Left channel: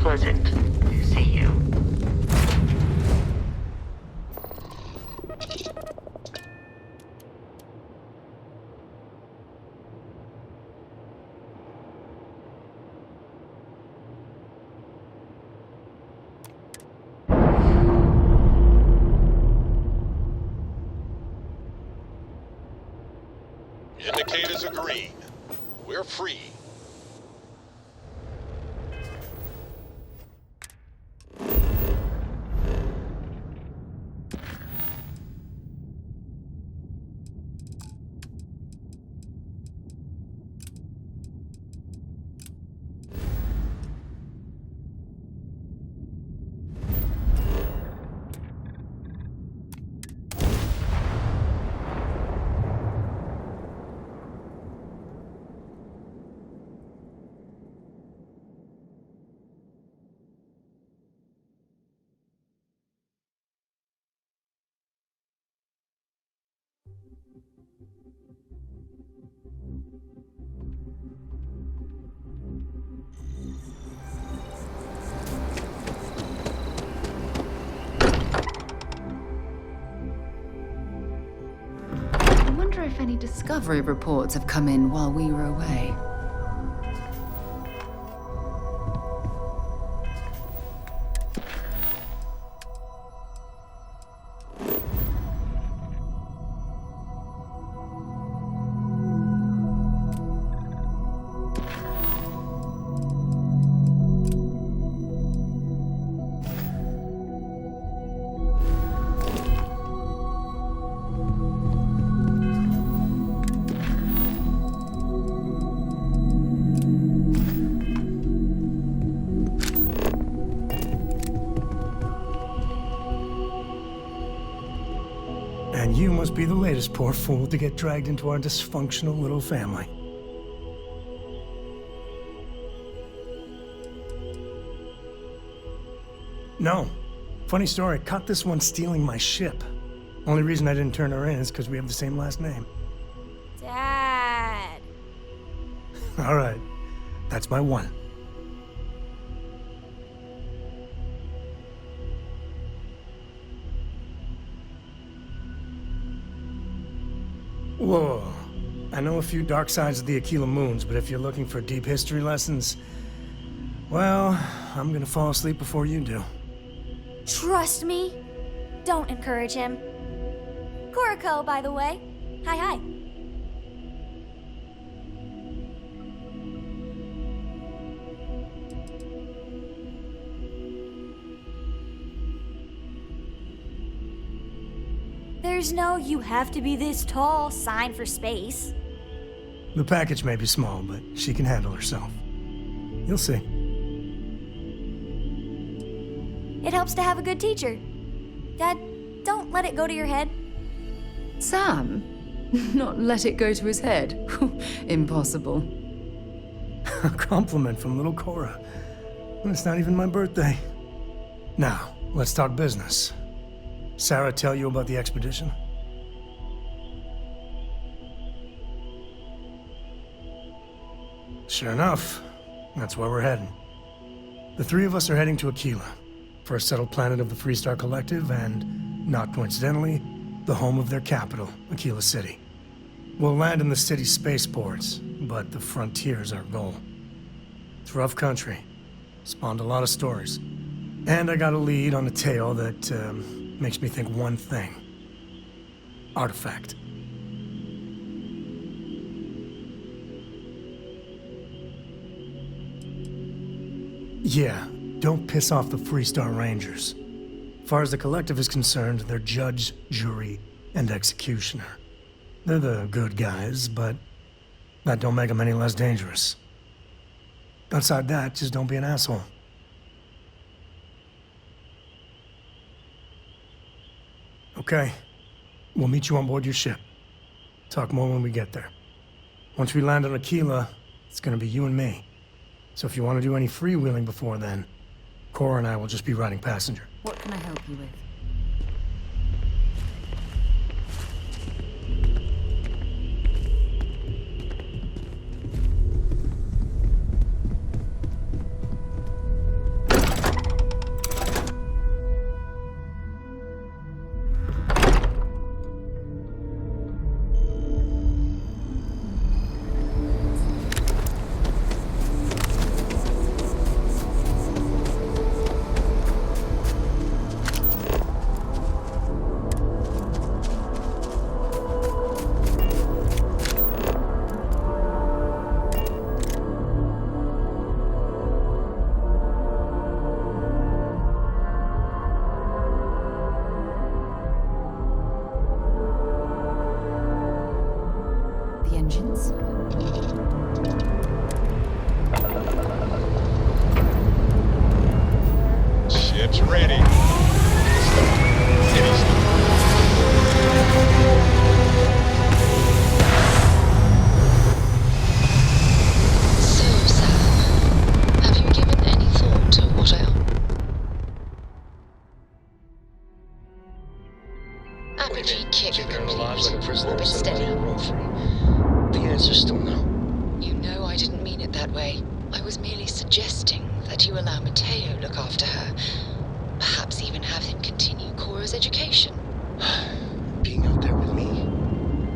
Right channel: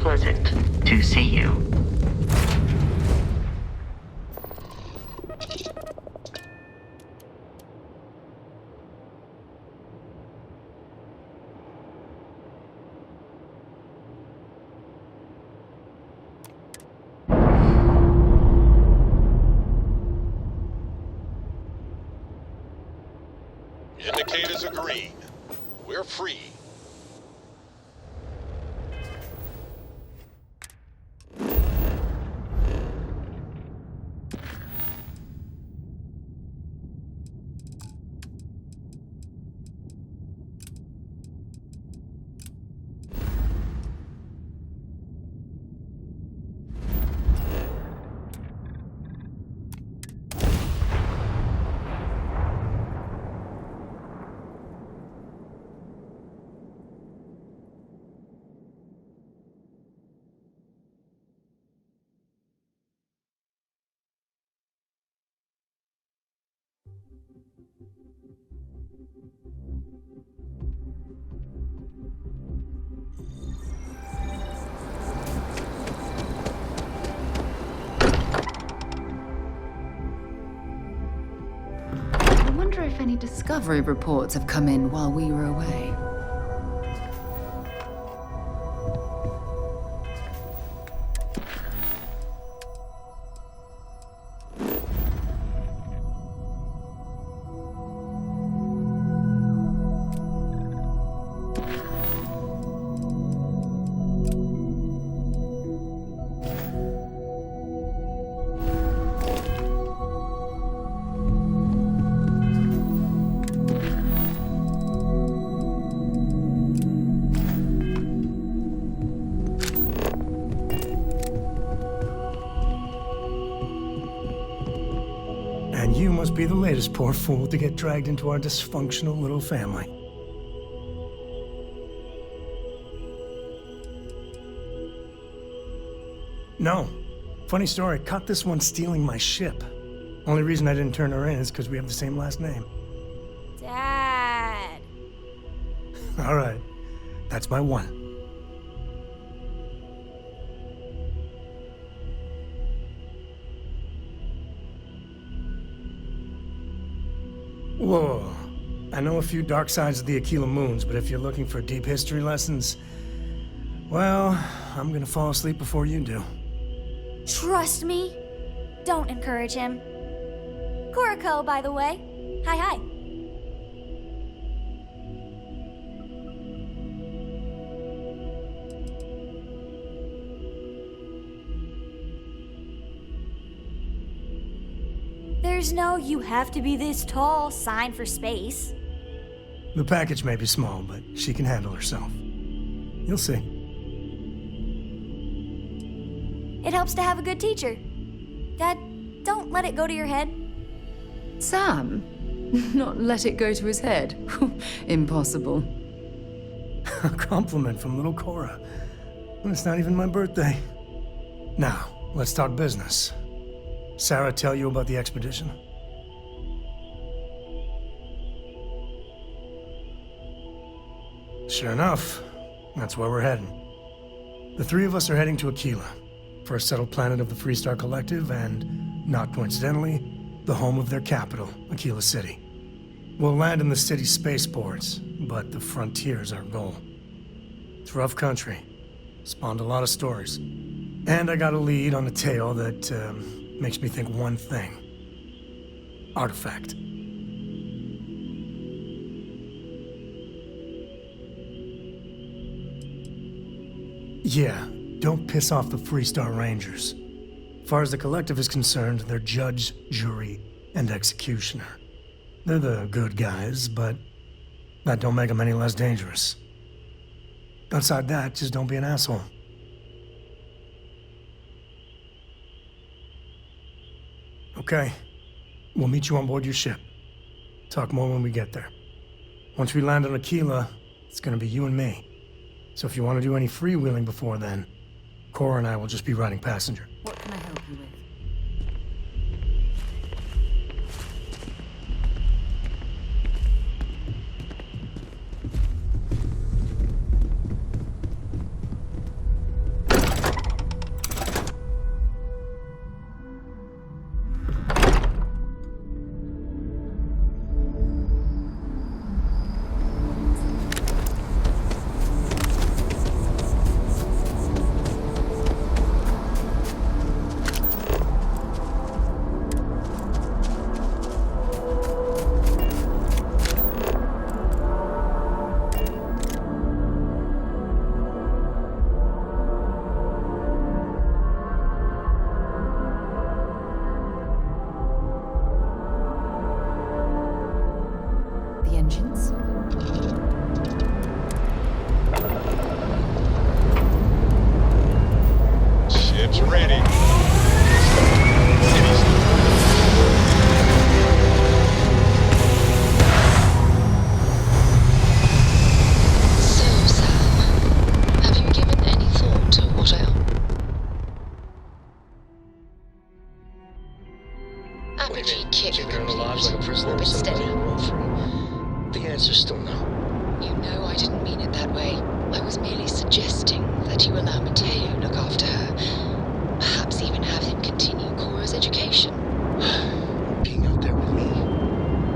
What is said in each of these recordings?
Pleasant to see you. Indicators are green. We're free. I wonder if any discovery reports have come in while we were away. And you must be the latest poor fool to get dragged into our dysfunctional little family. No. Funny story, caught this one stealing my ship. Only reason I didn't turn her in is because we have the same last name. Dad. All right. That's my one. Whoa. I know a few dark sides of the Akila moons, but if you're looking for deep history lessons, well, I'm gonna fall asleep before you do. Trust me. Don't encourage him. Kuriko, by the way. Hi. There's no "you have to be this tall" sign for space. The package may be small, but she can handle herself. You'll see. It helps to have a good teacher. Dad, don't let it go to your head. Sam? Not let it go to his head? Impossible. A compliment from little Cora. It's not even my birthday. Now, let's talk business. Sarah tell you about the expedition? Sure enough, that's where we're heading. The three of us are heading to Akila, first settled planet of the Freestar Collective and, not coincidentally, the home of their capital, Akila City. We'll land in the city's spaceports, but the frontier's our goal. It's rough country. Spawned a lot of stories. And I got a lead on a tale that, makes me think one thing. Artifact. Yeah, don't piss off the Freestar Rangers. As far as the Collective is concerned, they're judge, jury, and executioner. They're the good guys, but that don't make them any less dangerous. Outside that, just don't be an asshole. Okay. We'll meet you on board your ship. Talk more when we get there. Once we land on Akila, it's gonna be you and me. So if you want to do any freewheeling before then, Cora and I will just be riding passenger. What can I help you with? engines. Ship's ready. So, Sam, have you given any thought to what I... Apogee kick complete. Orbit steady. The answer's still no. You know I didn't mean it that way. I was merely suggesting that you allow Mateo look after her. Perhaps even have him continue Cora's education. Being out there with me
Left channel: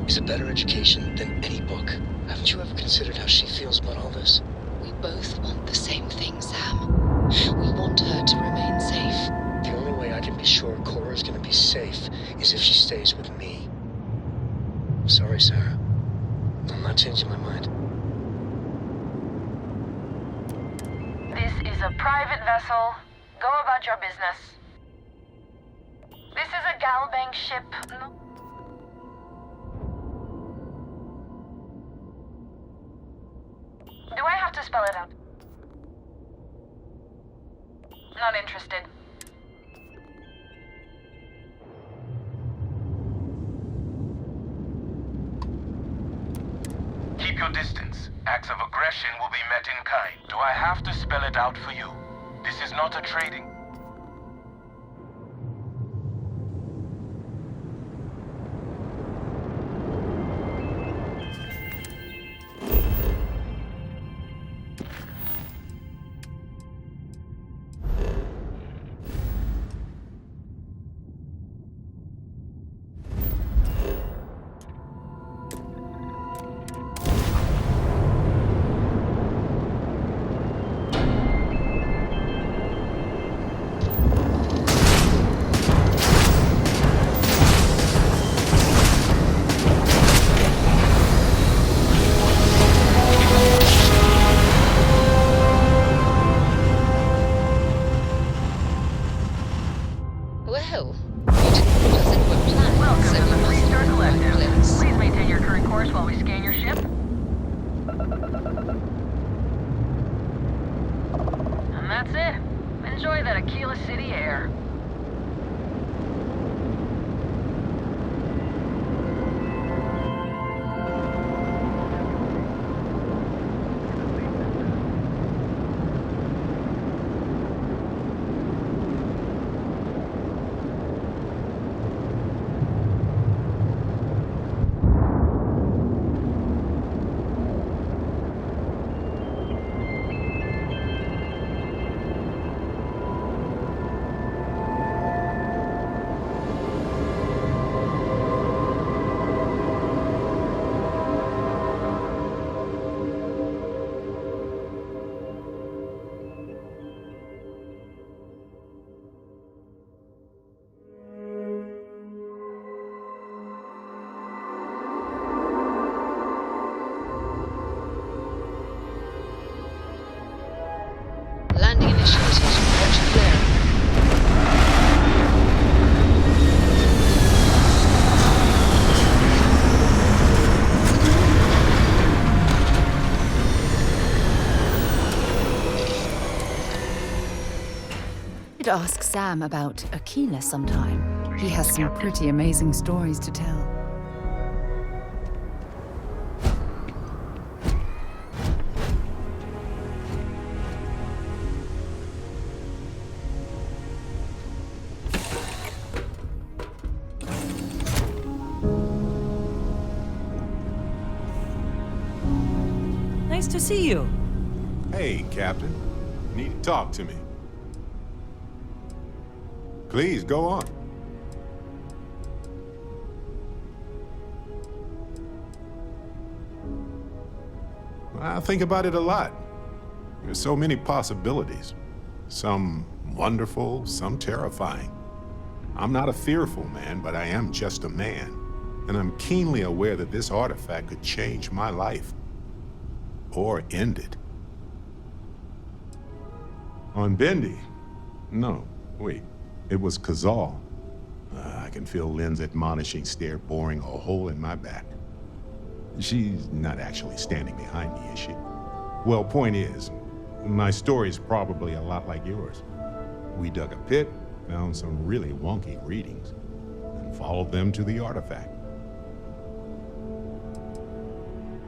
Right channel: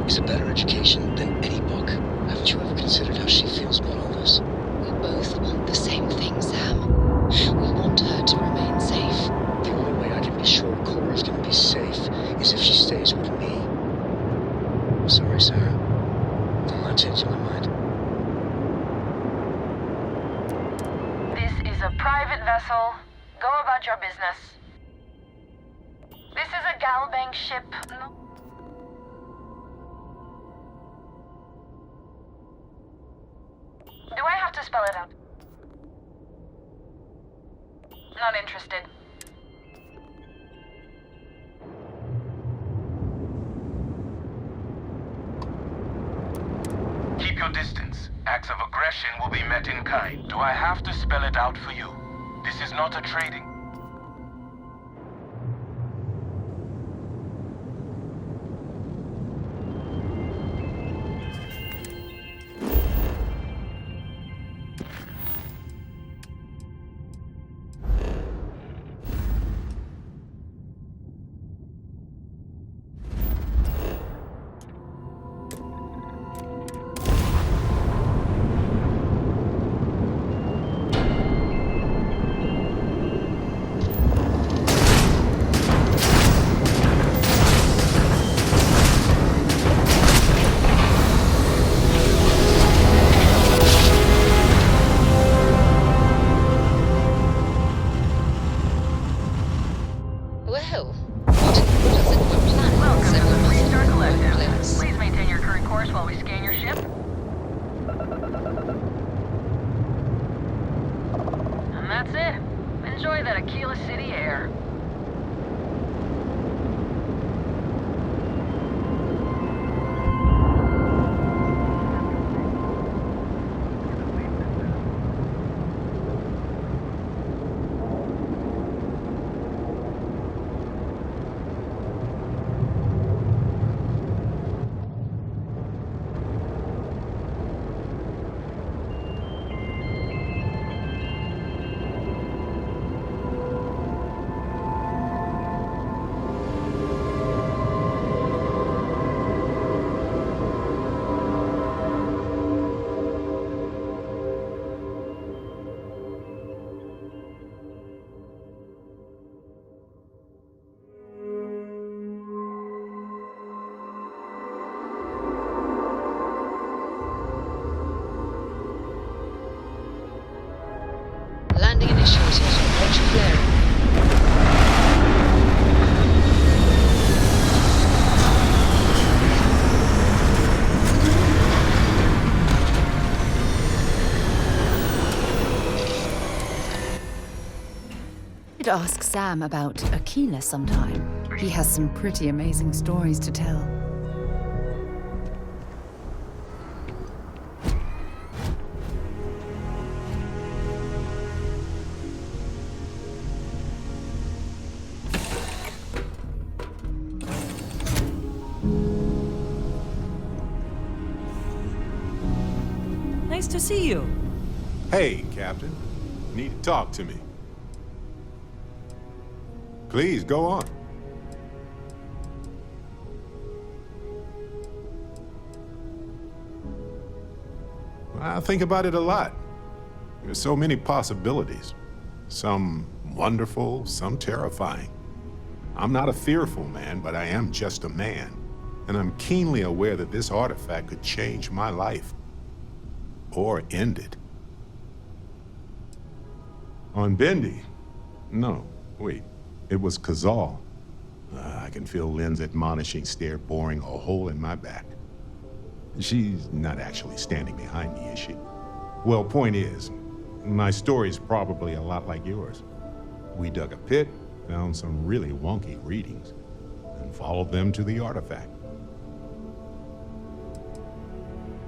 is a better education than any book. Haven't you ever considered how she feels about all this? We both want the same thing, Sam. We want her to remain safe. The only way I can be sure Cora's gonna be safe is if she stays with me. I'm sorry, Sarah. I'm not changing my mind. This is a private vessel. Go about your business. This is a Galbank ship. No. Do I have to spell it out? Not interested. Keep your distance. Acts of aggression will be met in kind. Do I have to spell it out for you? This is not a trading... Well, you didn't put us into a planet, Welcome so to we the must Three-Star have the right Collective. place. Please maintain your current course while we scan your ship. And that's it. Enjoy that Akila City air. Landing initiated. Watch your flaring. I'd ask Sam about Akila sometime. He has some pretty amazing stories to tell. Nice to see you. Hey, Captain. Need to talk to me. Please, go on. I think about it a lot. There's so many possibilities. Some wonderful, some terrifying. I'm not a fearful man, but I am just a man. And I'm keenly aware that this artifact could change my life. Or end it. On Bendy? No, wait. It was Kazal. I can feel Lynn's admonishing stare boring a hole in my back. She's not actually standing behind me, is she? Well, point is, my story's probably a lot like yours. We dug a pit, found some really wonky readings, and followed them to the artifact.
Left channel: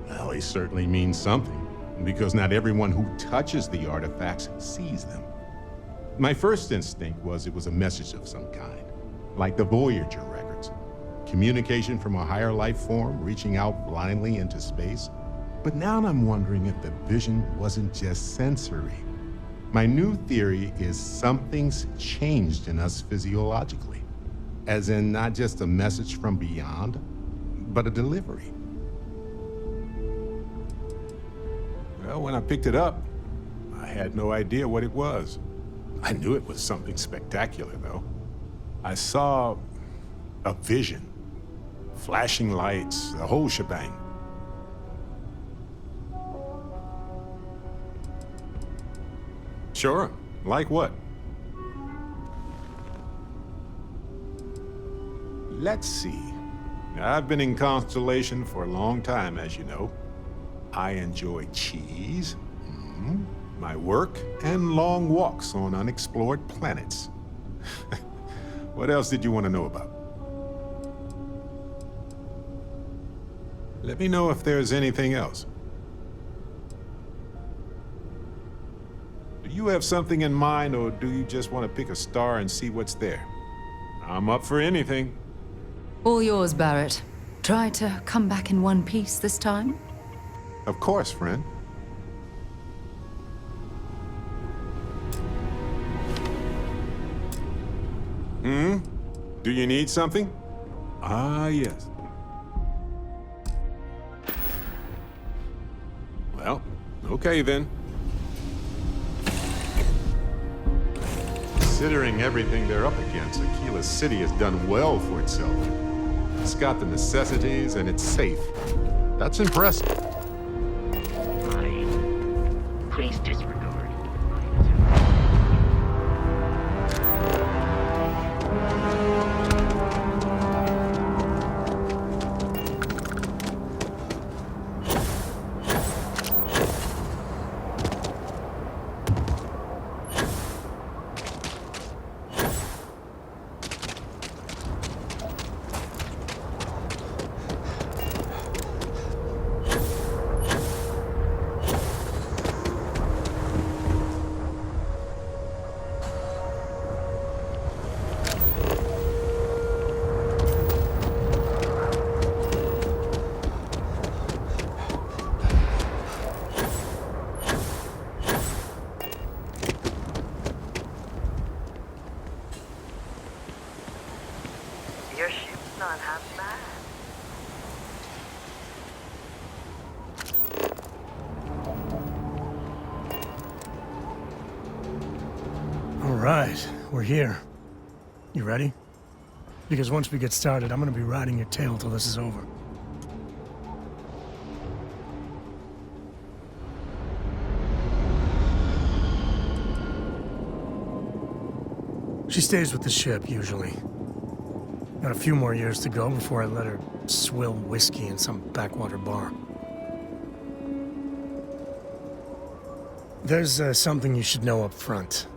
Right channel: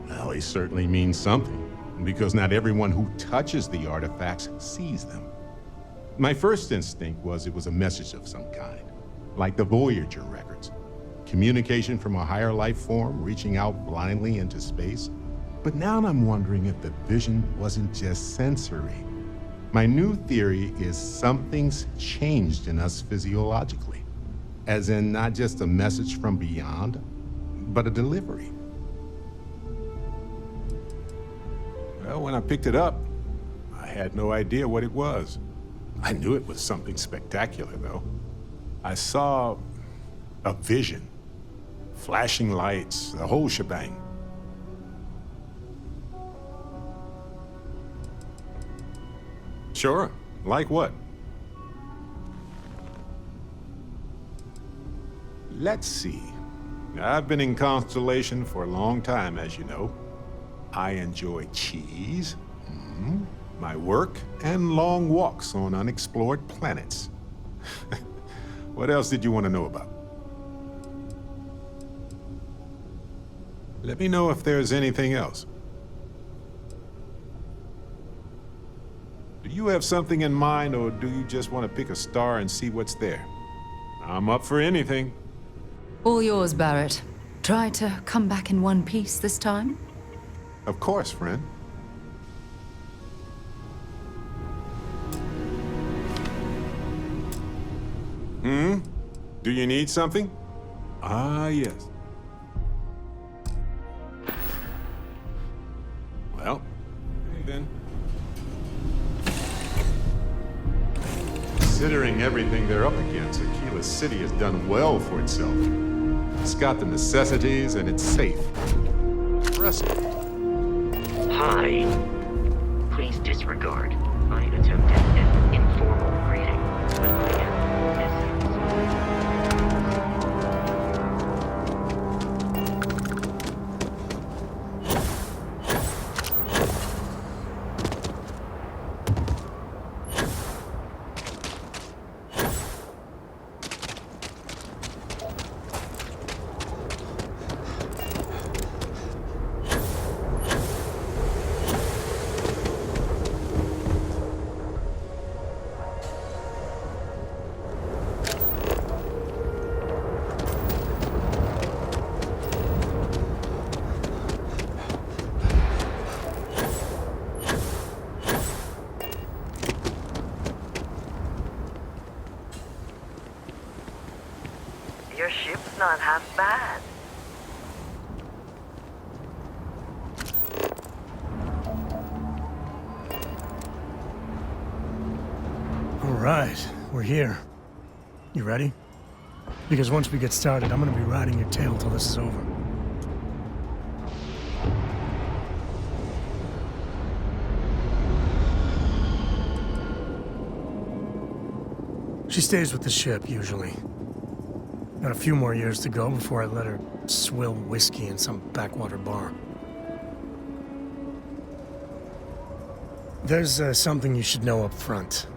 Well, they certainly mean something, because not everyone who touches the artifacts sees them. My first instinct was it was a message of some kind, like the Voyager records. Communication from a higher life form reaching out blindly into space. But now I'm wondering if the vision wasn't just sensory. My new theory is something's changed in us physiologically. As in not just a message from beyond, but a delivery. Well, when I picked it up, I had no idea what it was. I knew it was something spectacular, though. I saw a vision. Flashing lights, the whole shebang. Sure. Like what? Let's see. I've been in Constellation for a long time, as you know. I enjoy cheese, my work, and long walks on unexplored planets. What else did you want to know about? Let me know if there's anything else. Do you have something in mind, or do you just want to pick a star and see what's there? I'm up for anything. All yours, Barrett. Try to come back in one piece this time? Of course, friend. Do you need something? Ah, yes. Well, okay then. Considering everything they're up against, Akila City has done well for itself. It's got the necessities and it's safe. That's impressive. Hi. Please disregard my attempt at an informal greeting. Your ship's not half bad. All right, we're here. You ready? Because once we get started, I'm gonna be riding your tail till this is over. She stays with the ship, usually. Got a few more years to go before I let her swill whiskey in some backwater bar. There's something you should know up front.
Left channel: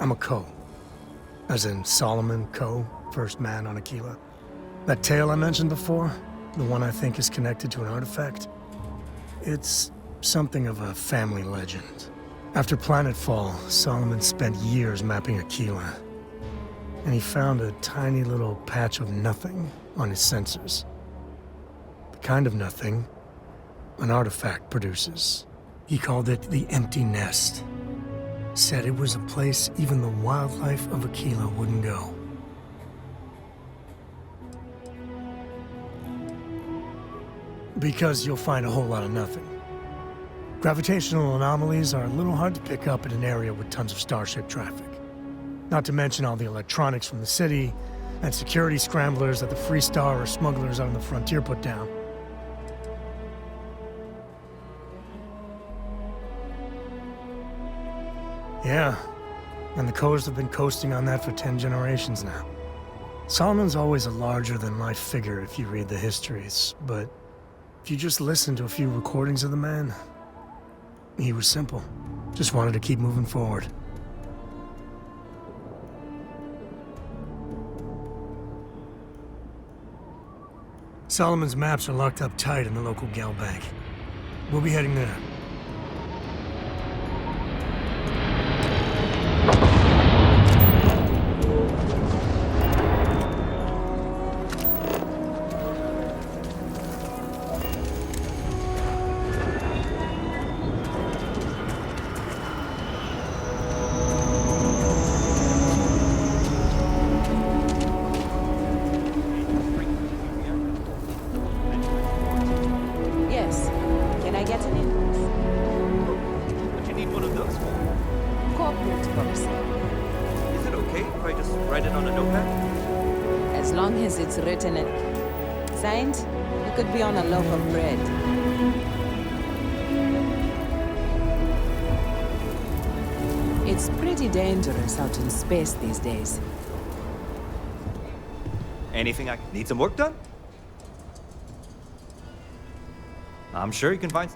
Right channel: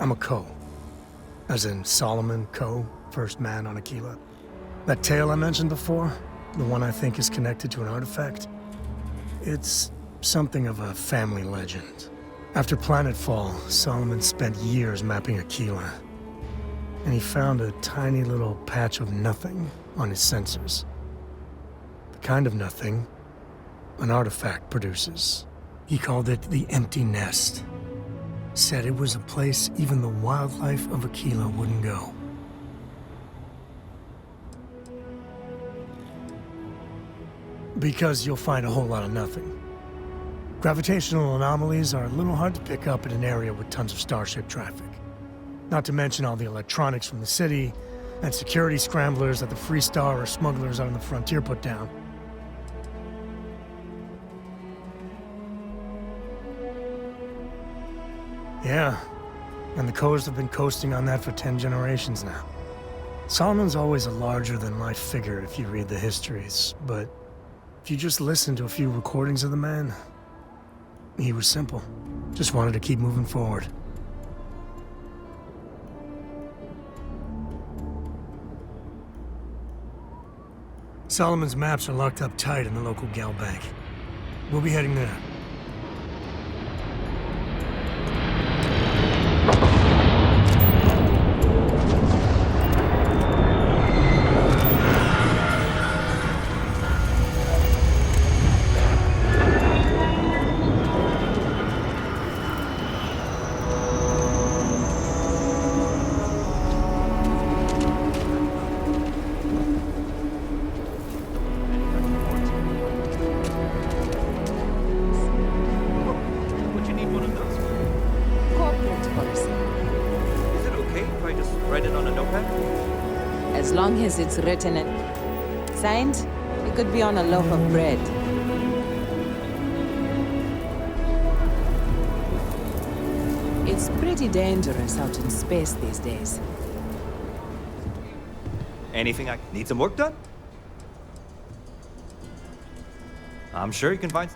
I'm a Co. As in Solomon Co., first man on Akila. That tale I mentioned before, the one I think is connected to an artifact, it's something of a family legend. After planetfall, Solomon spent years mapping Akila. And he found a tiny little patch of nothing on his sensors. The kind of nothing an artifact produces. He called it the Empty Nest. Said it was a place even the wildlife of Akila wouldn't go. Because you'll find a whole lot of nothing. Gravitational anomalies are a little hard to pick up in an area with tons of starship traffic. Not to mention all the electronics from the city, and security scramblers that the Free Star or smugglers out on the frontier put down. Yeah, and the Coast have been coasting on that for 10 generations now. Solomon's always a larger-than-life figure if you read the histories, but If you just listen to a few recordings of the man, he was simple. Just wanted to keep moving forward. Solomon's maps are locked up tight in the local gal bank. We'll be heading there. As long as it's written and signed, it could be on a loaf of bread. It's pretty dangerous out in space these days. Anything I need some work done? I'm sure you can find.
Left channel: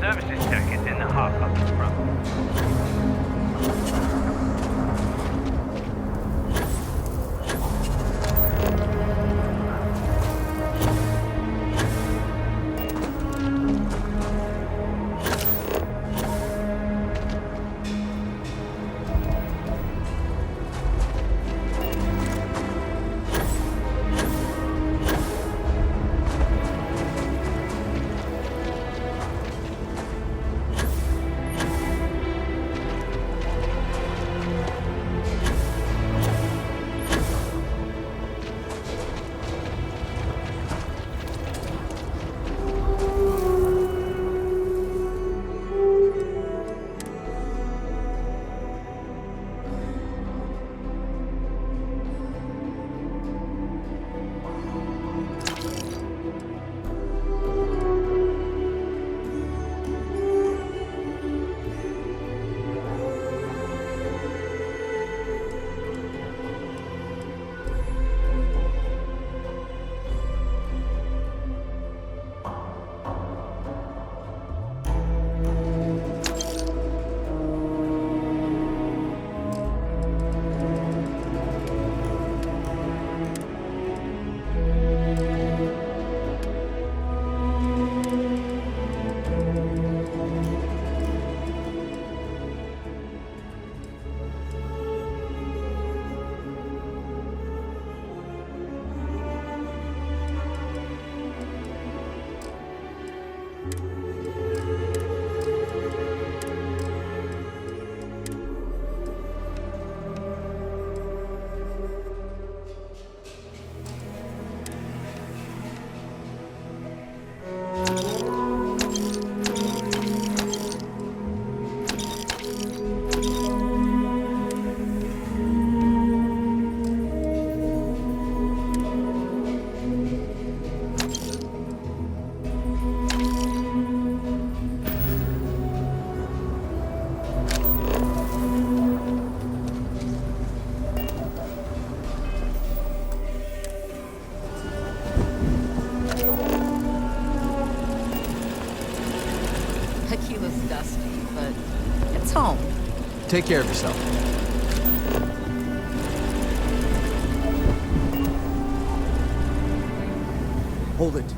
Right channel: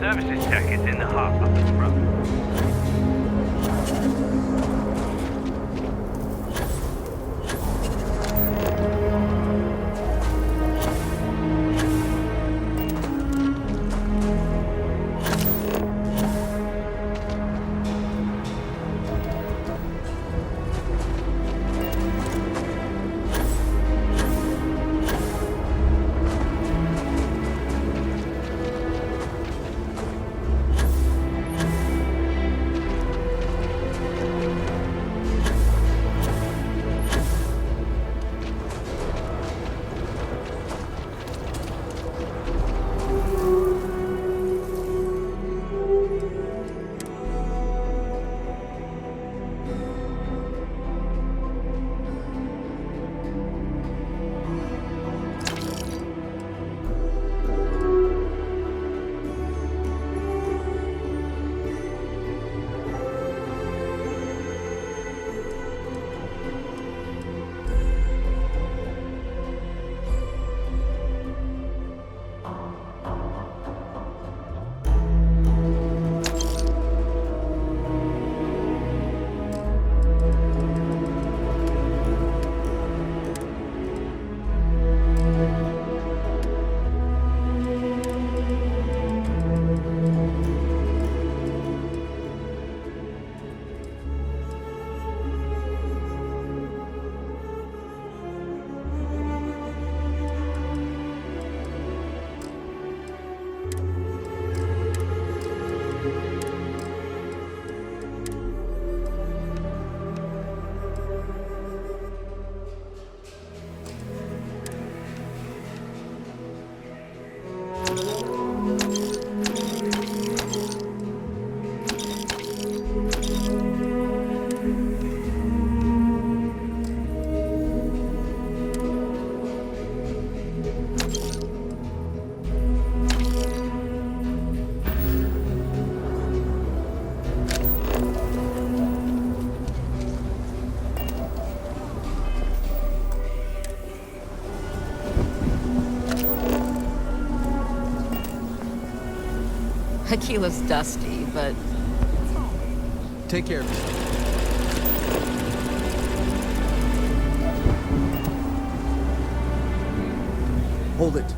Services tech is in the hut up at the front. Akila's dusty, but it's home. Take care of yourself. Hold it.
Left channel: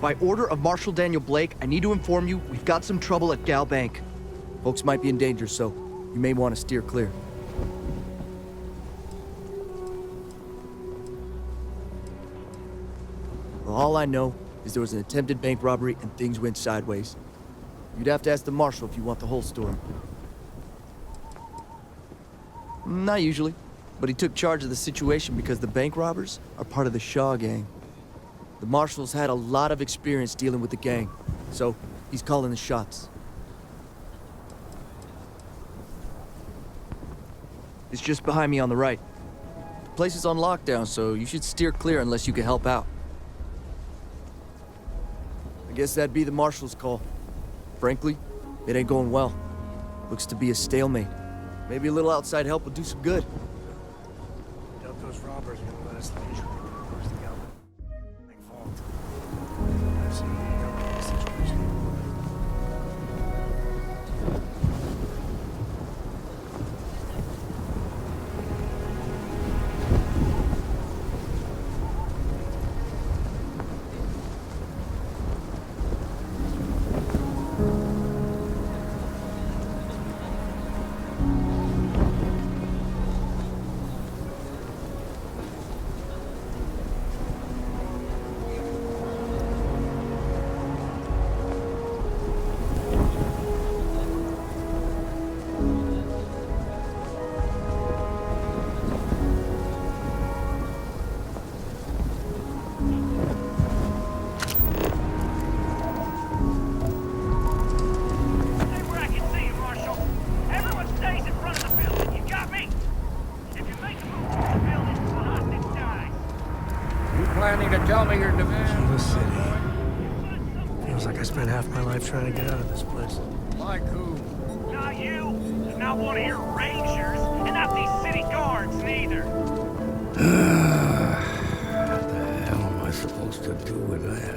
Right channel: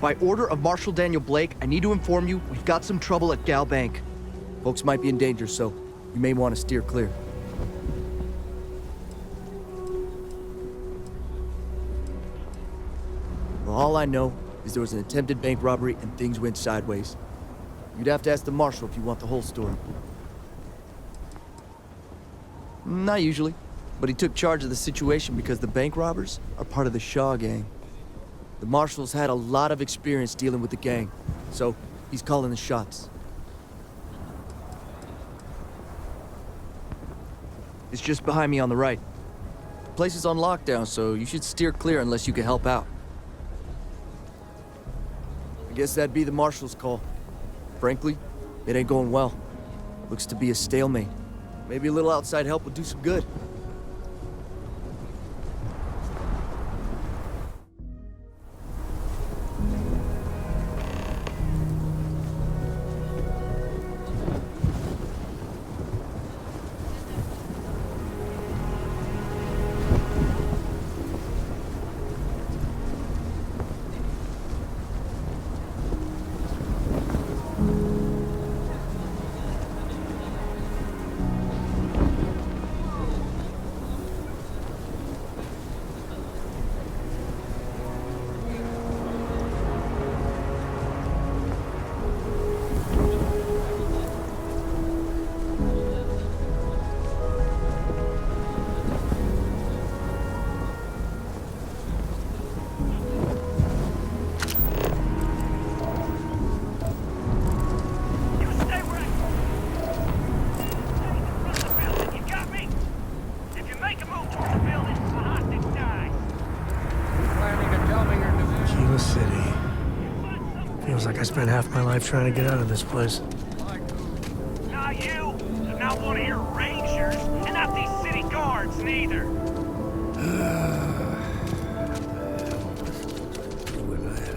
By order of Marshal Daniel Blake, I need to inform you we've got some trouble at Gal Bank. Folks might be in danger, so you may want to steer clear. Well, all I know is there was an attempted bank robbery and things went sideways. You'd have to ask the Marshal if you want the whole story. Not usually, but he took charge of the situation because the bank robbers are part of the Shaw gang. The Marshal's had a lot of experience dealing with the gang, so he's calling the shots. It's just behind me on the right. The place is on lockdown, so you should steer clear unless you can help out. I guess that'd be the Marshal's call. Frankly, it ain't going well. Looks to be a stalemate. Maybe a little outside help would do some good. Akila City. Feels like I spent half my life trying to get out of this place. Like who? Not you. Not one of your rangers. And not these city guards, neither. What the hell am I supposed to do with that?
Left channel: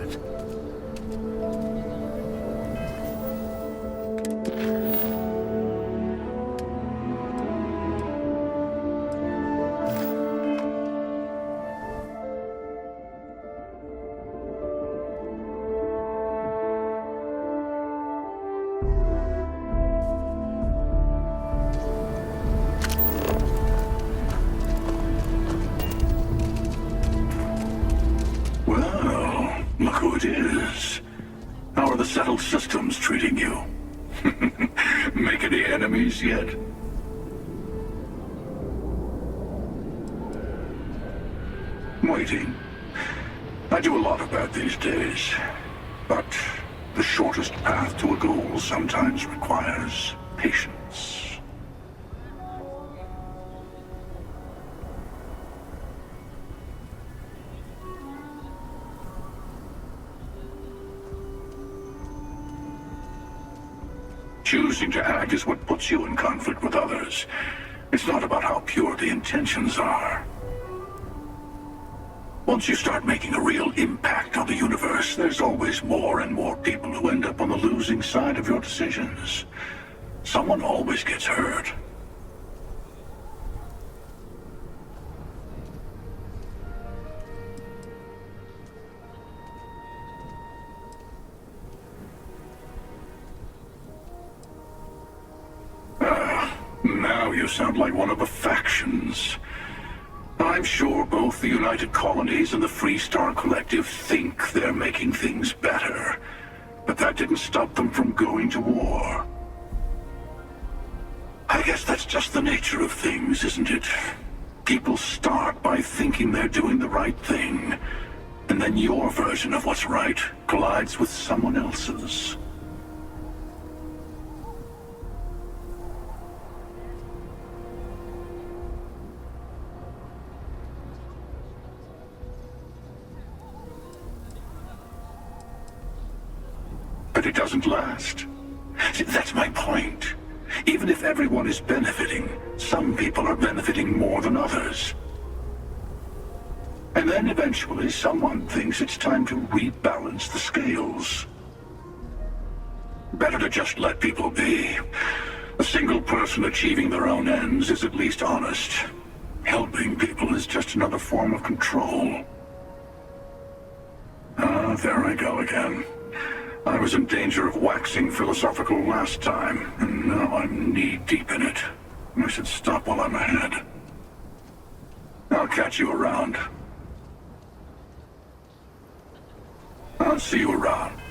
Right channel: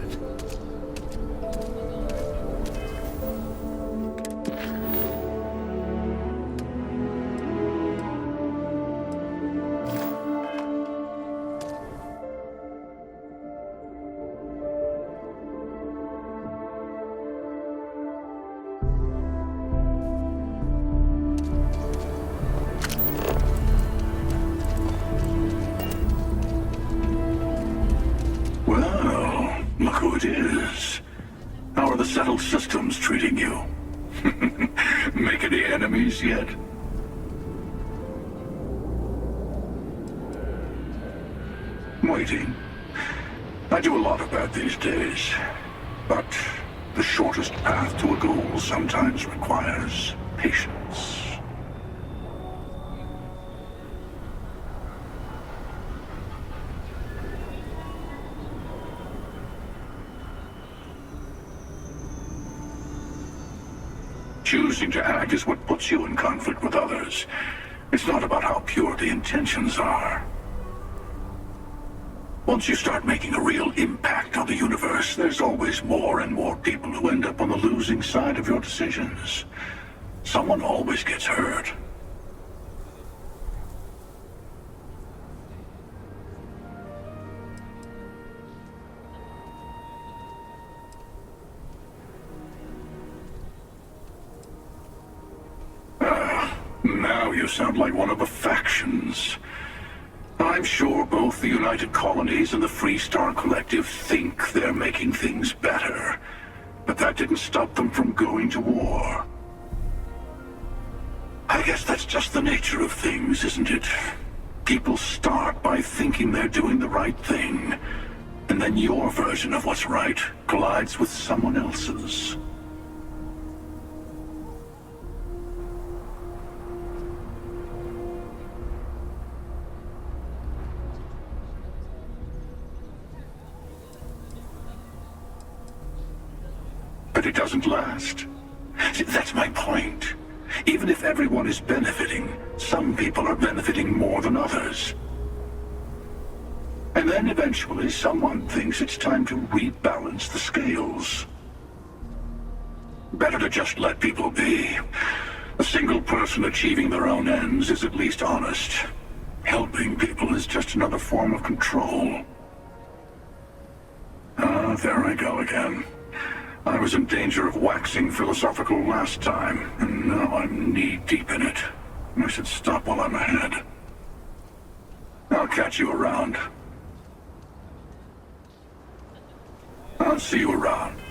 Well, look who it is. How are the settled systems treating you? Make any enemies yet? Waiting. I do a lot of that these days. But the shortest path to a goal sometimes requires patience. Choosing to act is what puts you in conflict with others. It's not about how pure the intentions are. Once you start making a real impact on the universe, there's always more and more people who end up on the losing side of your decisions. Someone always gets hurt. Now you sound like one of the factions. I'm sure both the United Colonies and the Free Star Collective think they're making things better, but that didn't stop them from going to war. I guess that's just the nature of things, isn't it? People start by thinking they're doing the right thing, and then your version of what's right collides with someone else's. But it doesn't last. See, that's my point. Even if everyone is benefiting, some people are benefiting more than others. And then eventually someone thinks it's time to rebalance the scales. Better to just let people be. A single person achieving their own ends is at least honest. Helping people is just another form of control. Ah, there I go again. I was in danger of waxing philosophical last time, and now I'm knee-deep in it. I should stop while I'm ahead. I'll catch you around. I'll see you around.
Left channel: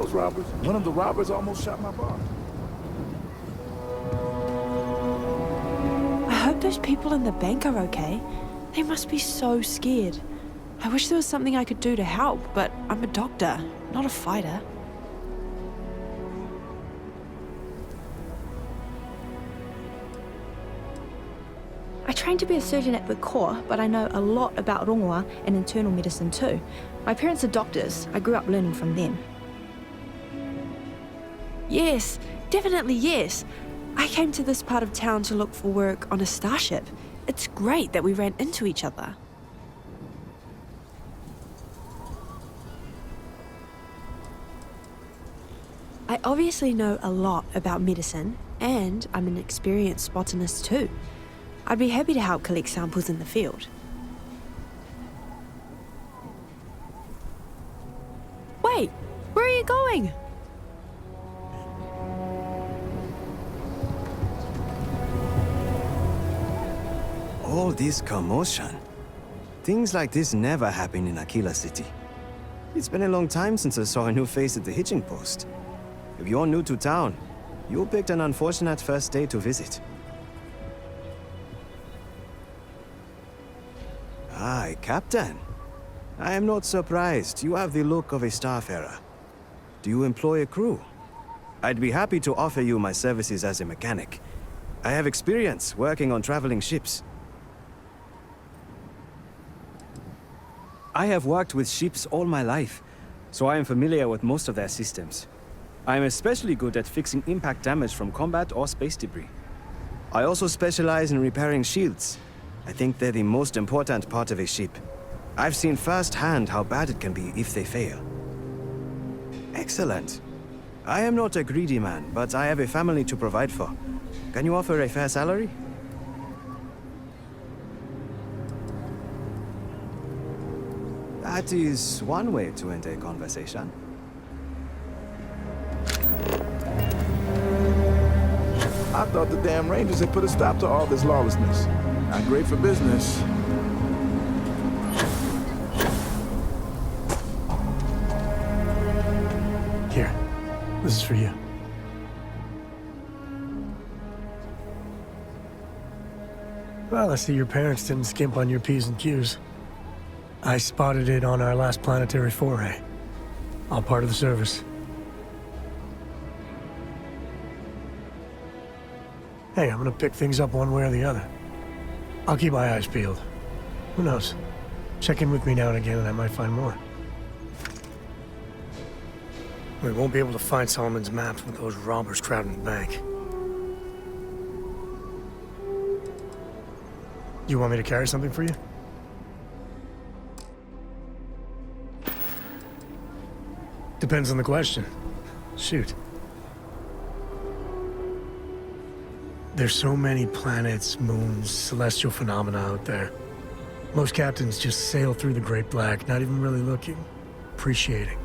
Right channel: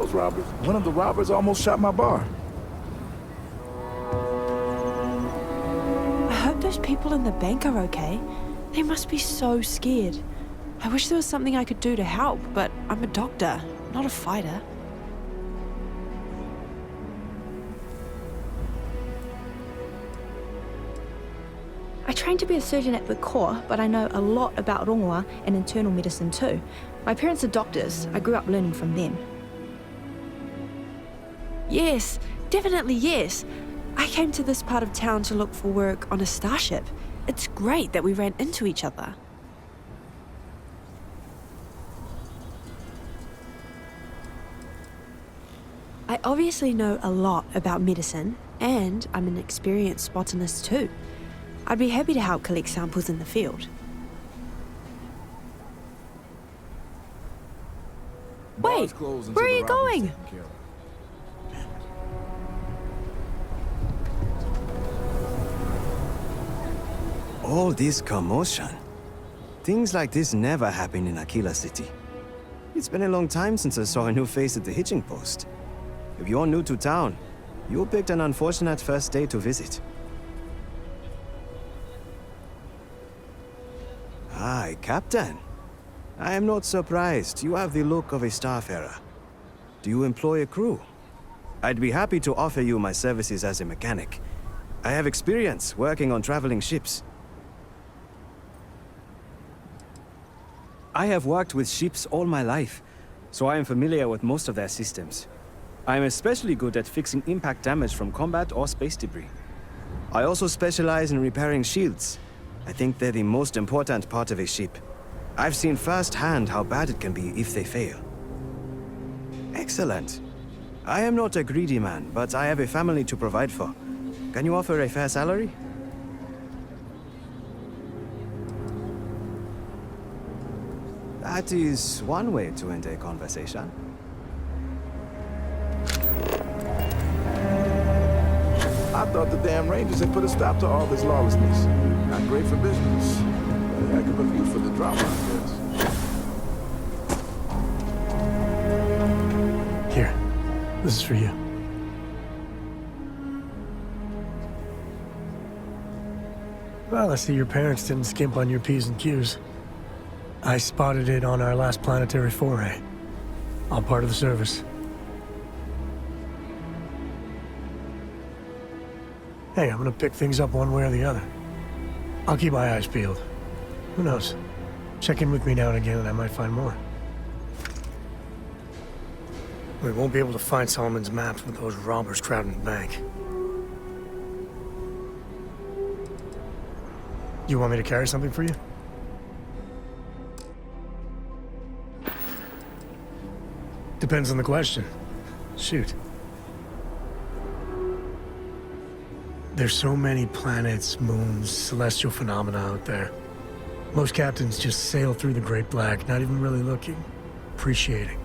those robbers. One of the robbers almost shot my bar. I hope those people in the bank are okay. They must be so scared. I wish there was something I could do to help, but I'm a doctor, not a fighter. I trained to be a surgeon at the Corps, but I know a lot about rongoa and internal medicine too. My parents are doctors. I grew up learning from them. Yes, definitely yes. I came to this part of town to look for work on a starship. It's great that we ran into each other. I obviously know a lot about medicine, and I'm an experienced botanist too. I'd be happy to help collect samples in the field. Wait, where are you going? All this commotion. Things like this never happen in Akila City. It's been a long time since I saw a new face at the hitching post. If you're new to town, you picked an unfortunate first day to visit. Aye, Captain. I am not surprised. You have the look of a starfarer. Do you employ a crew? I'd be happy to offer you my services as a mechanic. I have experience working on traveling ships. I have worked with ships all my life, so I am familiar with most of their systems. I am especially good at fixing impact damage from combat or space debris. I also specialize in repairing shields. I think they're the most important part of a ship. I've seen firsthand how bad it can be if they fail. Excellent. I am not a greedy man, but I have a family to provide for. Can you offer a fair salary? That is one way to end a conversation. I thought the damn Rangers had put a stop to all this lawlessness. Not great for business. But I could look good for the drama. Here, this is for you. Well, I see your parents didn't skimp on your P's and Q's. I spotted it on our last planetary foray. All part of the service. Hey, I'm gonna pick things up one way or the other. I'll keep my eyes peeled. Who knows? Check in with me now and again and I might find more. We won't be able to find Solomon's maps with those robbers crowding the bank. You want me to carry something for you? Depends on the question. Shoot. There's so many planets, moons, celestial phenomena out there. Most captains just sail through the Great Black, not even really looking, appreciating.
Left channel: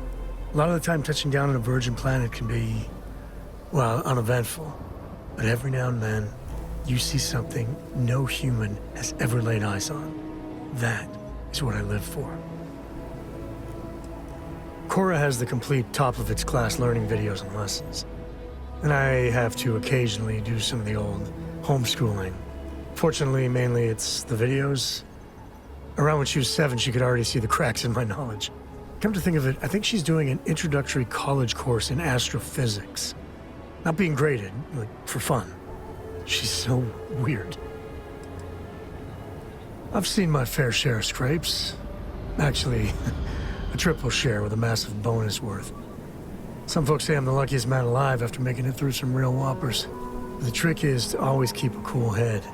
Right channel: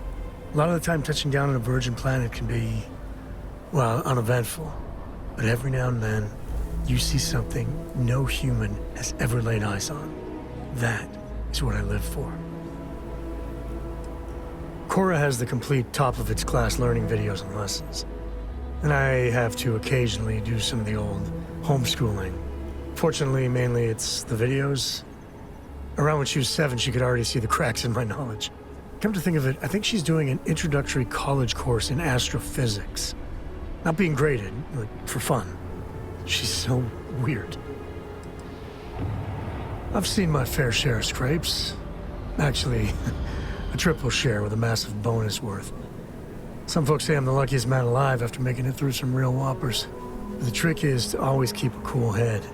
A lot of the time touching down on a virgin planet can be, well, uneventful. But every now and then, you see something no human has ever laid eyes on. That is what I live for. Cora has the complete top-of-its-class learning videos and lessons. And I have to occasionally do some of the old homeschooling. Fortunately, mainly it's the videos. Around when she was 7, she could already see the cracks in my knowledge. Come to think of it, I think she's doing an introductory college course in astrophysics. Not being graded, like, for fun. She's so weird. I've seen my fair share of scrapes. Actually, a triple share with a massive bonus worth. Some folks say I'm the luckiest man alive after making it through some real whoppers. The trick is to always keep a cool head.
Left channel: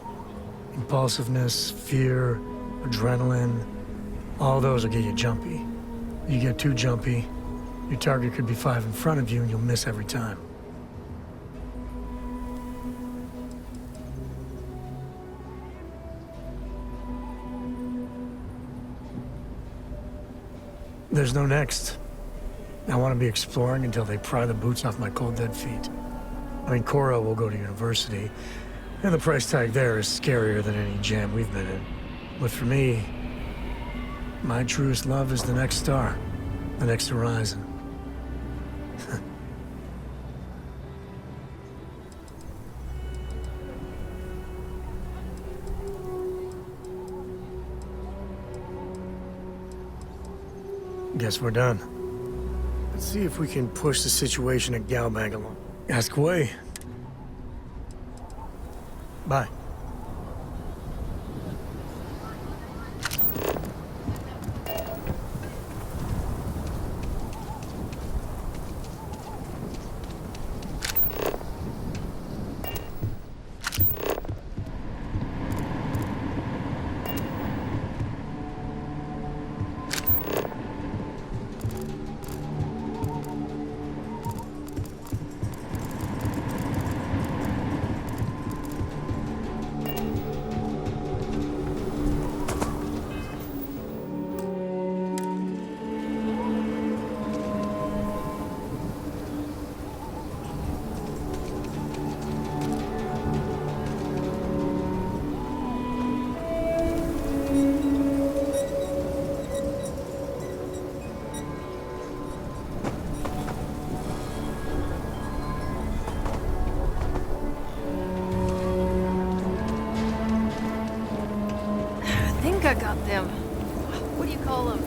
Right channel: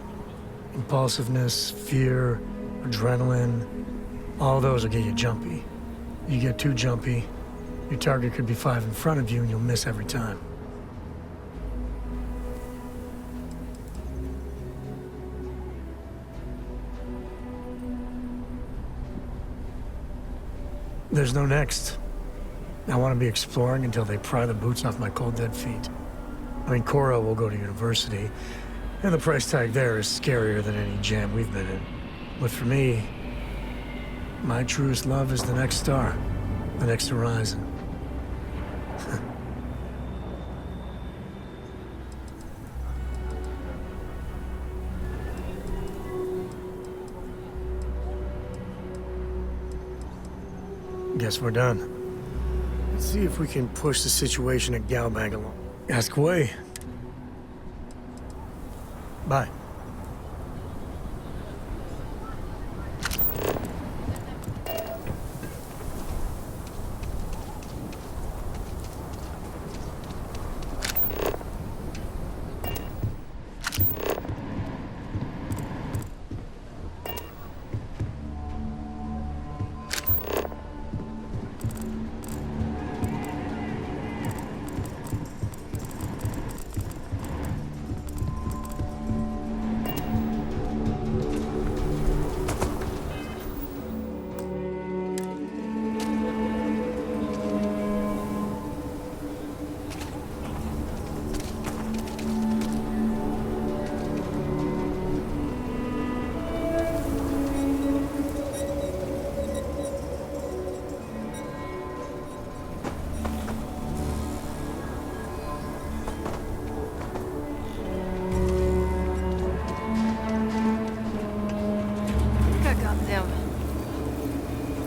Impulsiveness, fear, adrenaline, all those will get you jumpy. You get too jumpy, your target could be 5 in front of you and you'll miss every time. There's no next. I want to be exploring until they pry the boots off my cold, dead feet. I mean, Cora will go to university, and the price tag there is scarier than any jam we've been in. But for me, my truest love is the next star, the next horizon. Guess we're done. Let's see if we can push the situation at Galbank along. Ask away. Bye. I got them. What do you call them?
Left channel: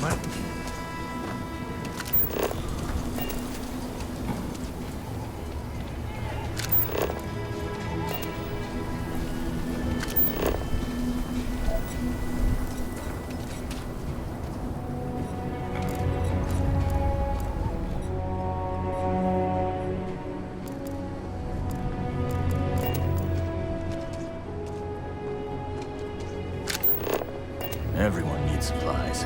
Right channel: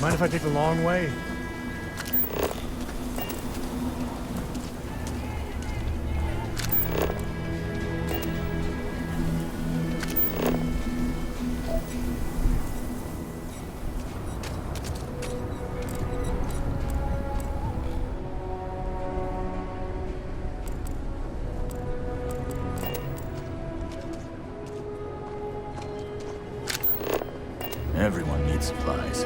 Mind if I take the long way? Everyone needs supplies.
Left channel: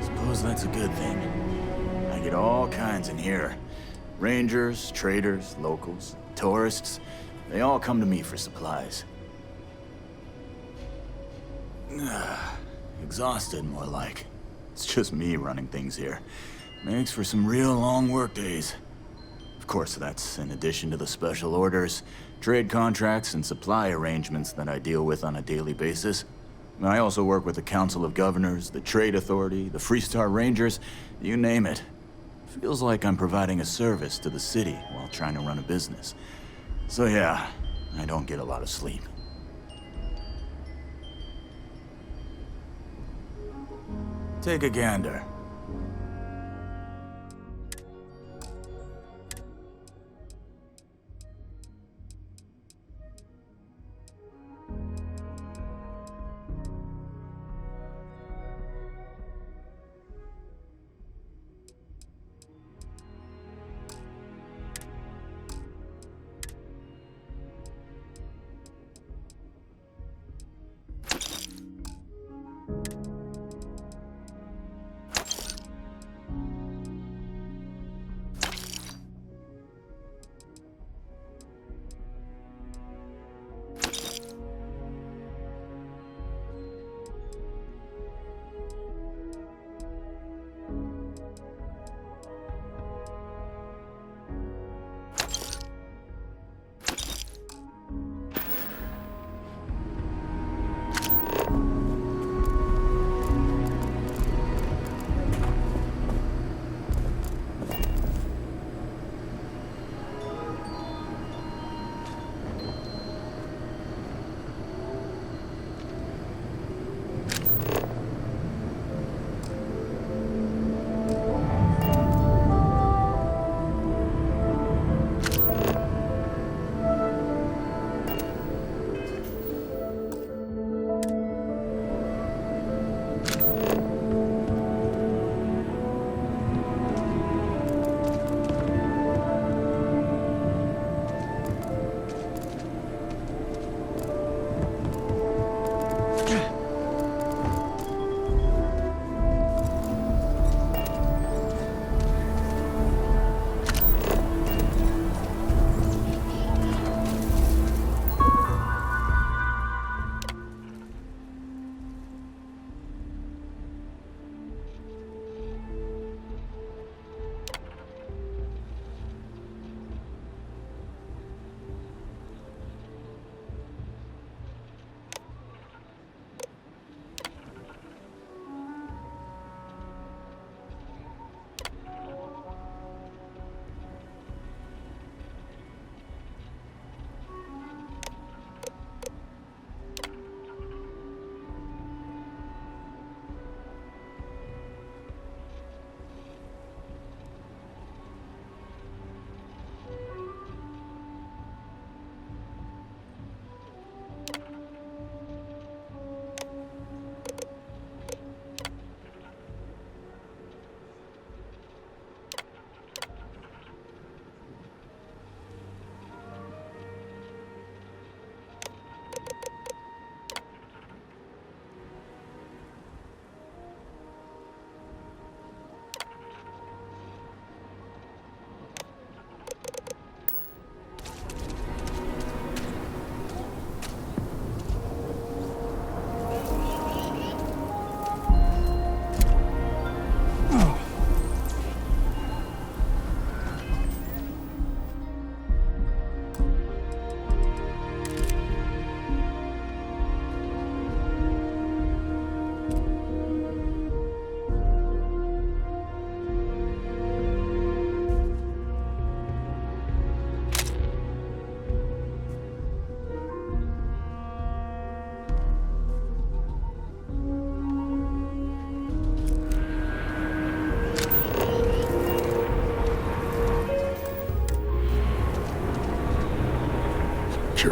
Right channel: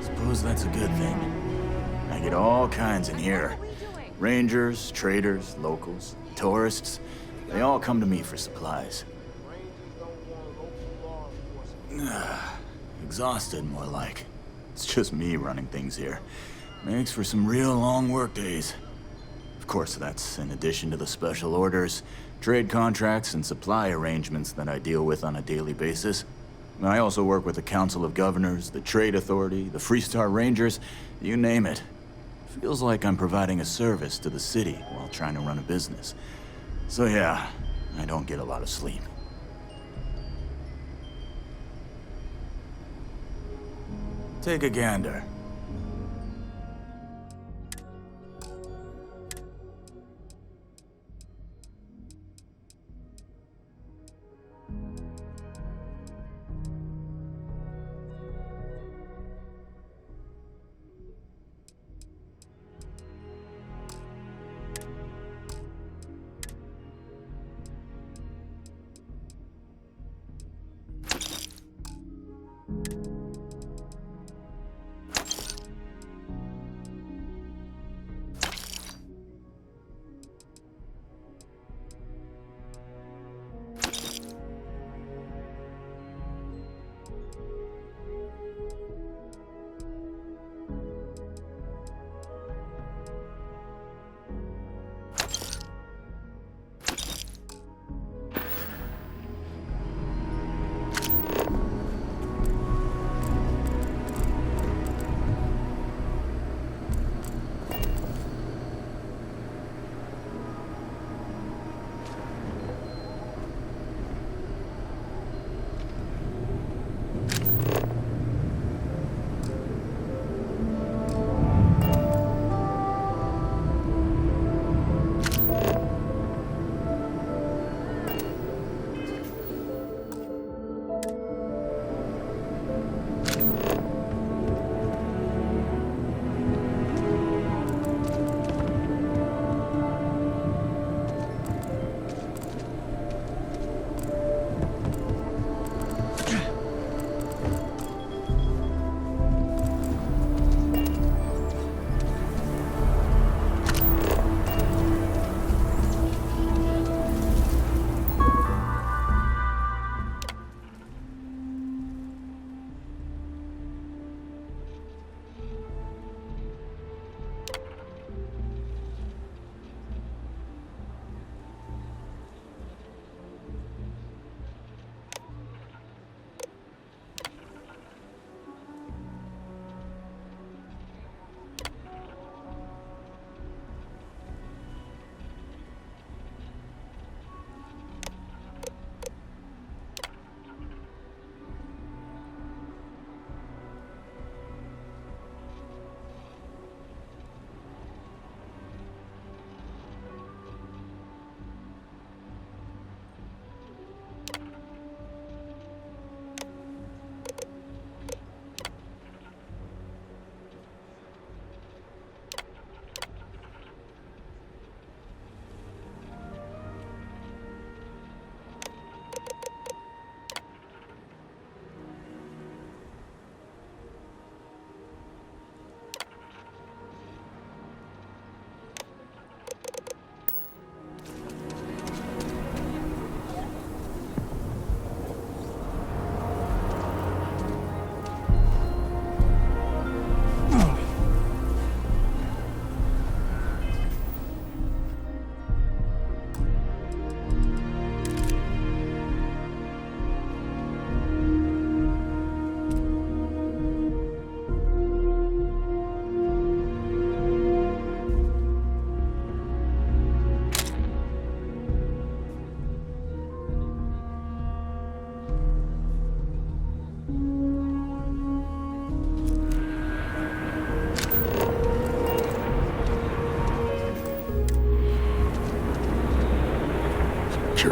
Suppose that's a good thing. I get all kinds in here. Rangers, traders, locals, tourists. They all come to me for supplies. Exhausted, more like. It's just me running things here. Makes for some real long work days. Of course, that's in addition to the special orders, trade contracts, and supply arrangements that I deal with on a daily basis. I also work with the Council of Governors, the Trade Authority, the Freestar Rangers, you name it. Feels like I'm providing a service to the city while trying to run a business. So yeah, I don't get a lot of sleep. Take a gander.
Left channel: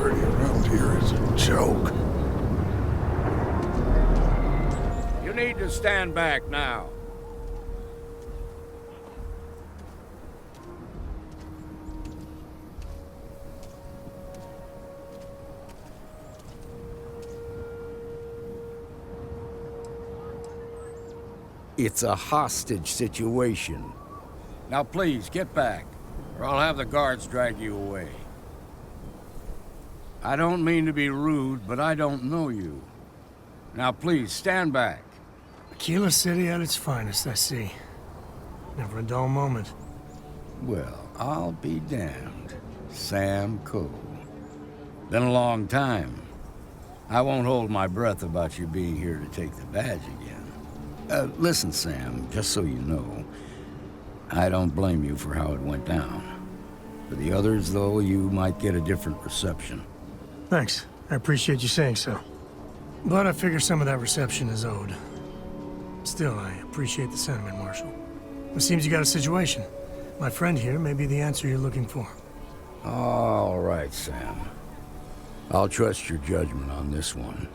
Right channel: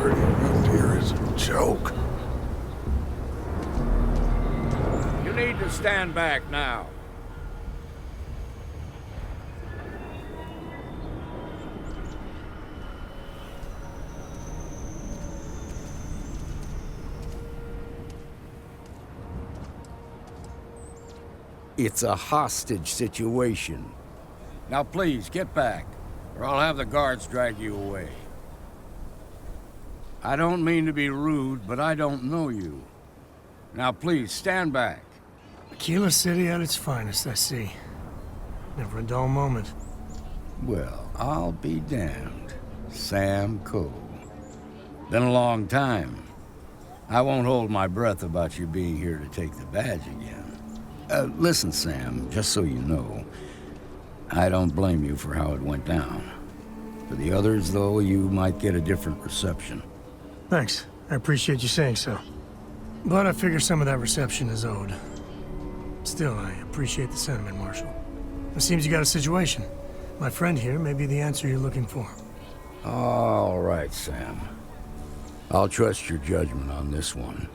security around here is a joke. You need to stand back now. It's a hostage situation. Now please, get back, or I'll have the guards drag you away. I don't mean to be rude, but I don't know you. Now please, stand back. Akila City at its finest, I see. Never a dull moment. Well, I'll be damned. Sam Coe. Been a long time. I won't hold my breath about you being here to take the badge again. Listen, Sam, just so you know, I don't blame you for how it went down. For the others, though, you might get a different reception. Thanks. I appreciate you saying so. But I figure some of that reception is owed. Still, I appreciate the sentiment, Marshal. It seems you got a situation. My friend here may be the answer you're looking for. All right, Sam. I'll trust your judgment on this one.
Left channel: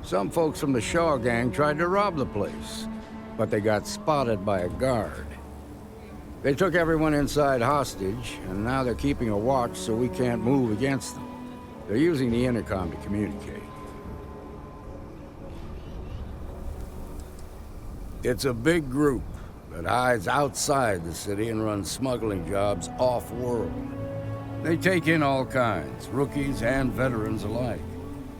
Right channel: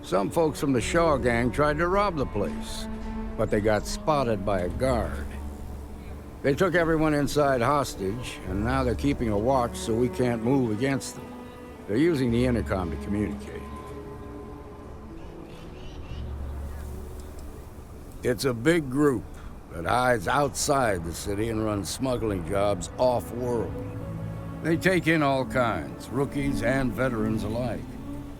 Some folks from the Shaw gang tried to rob the place, but they got spotted by a guard. They took everyone inside hostage, and now they're keeping a watch so we can't move against them. They're using the intercom to communicate. It's a big group that hides outside the city and runs smuggling jobs off-world. They take in all kinds, rookies and veterans alike.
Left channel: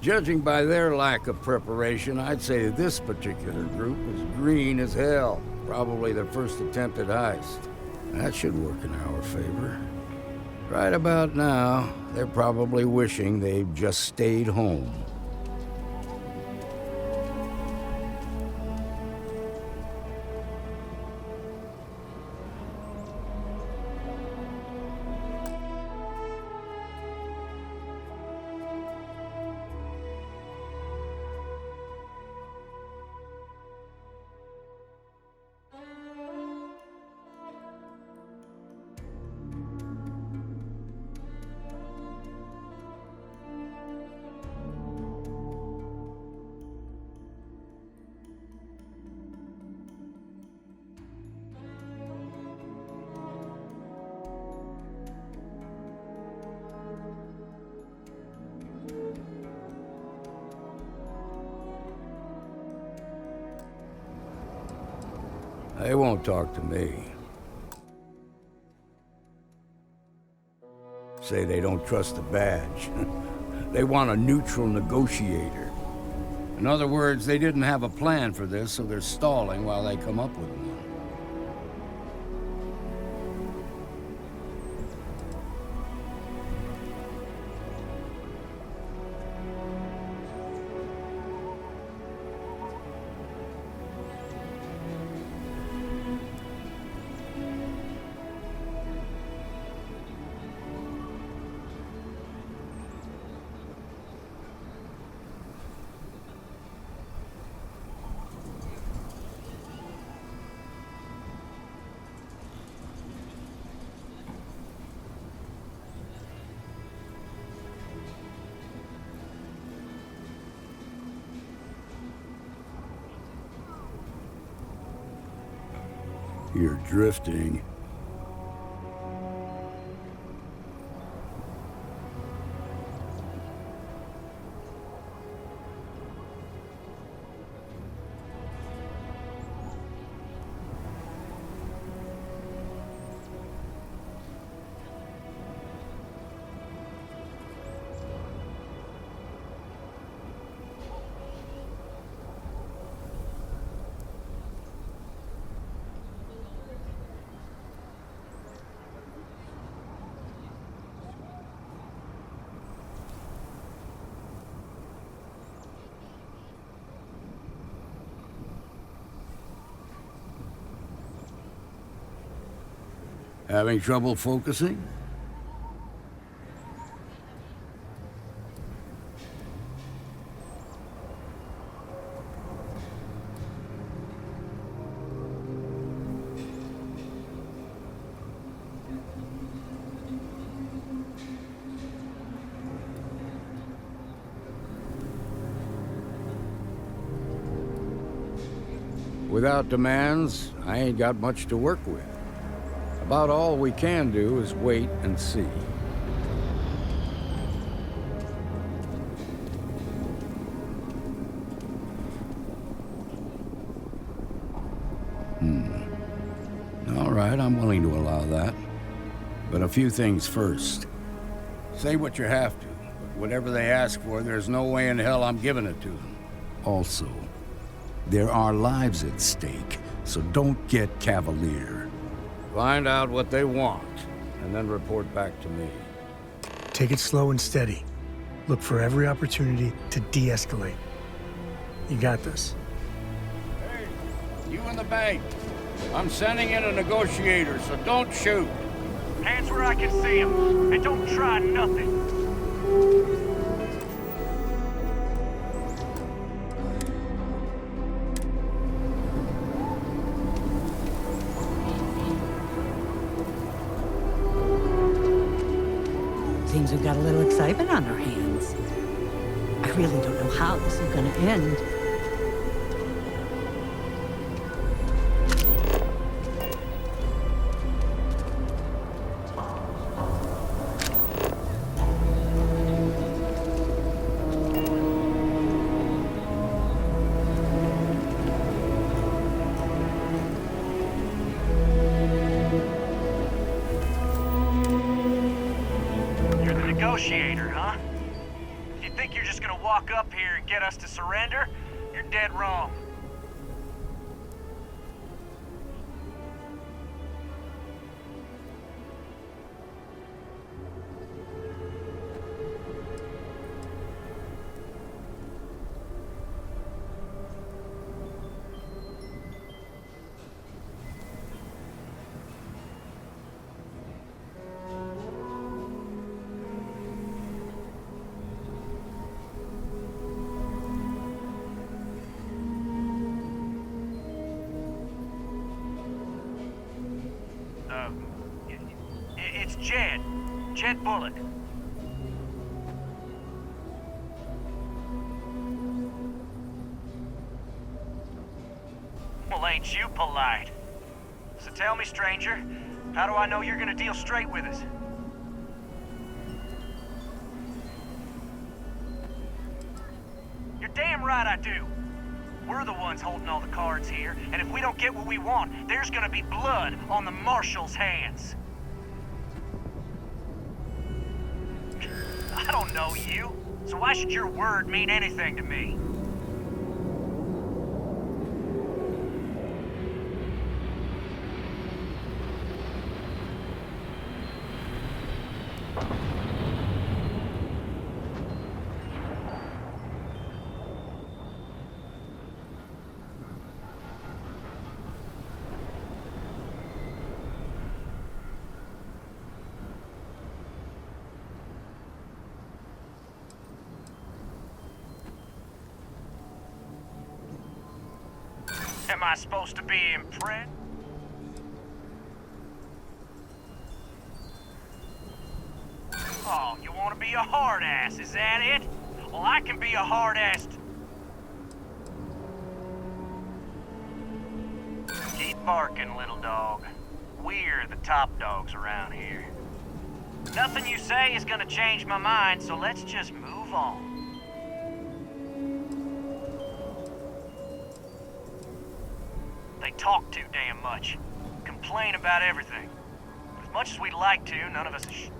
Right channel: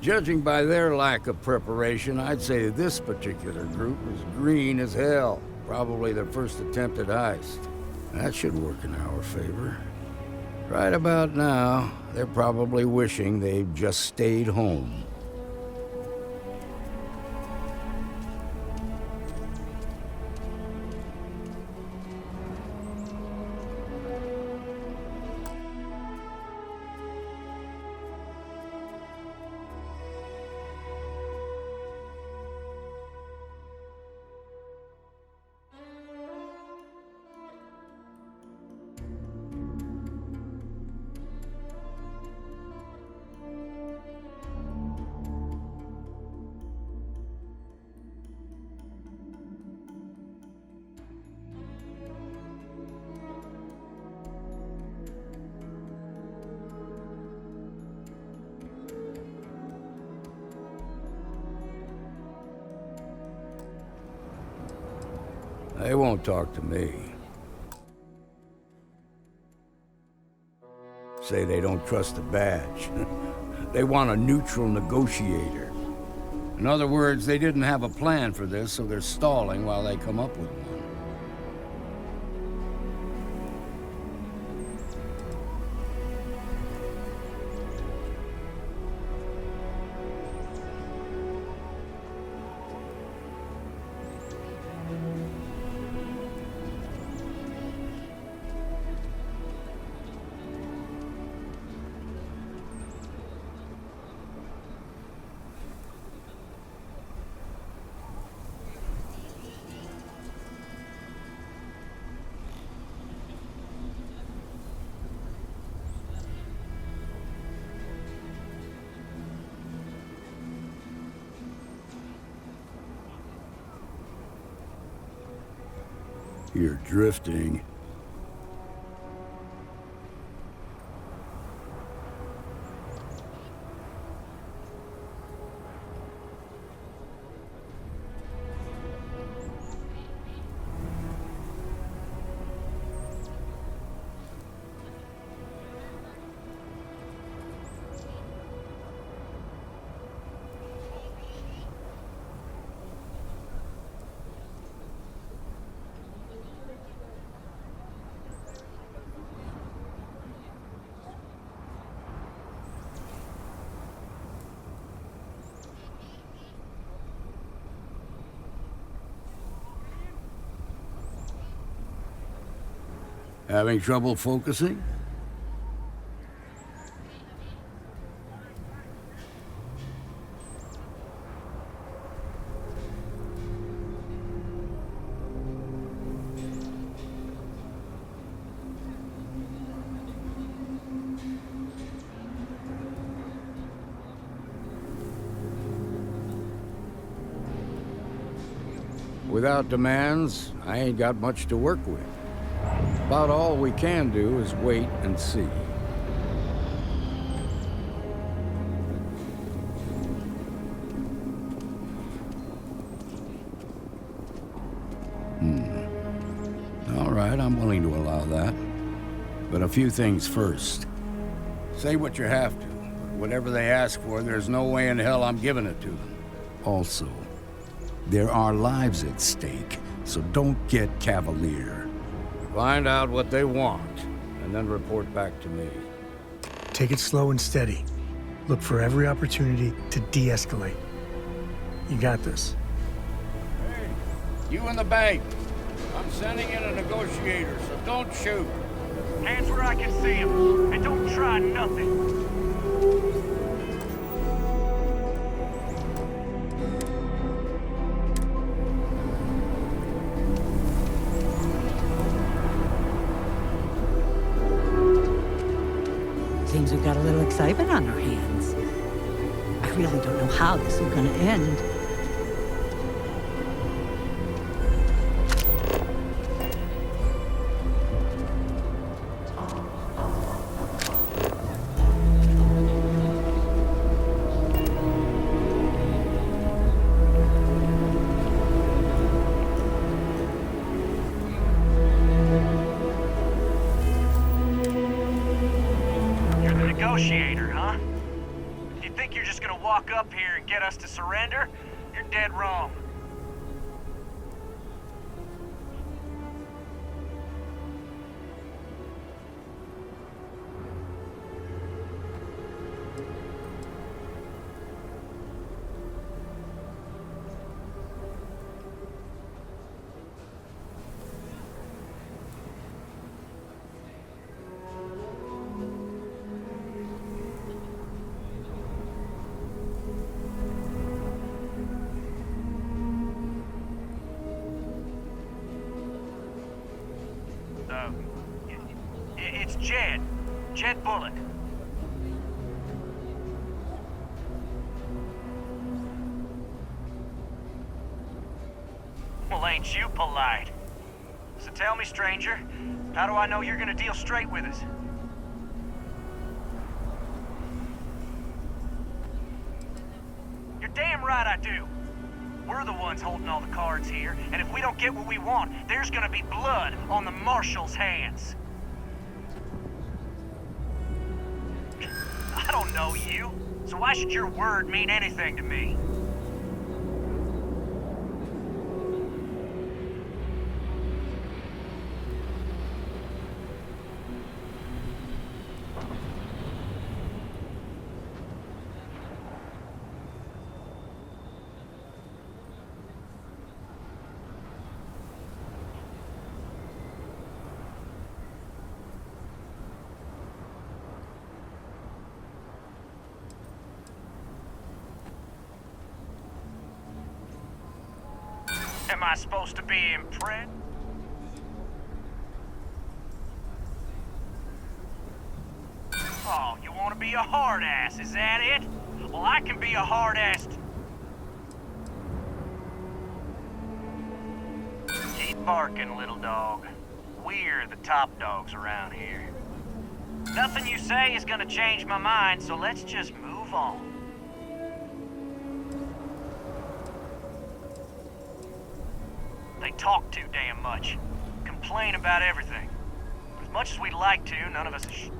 Judging by their lack of preparation, I'd say this particular group is green as hell. Probably their first attempt at heist. That should work in our favor. Right about now, they're probably wishing they'd just stayed home. They won't talk to me. Say they don't trust the badge. They want a neutral negotiator. In other words, they didn't have a plan for this, so they're stalling while they come up with one. You're drifting. Having trouble focusing? Without demands, I ain't got much to work with. About all we can do is wait and see. All right, I'm willing to allow that. But a few things first. Say what you have to, but whatever they ask for, there's no way in hell I'm giving it to them. Also, there are lives at stake, so don't get cavalier. Find out what they want, and then report back to me. Take it slow and steady. Look for every opportunity to de-escalate. You got this. Hey, you in the bank. I'm sending in a negotiator, so don't shoot. Hands where I can see them, and don't try nothing. Seems we've got a little excitement on our hands. I really don't know how this is gonna end. Negotiator, huh? If you think you're just gonna walk up here and get us to surrender, you're dead wrong. It's Jed. Jed Bullock. Well, ain't you polite? So tell me, stranger, how do I know you're gonna deal straight with us? You're damn right I do. We're the ones holding all the cards here, and if we don't get what we want, there's gonna be blood on the Marshal's hands. I don't know you, so why should your word mean anything to me? Am I supposed to be impressed? Oh, you want to be a hard ass, is that it? Well, I can be a hard ass. Keep barking, little dog. We're the top dogs around here. Nothing you say is gonna change my mind, so let's just move on. They talk too damn much. Complain about everything. But as much as we'd like to, none of us is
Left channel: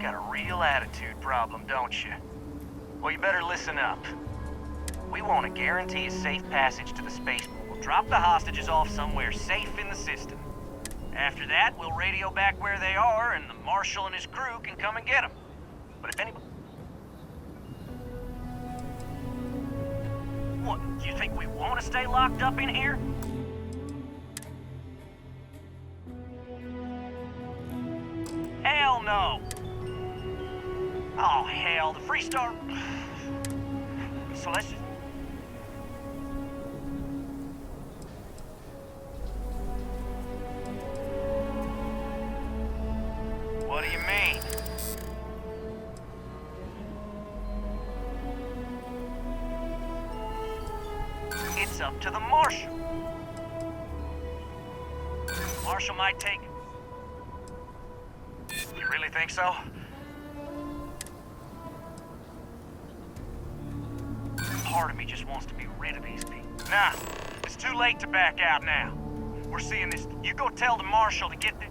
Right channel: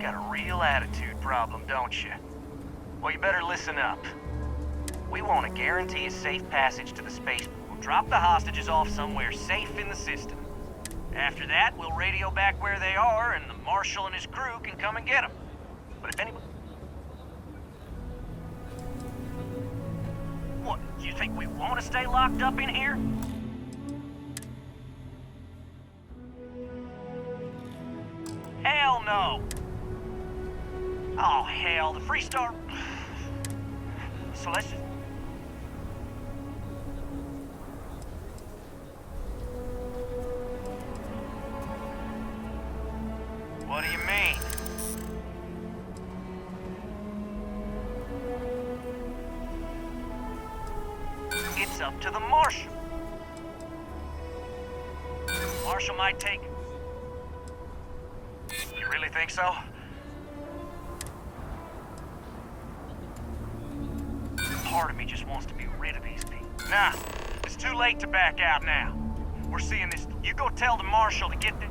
got a real attitude problem, don't you? Well, you better listen up. We want to guarantee a safe passage to the spaceport. We'll drop the hostages off somewhere safe in the system. After that, we'll radio back where they are, and the Marshal and his crew can come and get them. But if anybody... What, you think we want to stay locked up in here? Hell no! Oh, hell, the Freestar... So let's just... What do you mean? up to the Marshal. Marshal might take... You really think so? Part of me just wants to be rid of these people. Nah, it's too late to back out now. We're seeing this. You go tell the Marshal to get the...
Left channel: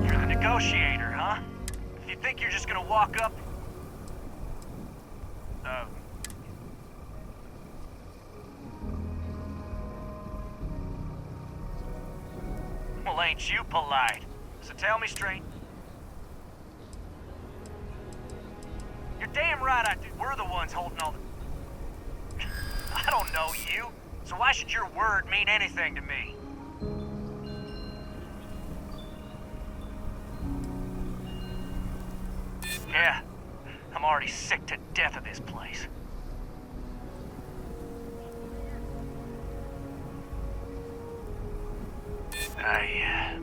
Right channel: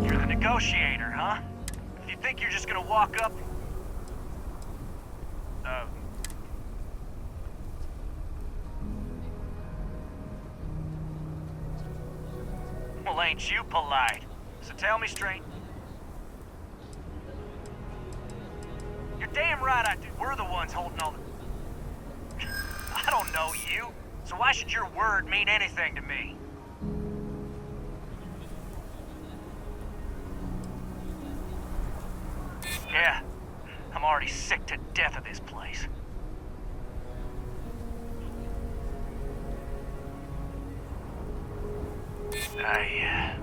You're the negotiator, huh? If you think you're just gonna walk up... Well, ain't you polite? So tell me straight. You're damn right I do. We're the ones holding all the... I don't know you, so why should your word mean anything to me? Yeah, I'm already sick to death of this place. I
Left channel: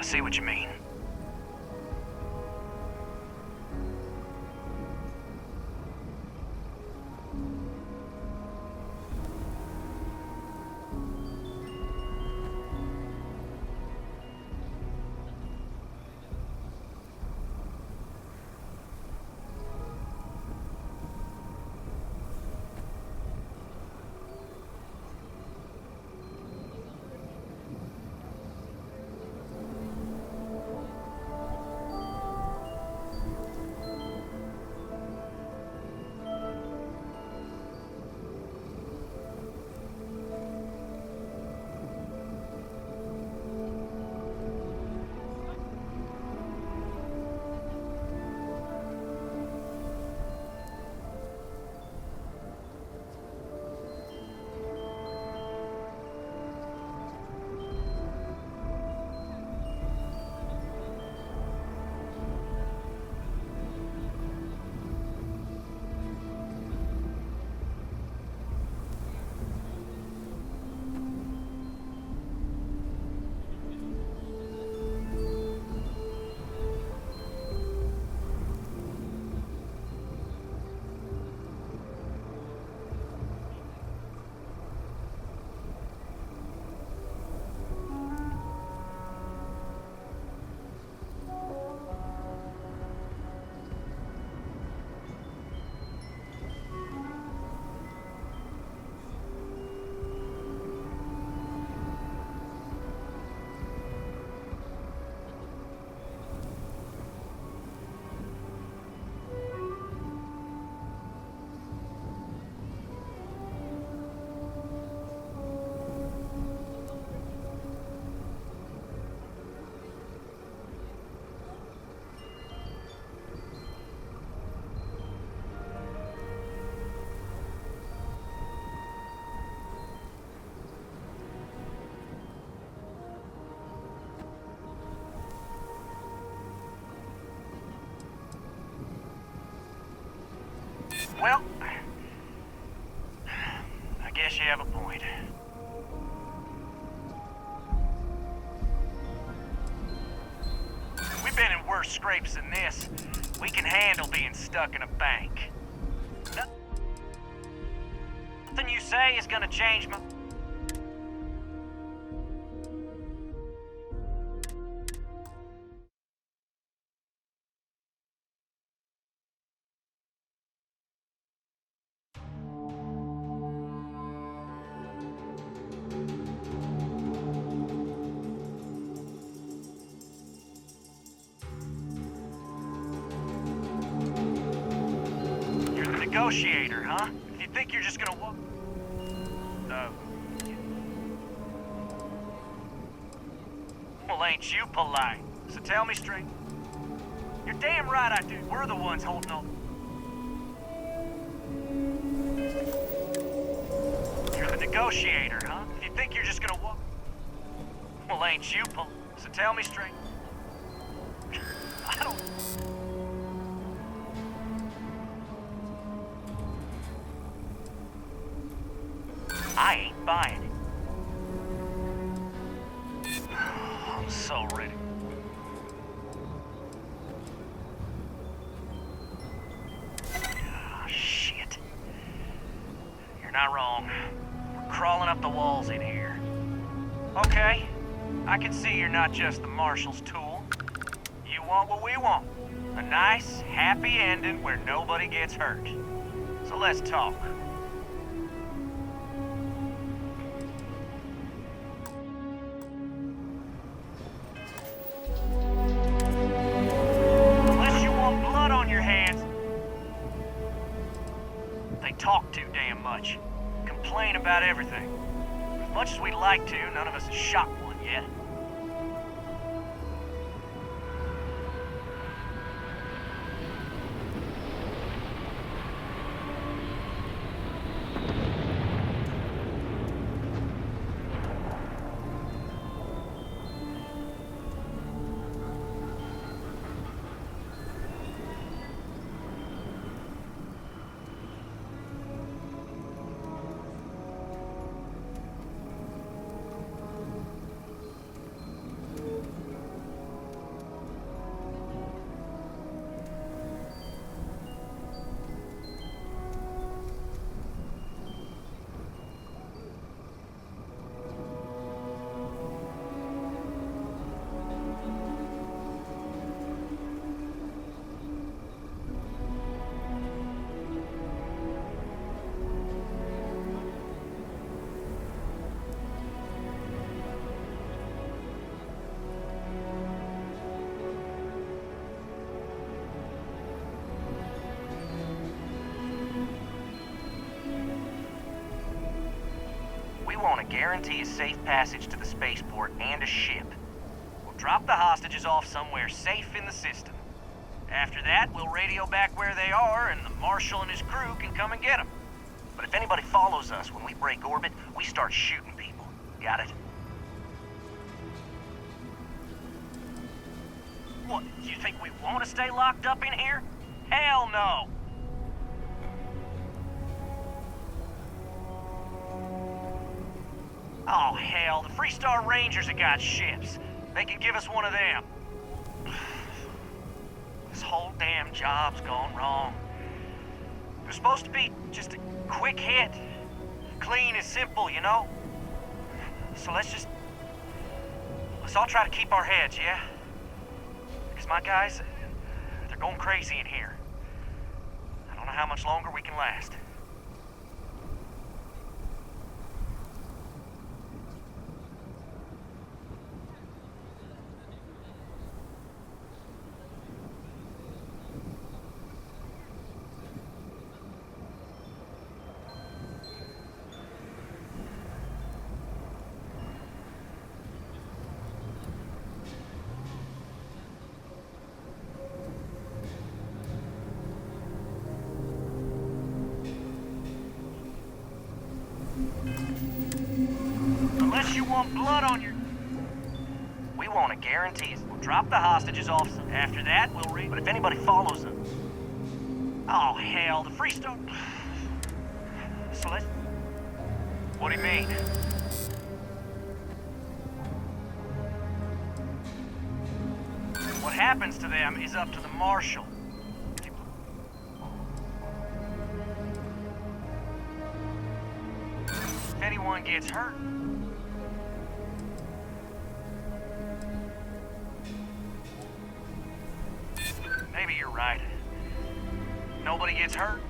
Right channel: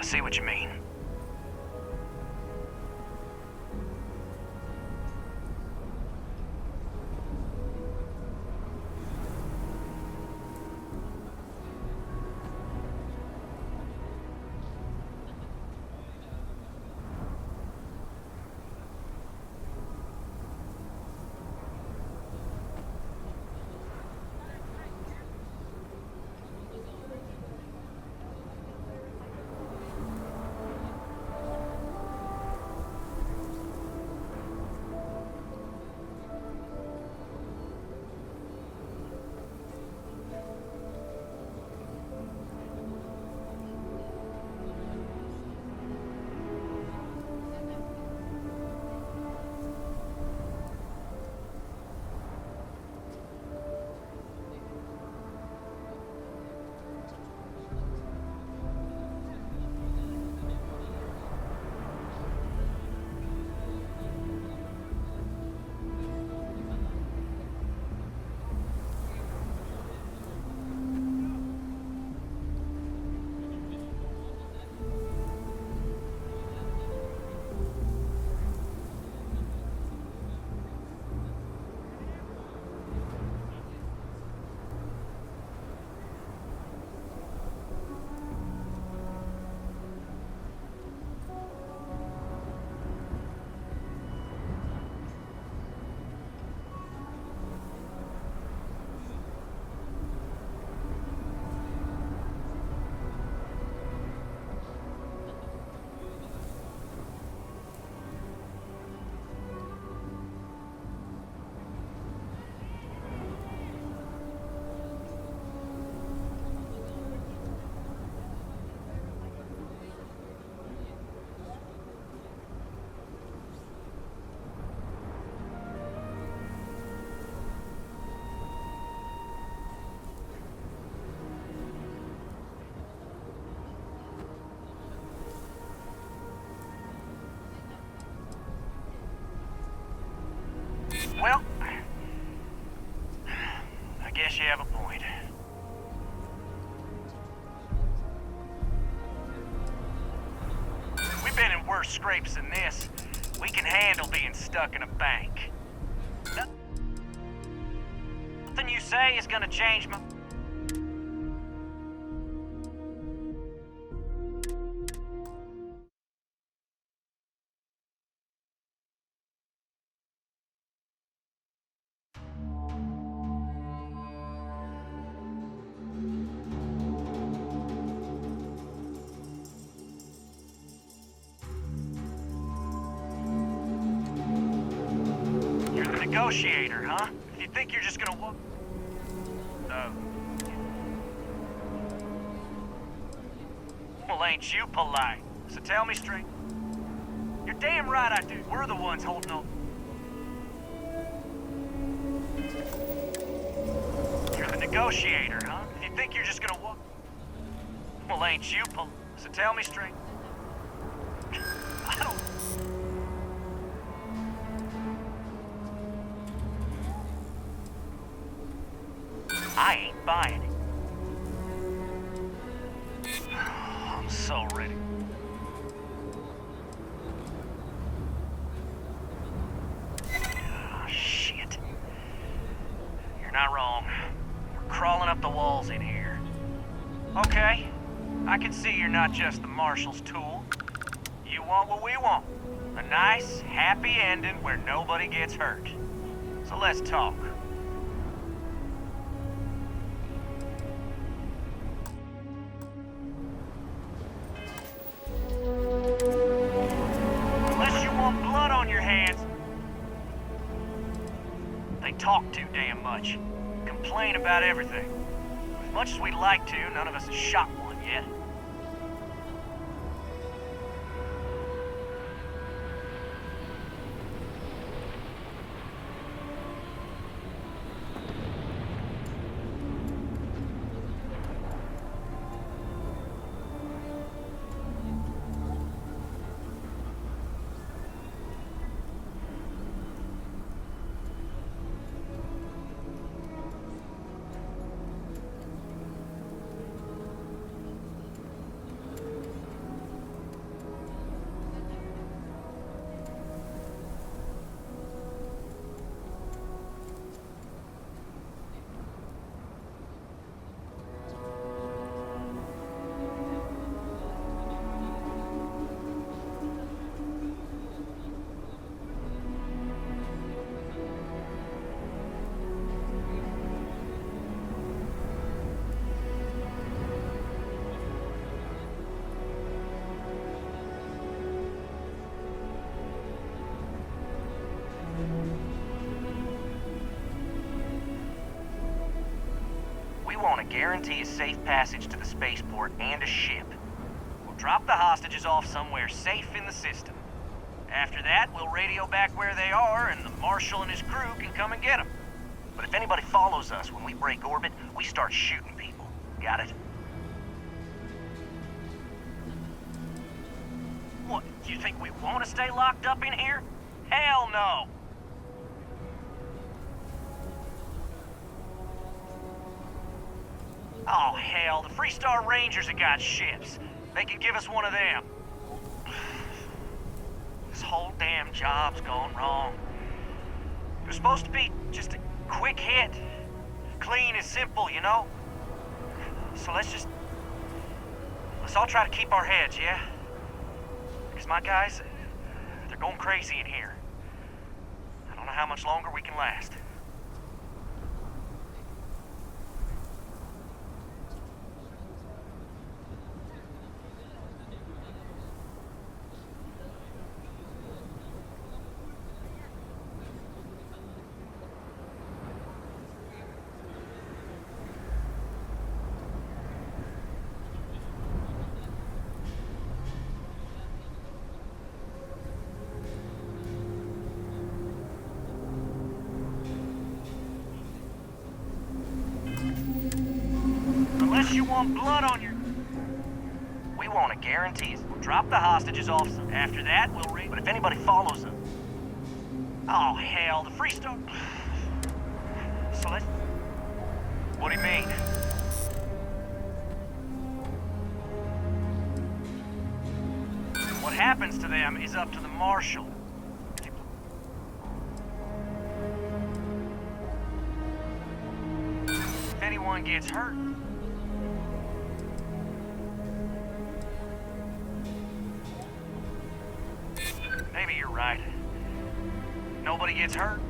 see what you mean. Well, I guess you have a point. We've been in worse scrapes than this. We can handle being stuck in a bank. Nothing you say is gonna change my... You're the negotiator, huh? If you think you're just gonna walk... Well, ain't you polite? So tell me straight. You're damn right I do. We're the ones holding on. You're the negotiator, huh? If you think you're just gonna walk... Well, ain't you polite? So tell me straight. I don't... I ain't buying it. I'm so ready. Oh, shit. You're not wrong. We're crawling up the walls in here. Okay, I can see you're not just the Marshal's tool. You want what we want. A nice, happy ending where nobody gets hurt. So let's talk. Unless you want blood on your hands. They talk too damn much. Complain about everything. As much as we'd like to, none of us has shot one yet. We want to guarantee a safe passage to the spaceport and a ship. We'll drop the hostages off somewhere safe in the system. After that, we'll radio back where they are, and the Marshal and his crew can come and get them. But if anybody follows us when we break orbit, we start shooting people. Got it? What, you think we want to stay locked up in here? Hell no! Oh, hell, the Freestar Rangers have got ships. They can give us one of them. This whole damn job's gone wrong. It was supposed to be just a quick hit. Clean and simple, you know? So let's all try to keep our heads, yeah? Because my guys, they're going crazy in here. I don't know how much longer we can last. Unless you want blood on your... We want a guarantee. We'll drop the hostages off. After that, we'll But if anybody follows them... Oh, hell, the Freestar... So let's... What do you mean? What happens to them is up to the Marshal. If anyone gets hurt... Maybe you're right. Nobody gets hurt.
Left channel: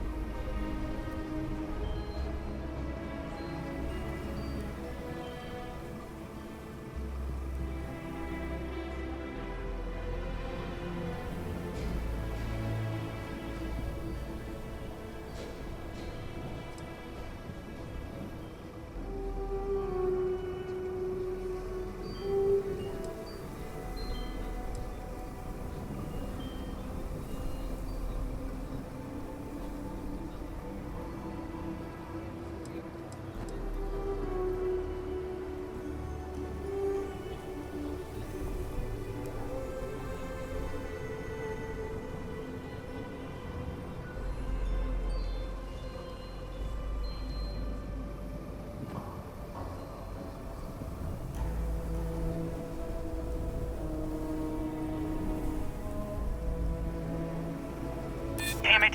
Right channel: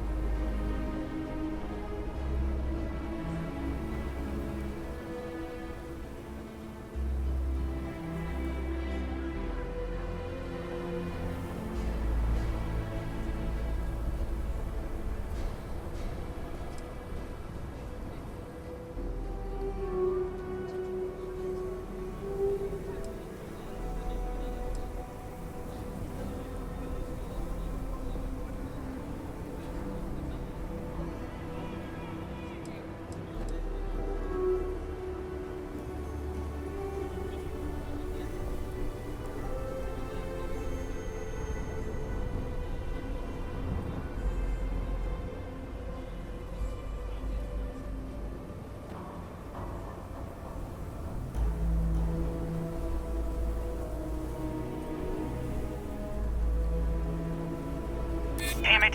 Damn it.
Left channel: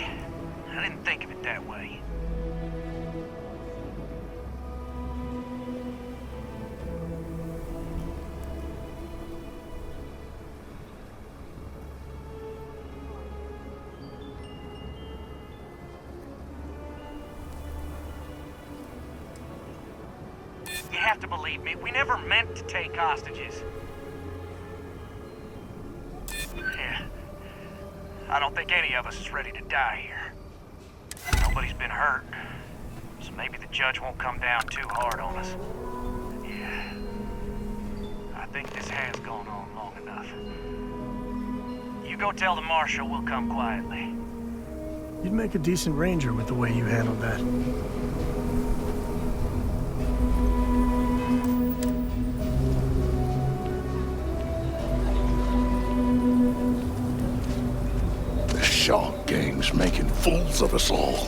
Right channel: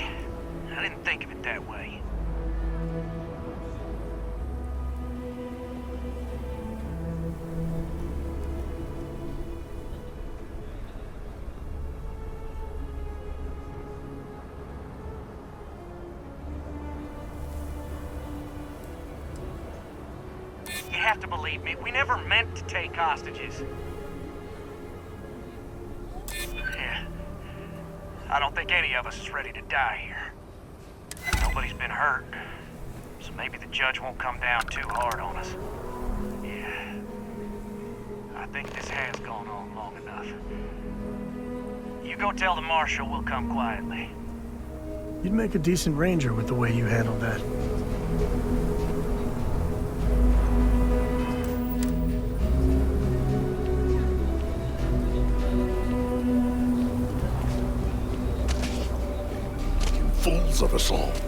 I didn't think of it that way. You have to believe me, we never meant to take hostages. Yeah. I don't think any of us is ready to die here. Nobody's been hurt, so maybe the judge won't come down too hard on us. Yeah. I think this has gone on long enough. You go tell the Marshal we'll come quietly. You'd make a decent ranger with the way you handled that. Gang's making fools of us all.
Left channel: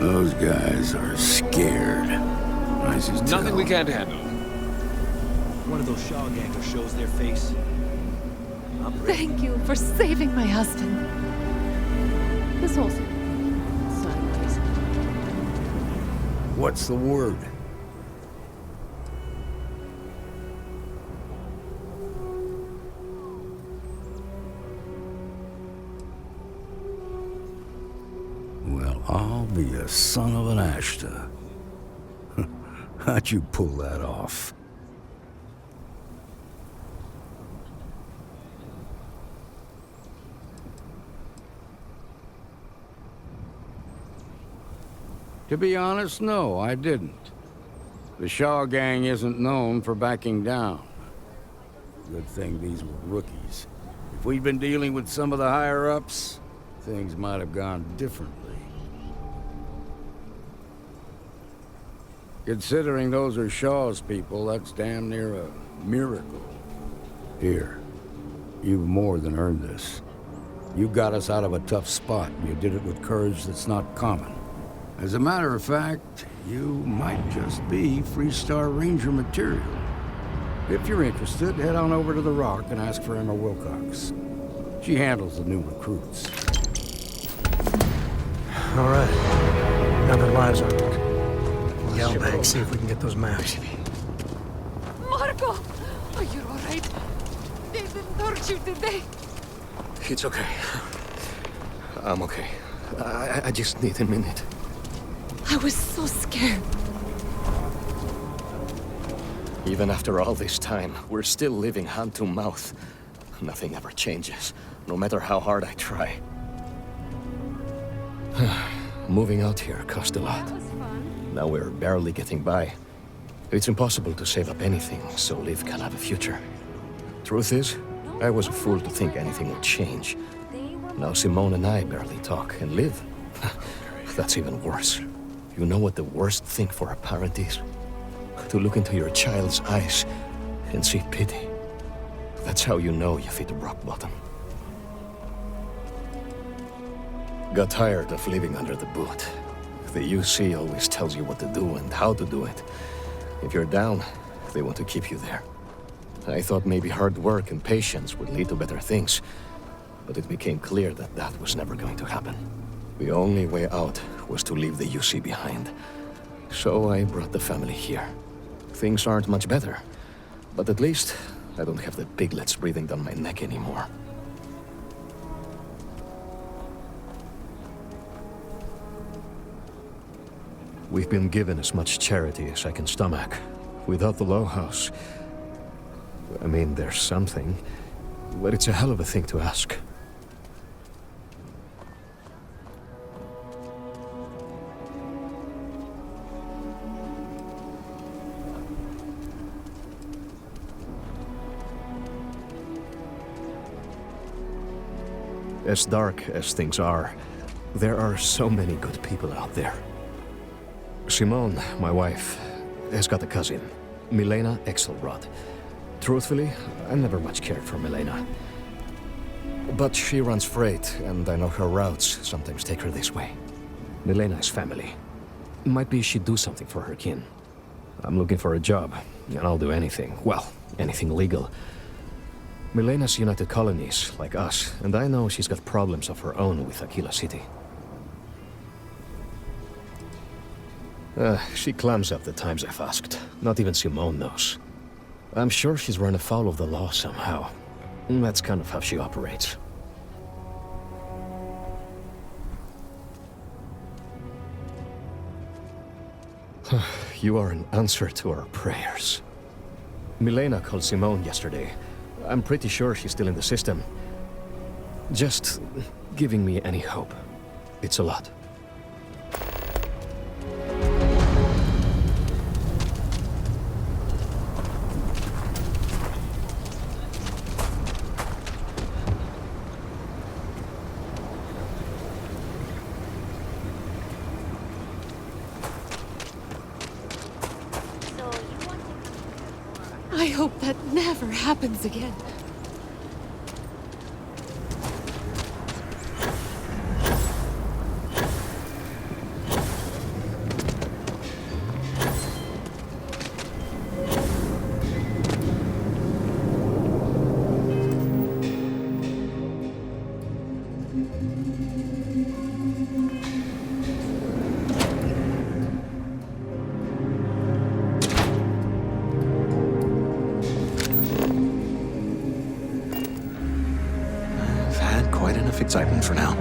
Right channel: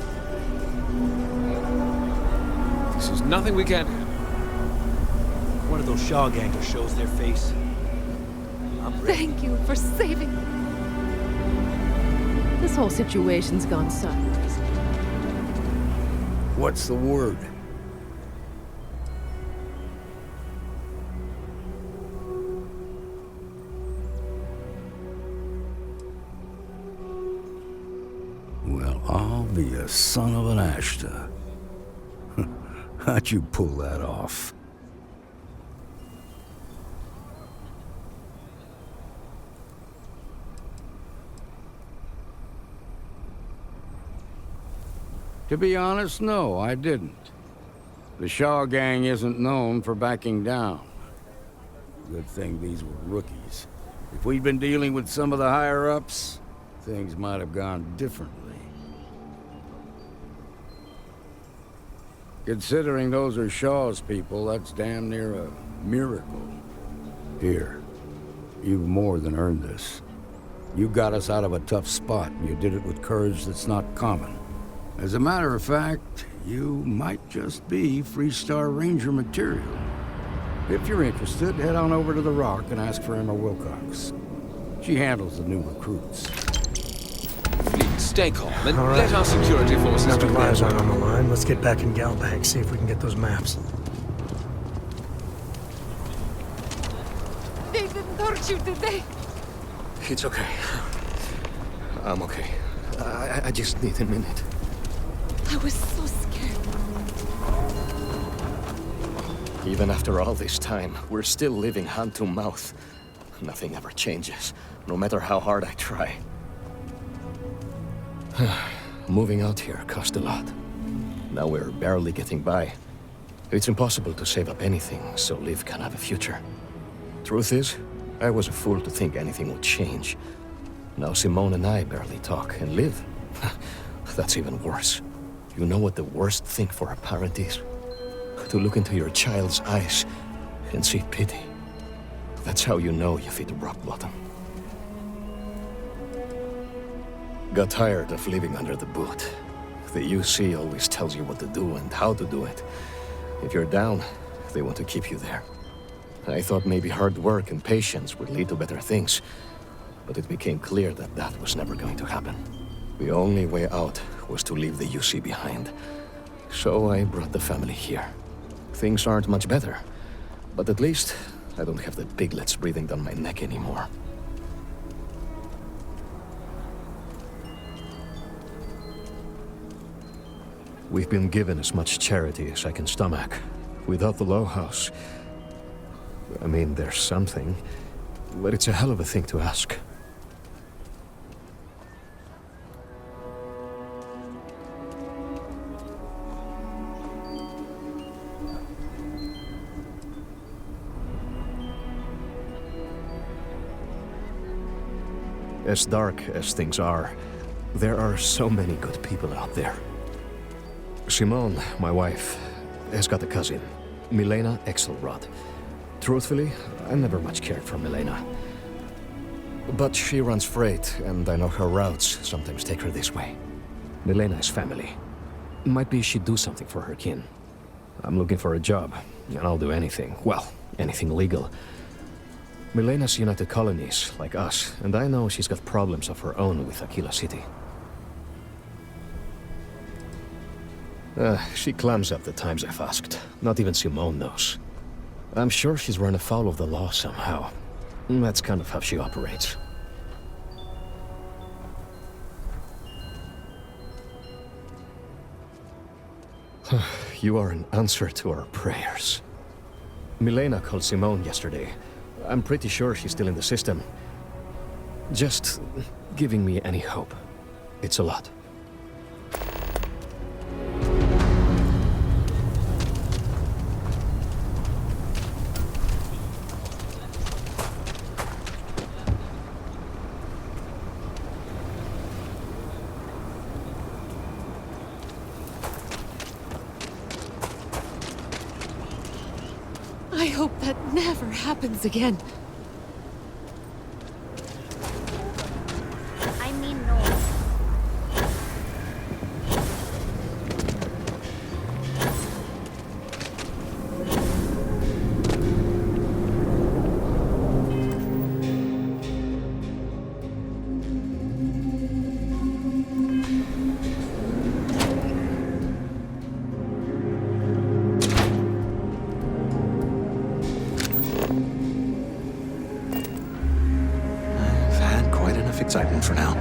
Those guys are scared. There's nothing we can't handle. One of those Shaw gangers shows their face. I'm ready. Thank you for saving my husband. This whole situation's gone sideways. What's the word? Well, I'll be a son of an Ashta. How'd you pull that off? To be honest, no, I didn't. The Shaw gang isn't known for backing down. Good thing these were rookies. If we'd been dealing with some of the higher-ups, things might have gone differently. Considering those are Shaw's people, that's damn near a miracle. Here, you've more than earned this. You got us out of a tough spot, and you did it with courage that's not common. As a matter of fact, you might just be Freestar Ranger material. If you're interested, head on over to the Rock and ask for Emma Wilcox. She handles the new recruits. Stay calm and All right. let our security forces... Now that lives aren't on the line, let's get back in Galbank, see if we can get those maps. Marco! Are you alright? They didn't hurt you, did they? It's okay. I'm okay. I just need a minute. I was so scared. Even after all this time, we're still living hand to mouth. Nothing ever changes, no matter how hard I try. Moving out here cost a lot. Now we're barely getting by. It's impossible to save up anything so Liv can have a future. Truth is, I was a fool to think anything would change. Now Simone and I barely talk, and Liv, that's even worse. You know what the worst thing for a parent is? To look into your child's eyes and see pity. That's how you know you've hit rock bottom. Got tired of living under the boot. The UC always tells you what to do and how to do it. If you're down, they want to keep you there. I thought maybe hard work and patience would lead to better things, but it became clear that that was never going to happen. The only way out was to leave the UC behind. So I brought the family here. Things aren't much better, but at least I don't have the piglets breathing down my neck anymore. We've been given as much charity as I can stomach. Without the Low House, I mean, there's something, but it's a hell of a thing to ask. As dark as things are, there are so many good people out there. Simone, my wife, has got a cousin, Milena Axelrod. Truthfully, I never much cared for Milena. But she runs freight, and I know her routes sometimes take her this way. Milena is family. Might be she'd do something for her kin. I'm looking for a job, and I'll do anything. Well, anything legal. Milena's United Colonies, like us, and I know she's got problems of her own with Akila City. She clams up the times I've asked. Not even Simone knows. I'm sure she's run afoul of the law somehow. That's kind of how she operates. You are an answer to our prayers. Milena called Simone yesterday. I'm pretty sure she's still in the system. Just giving me any hope. It's a lot. I hope that never happens again. Excitement for now.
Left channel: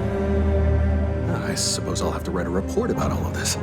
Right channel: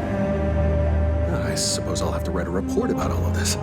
I suppose I'll have to write a report about all of this.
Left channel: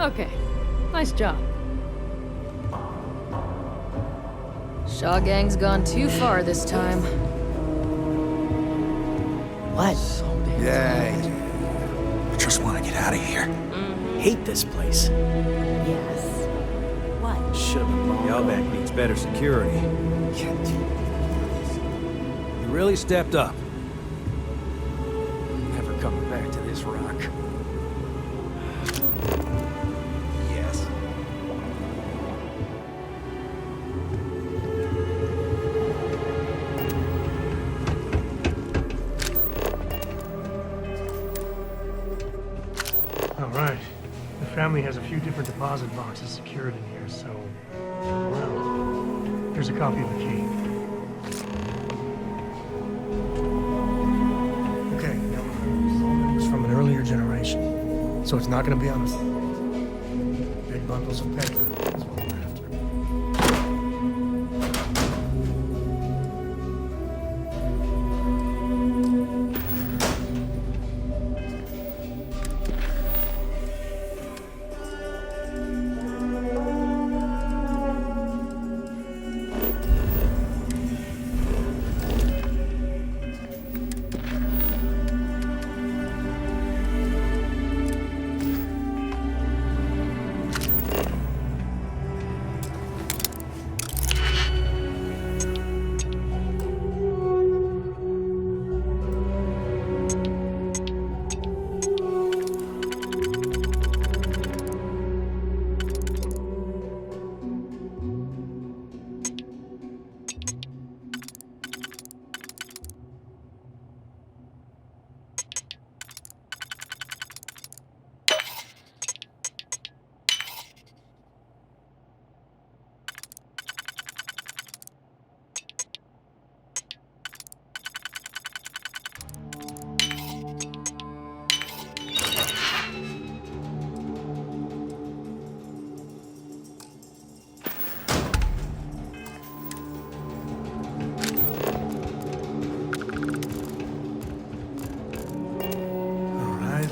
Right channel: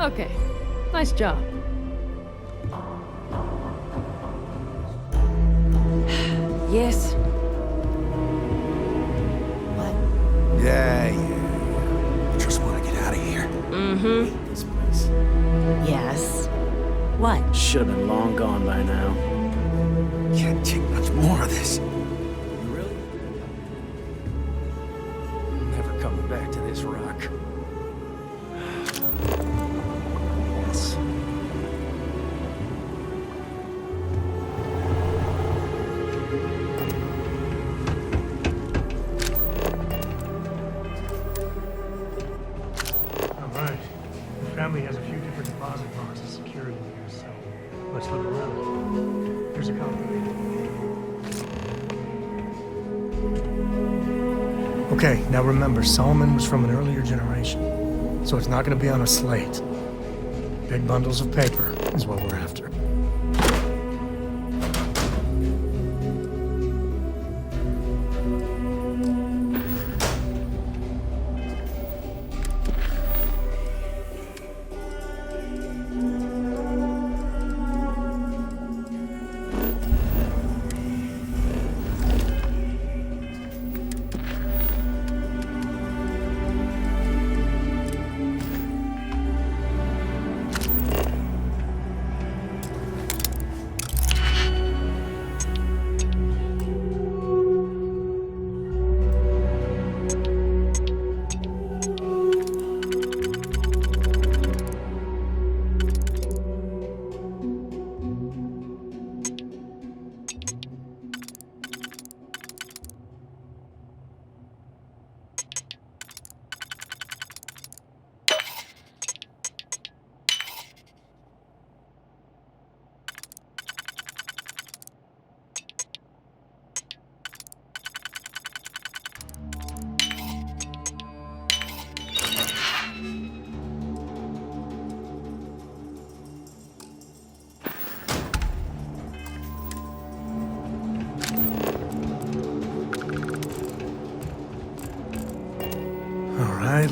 Okay, nice job. Shaw Gang's gone too far this time. Yes. What? Yeah. I just want to get out of here. Mm-hmm. Hate this place. Yes. What? Should have been long gone by needs now. better security. Can't take much more of this. You really stepped up. Never coming back to this rock. Yes. All right. We found family has a few different deposit boxes secured in here, so let's look around. Here's a copy of the key. Okay, now remember, Solomon was from an earlier generation, so it's not going to be on a slate. Big bundles of paper is what we're after.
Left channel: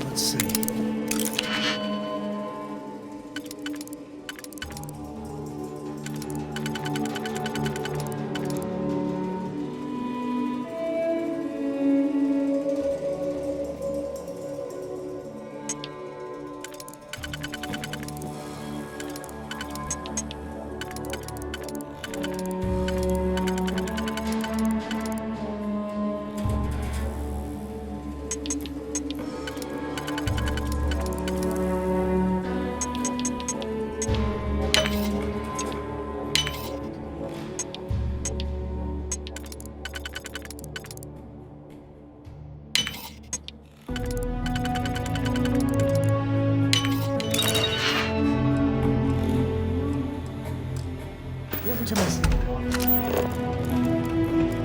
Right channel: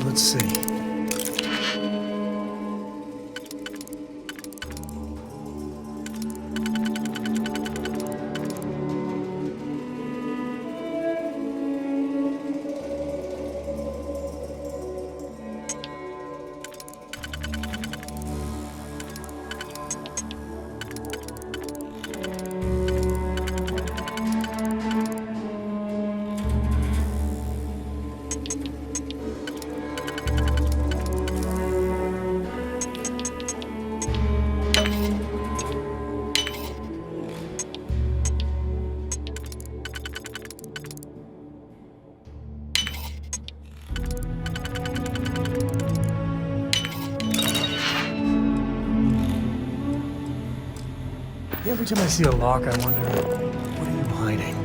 Let's see. Every time I see a lock, I wonder what I'm hiding.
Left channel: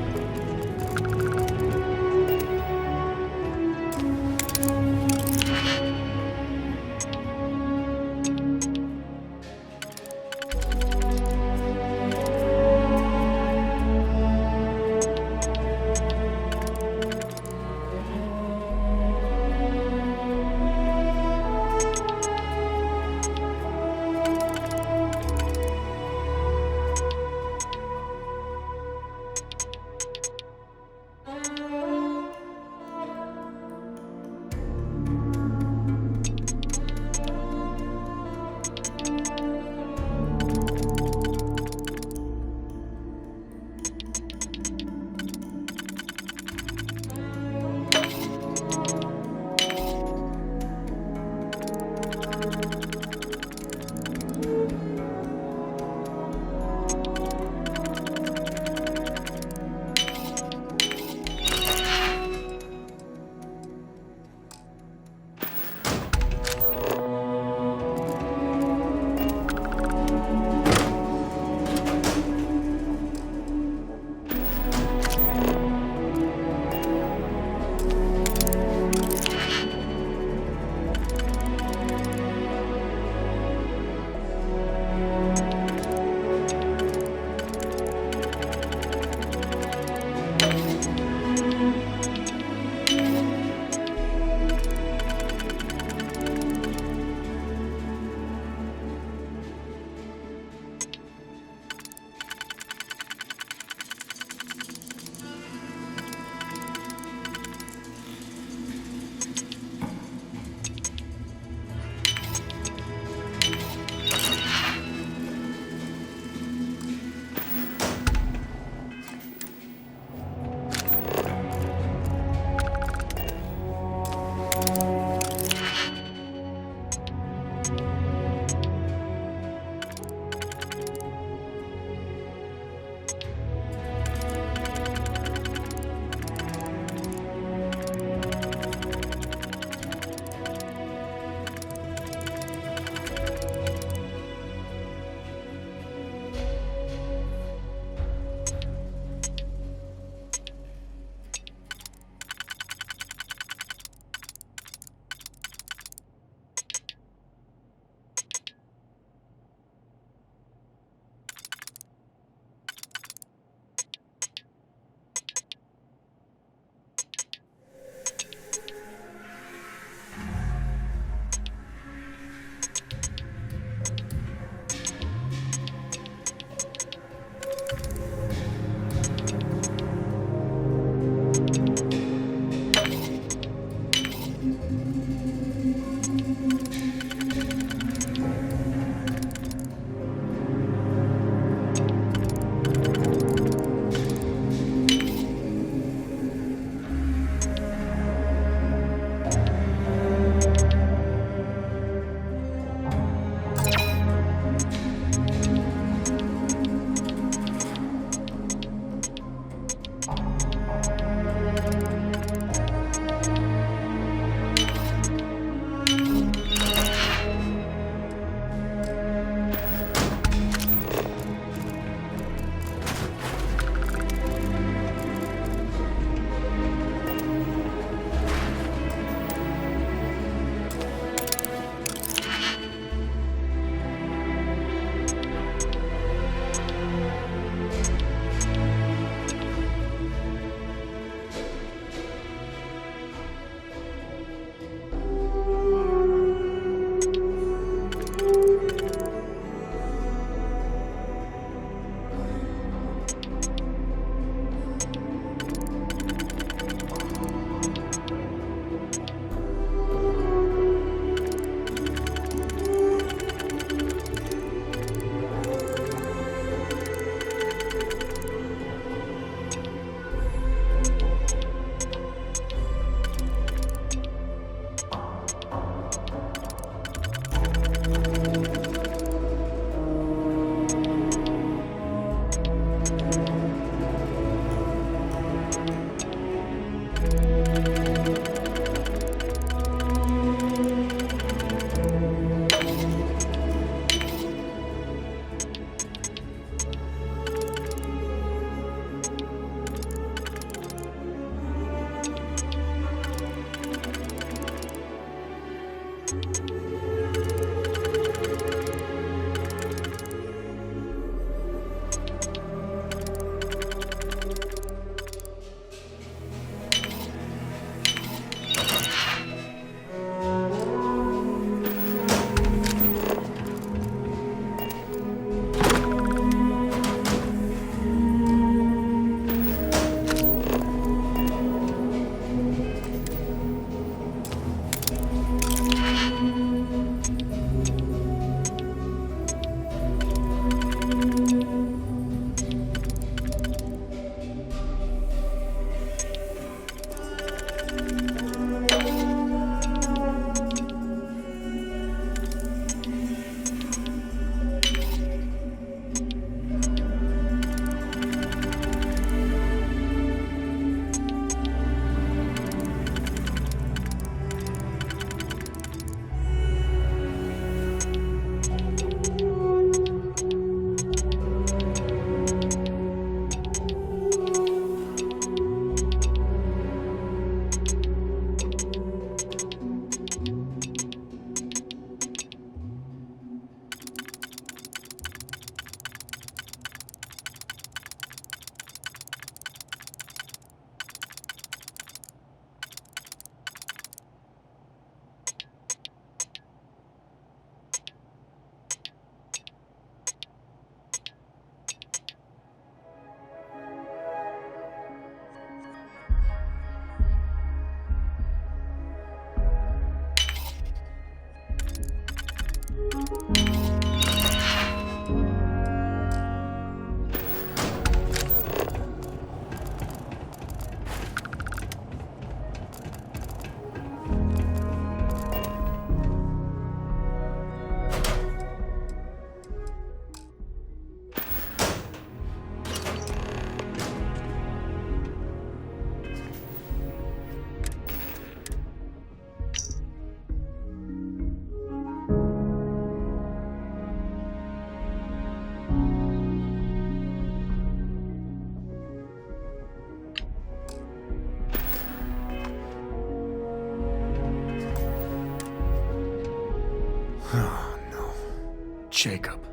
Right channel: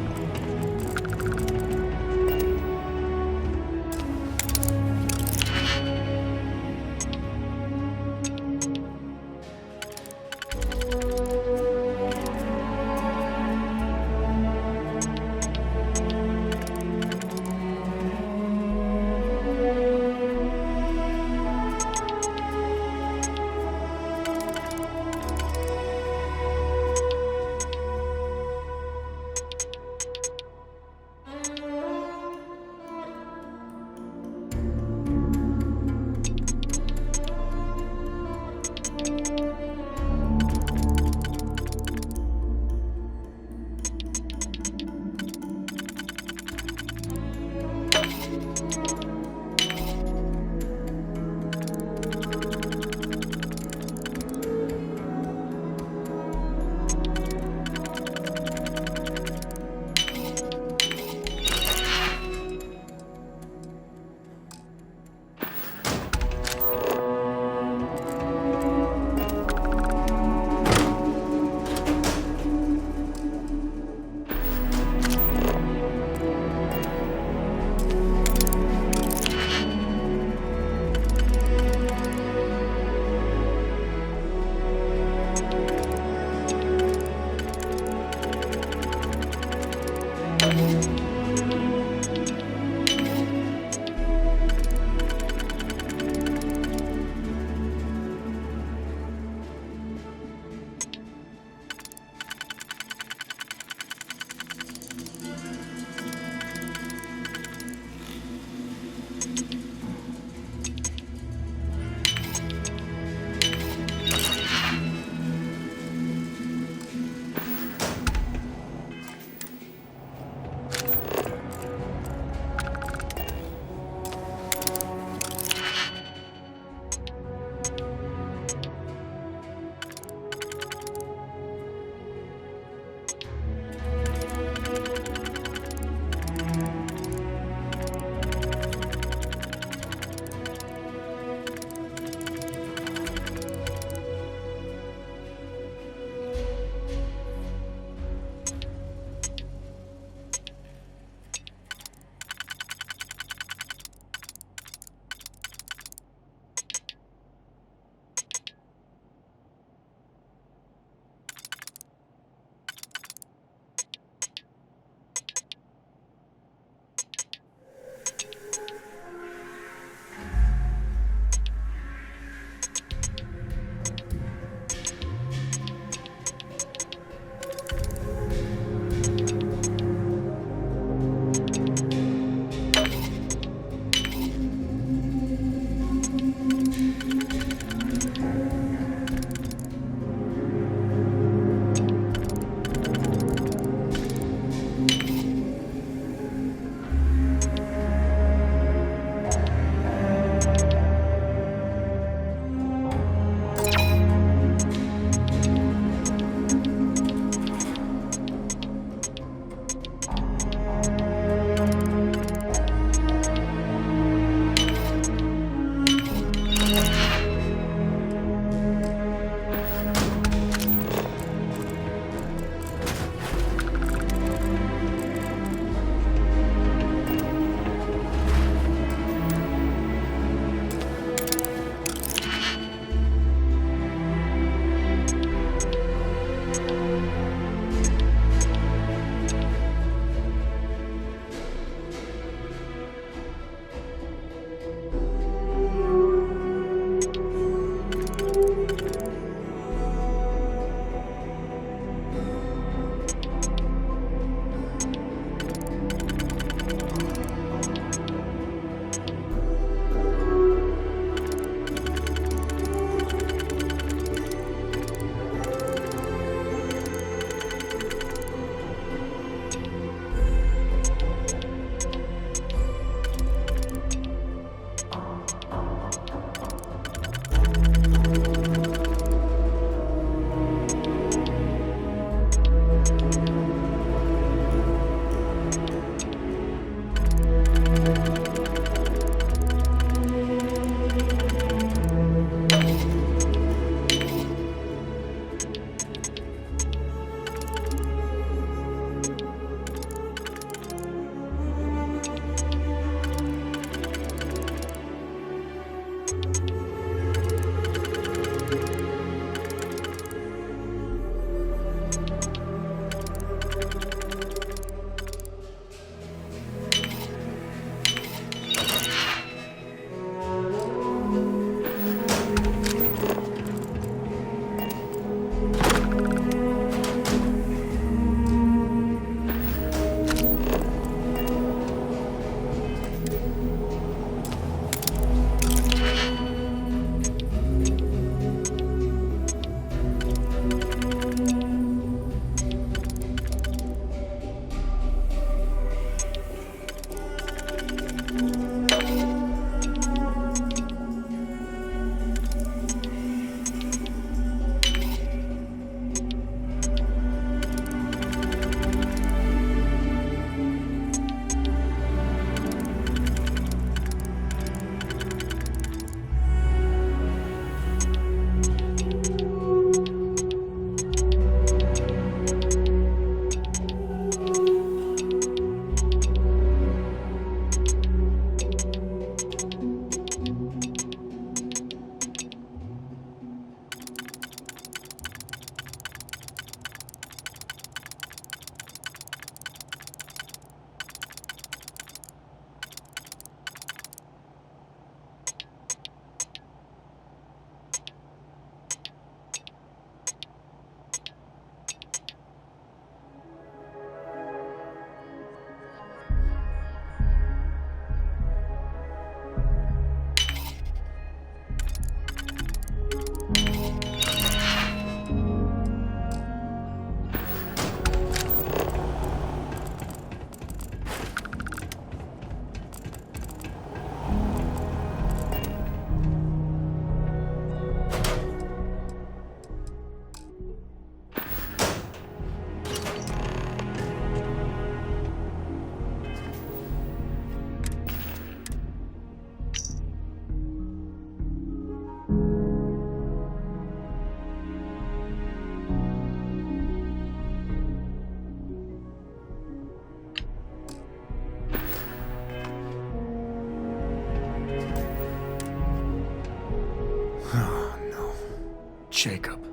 Jacob.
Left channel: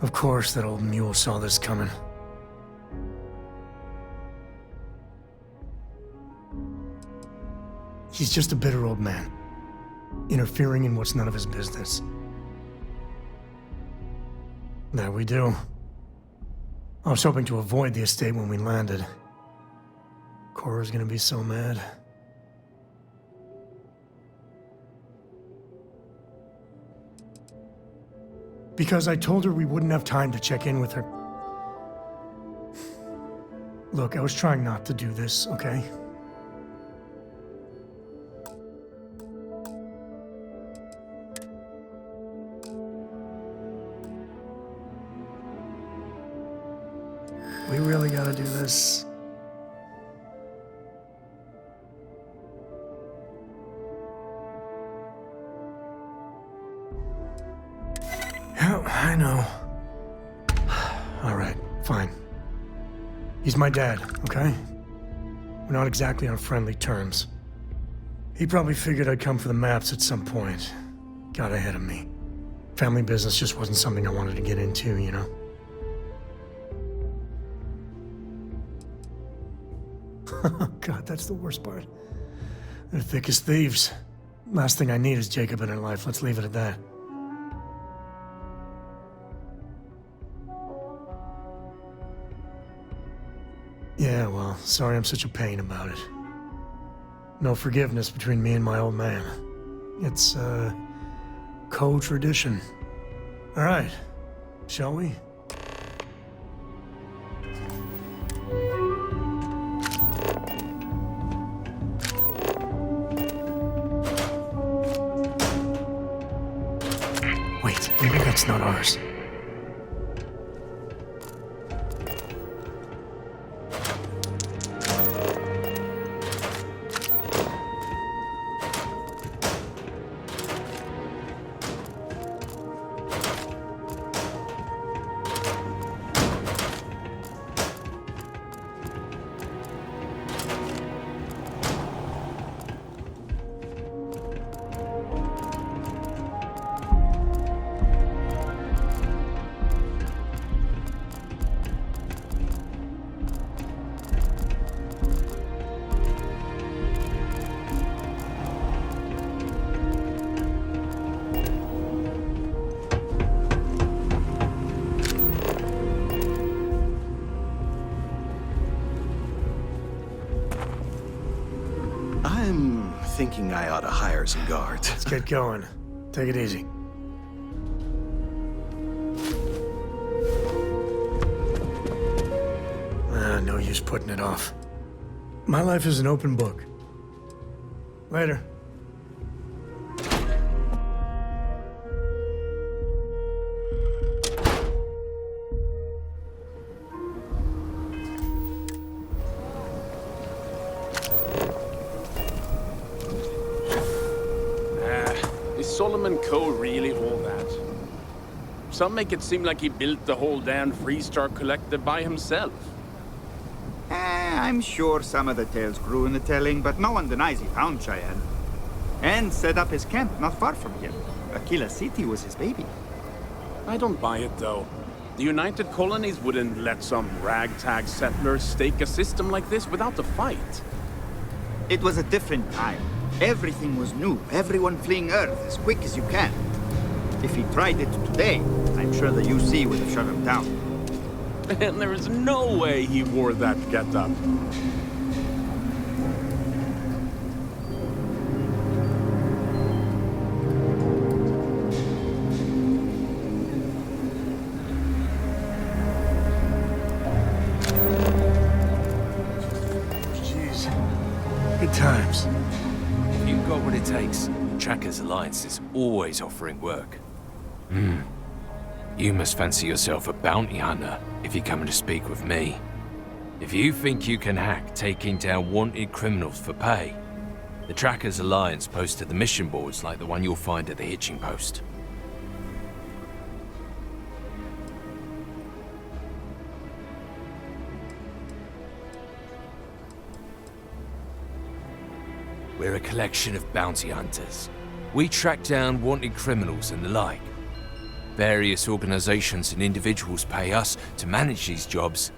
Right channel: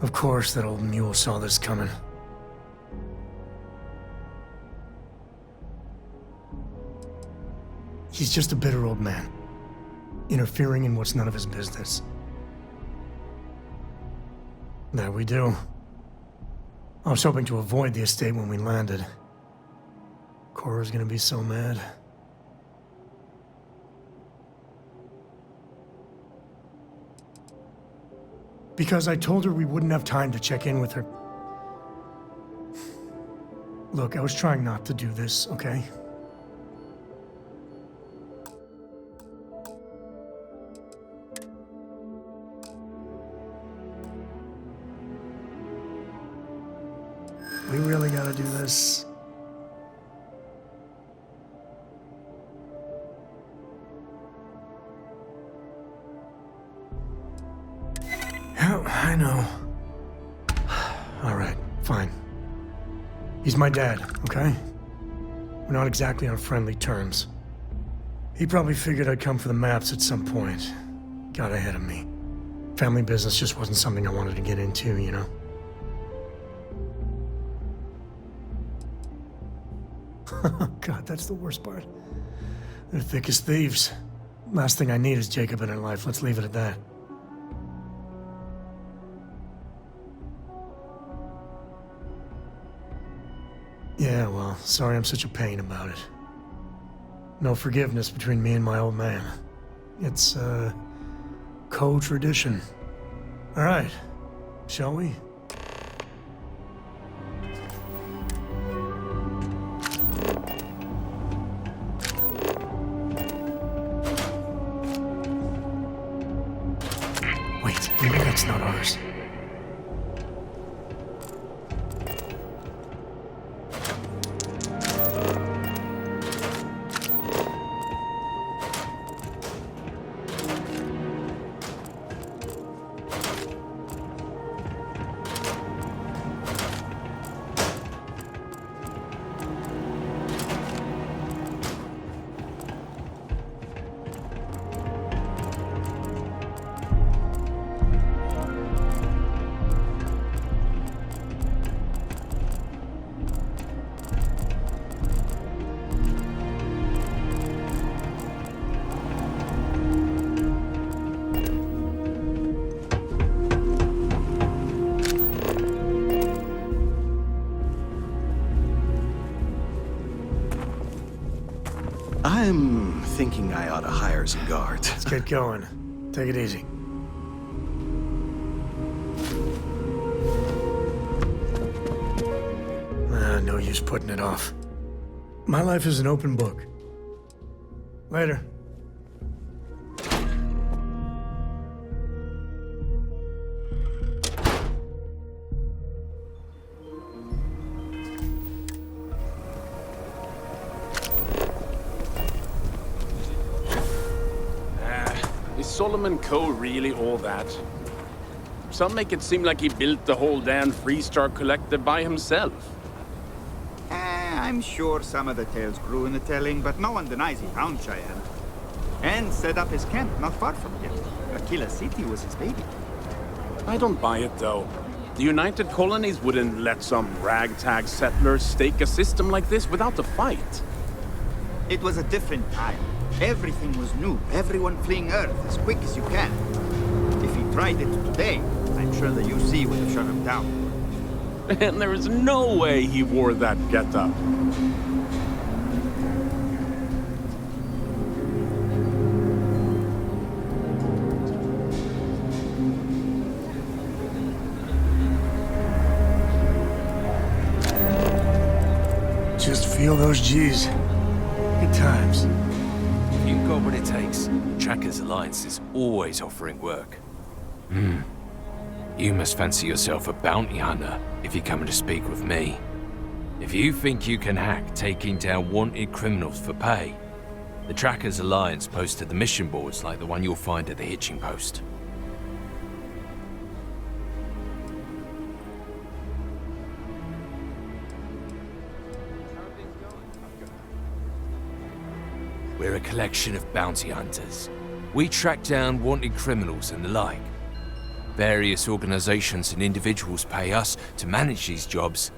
Of course that old mule saw this coming. He's just a bitter old man, interfering in what's none of his business. That we do. I was hoping to avoid the estate when we landed. Cora's gonna be so mad. Because I told her we wouldn't have time to check in with her. Look, I was trying not to do this, okay? We really gotta do this. Yeah, I know. All right, fine. He's my dad, okay? We're not exactly on friendly terms. He probably figured I'd come for the maps at some point. Got ahead of me. Family business just wasn't something I wanted to get into, you know? God, that's the worst part. They're thick as thieves. Last thing I need is Jacob in her life. Let's leave it at that. Yeah, well, sorry I'm such a pain about it. No forgiveness between me and my old man. It's, co-tradition. All right, shall we? Wait, maybe that's not ours. I'm thinking I ought to hire some guards. Let's get going. Take it easy. No use putting it off. My life is an open book. Later. Is Solomon Coe really all that? Some make it seem like he built the whole damn Freestar Collective by himself. I'm sure some of the tales grew in the telling, but no one denies he found Cheyenne. And set up his camp not far from here. Akila City was his baby. I don't buy it, though. The United Colonies wouldn't let some ragtag settlers stake a system like this without a fight. It was a different time. Everything was new, everyone fleeing Earth as quick as you can. If he tried it today, I'm sure the UC would have shut him down. And there is no way he wore that getup. Just feel those G's. Good times. If you've got what it takes, Trackers Alliance is always offering work. You must fancy yourself a bounty hunter if you're coming to speak with me. If you think you can hack taking down wanted criminals for pay, the Trackers Alliance posted the mission boards like the one you'll find at the hitching post. We're a collection of bounty hunters. We track down wanted criminals and the like. Various organizations and individuals pay us to manage these jobs,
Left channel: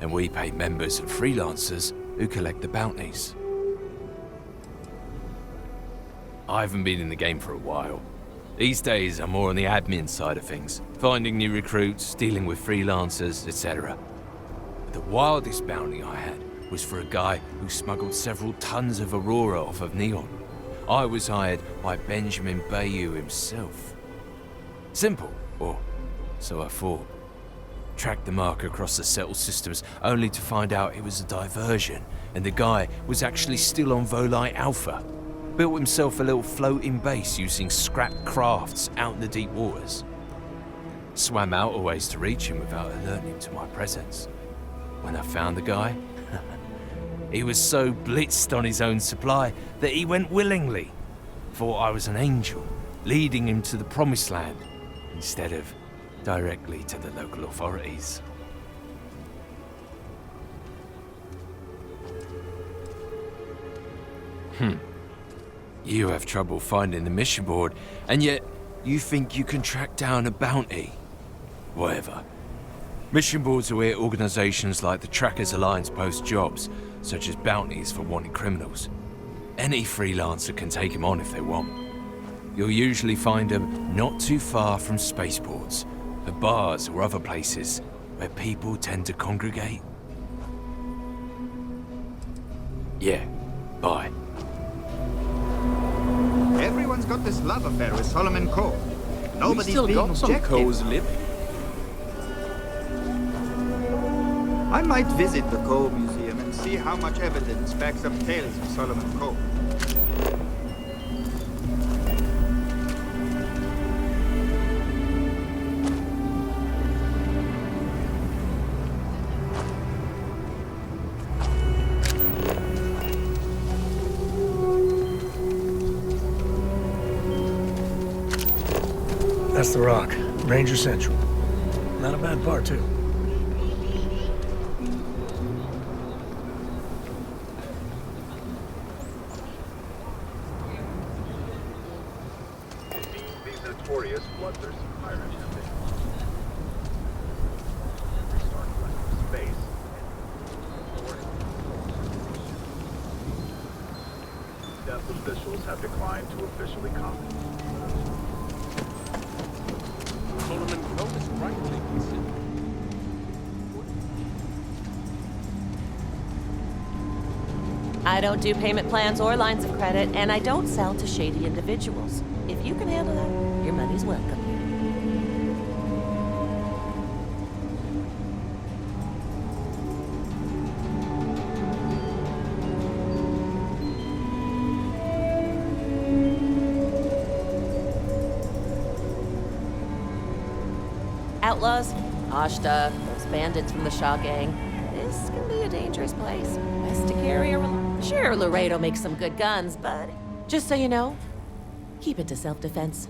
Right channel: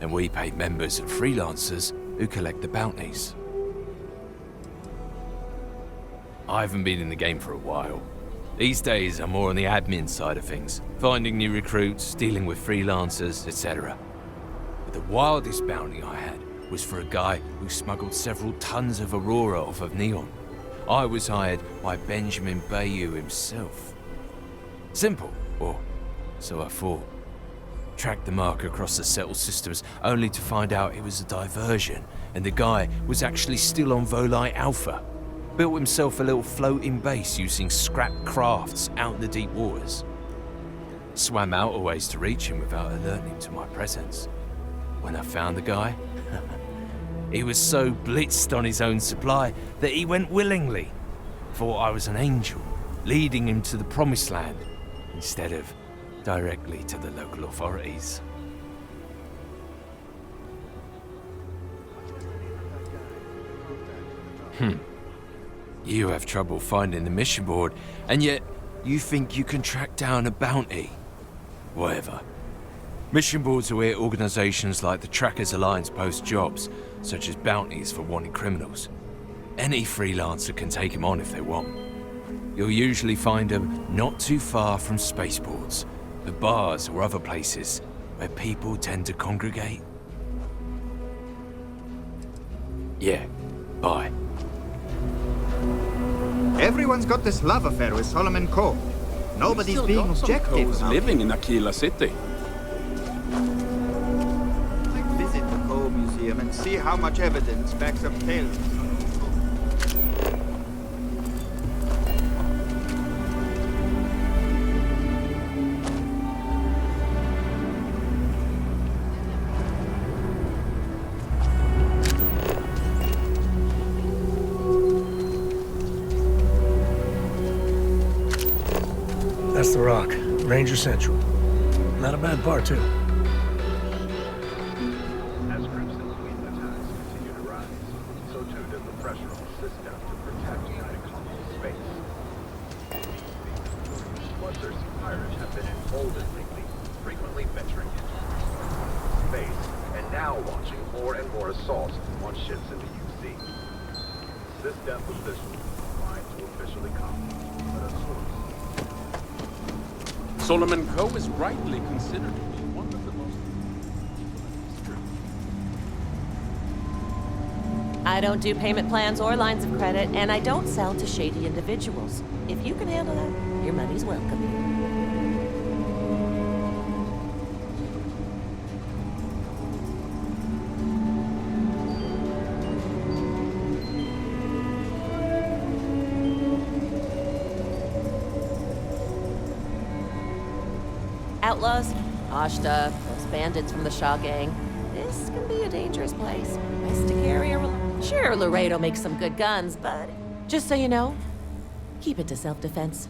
and we pay members and freelancers who collect the bounties. I haven't been in the game for a while. These days, I'm more on the admin side of things, finding new recruits, dealing with freelancers, etc. But the wildest bounty I had was for a guy who smuggled several tons of Aurora off of Neon. I was hired by Benjamin Bayou himself. Simple, or so I thought. Tracked the mark across the settled systems, only to find out it was a diversion, and the guy was actually still on Volite Alpha. Built himself a little floating base using scrap crafts out in the deep waters. Swam out a ways to reach him without alerting him to my presence. When I found the guy, he was so blitzed on his own supply that he went willingly. Thought I was an angel, leading him to the promised land, instead of directly to the local authorities. You have trouble finding the mission board, and yet you think you can track down a bounty. Whatever. Mission boards are where organizations like the Trackers Alliance post jobs, such as bounties for wanted criminals. Any freelancer can take them on if they want. You'll usually find them not too far from spaceports, at bars or other places where people tend to congregate. Yeah, bye. Everyone's got this love affair with Solomon Coe. Nobody's We being still got some objective. Coes living in Akila City. I might visit the Coe Museum and see how much evidence backs up tales of Solomon Coe. That's the Rock, Ranger Central. Not a bad bar, too. Solomon Coe is rightly considered to be one of the... I don't do payment plans or lines of credit, and I don't sell to shady individuals. If you can handle that, your money's welcome here. Outlaws, Ashta, those bandits from the Shaw gang. This can be a dangerous place. Best to carry a Sure, Laredo makes some good guns, but just so you know, keep it to self-defense.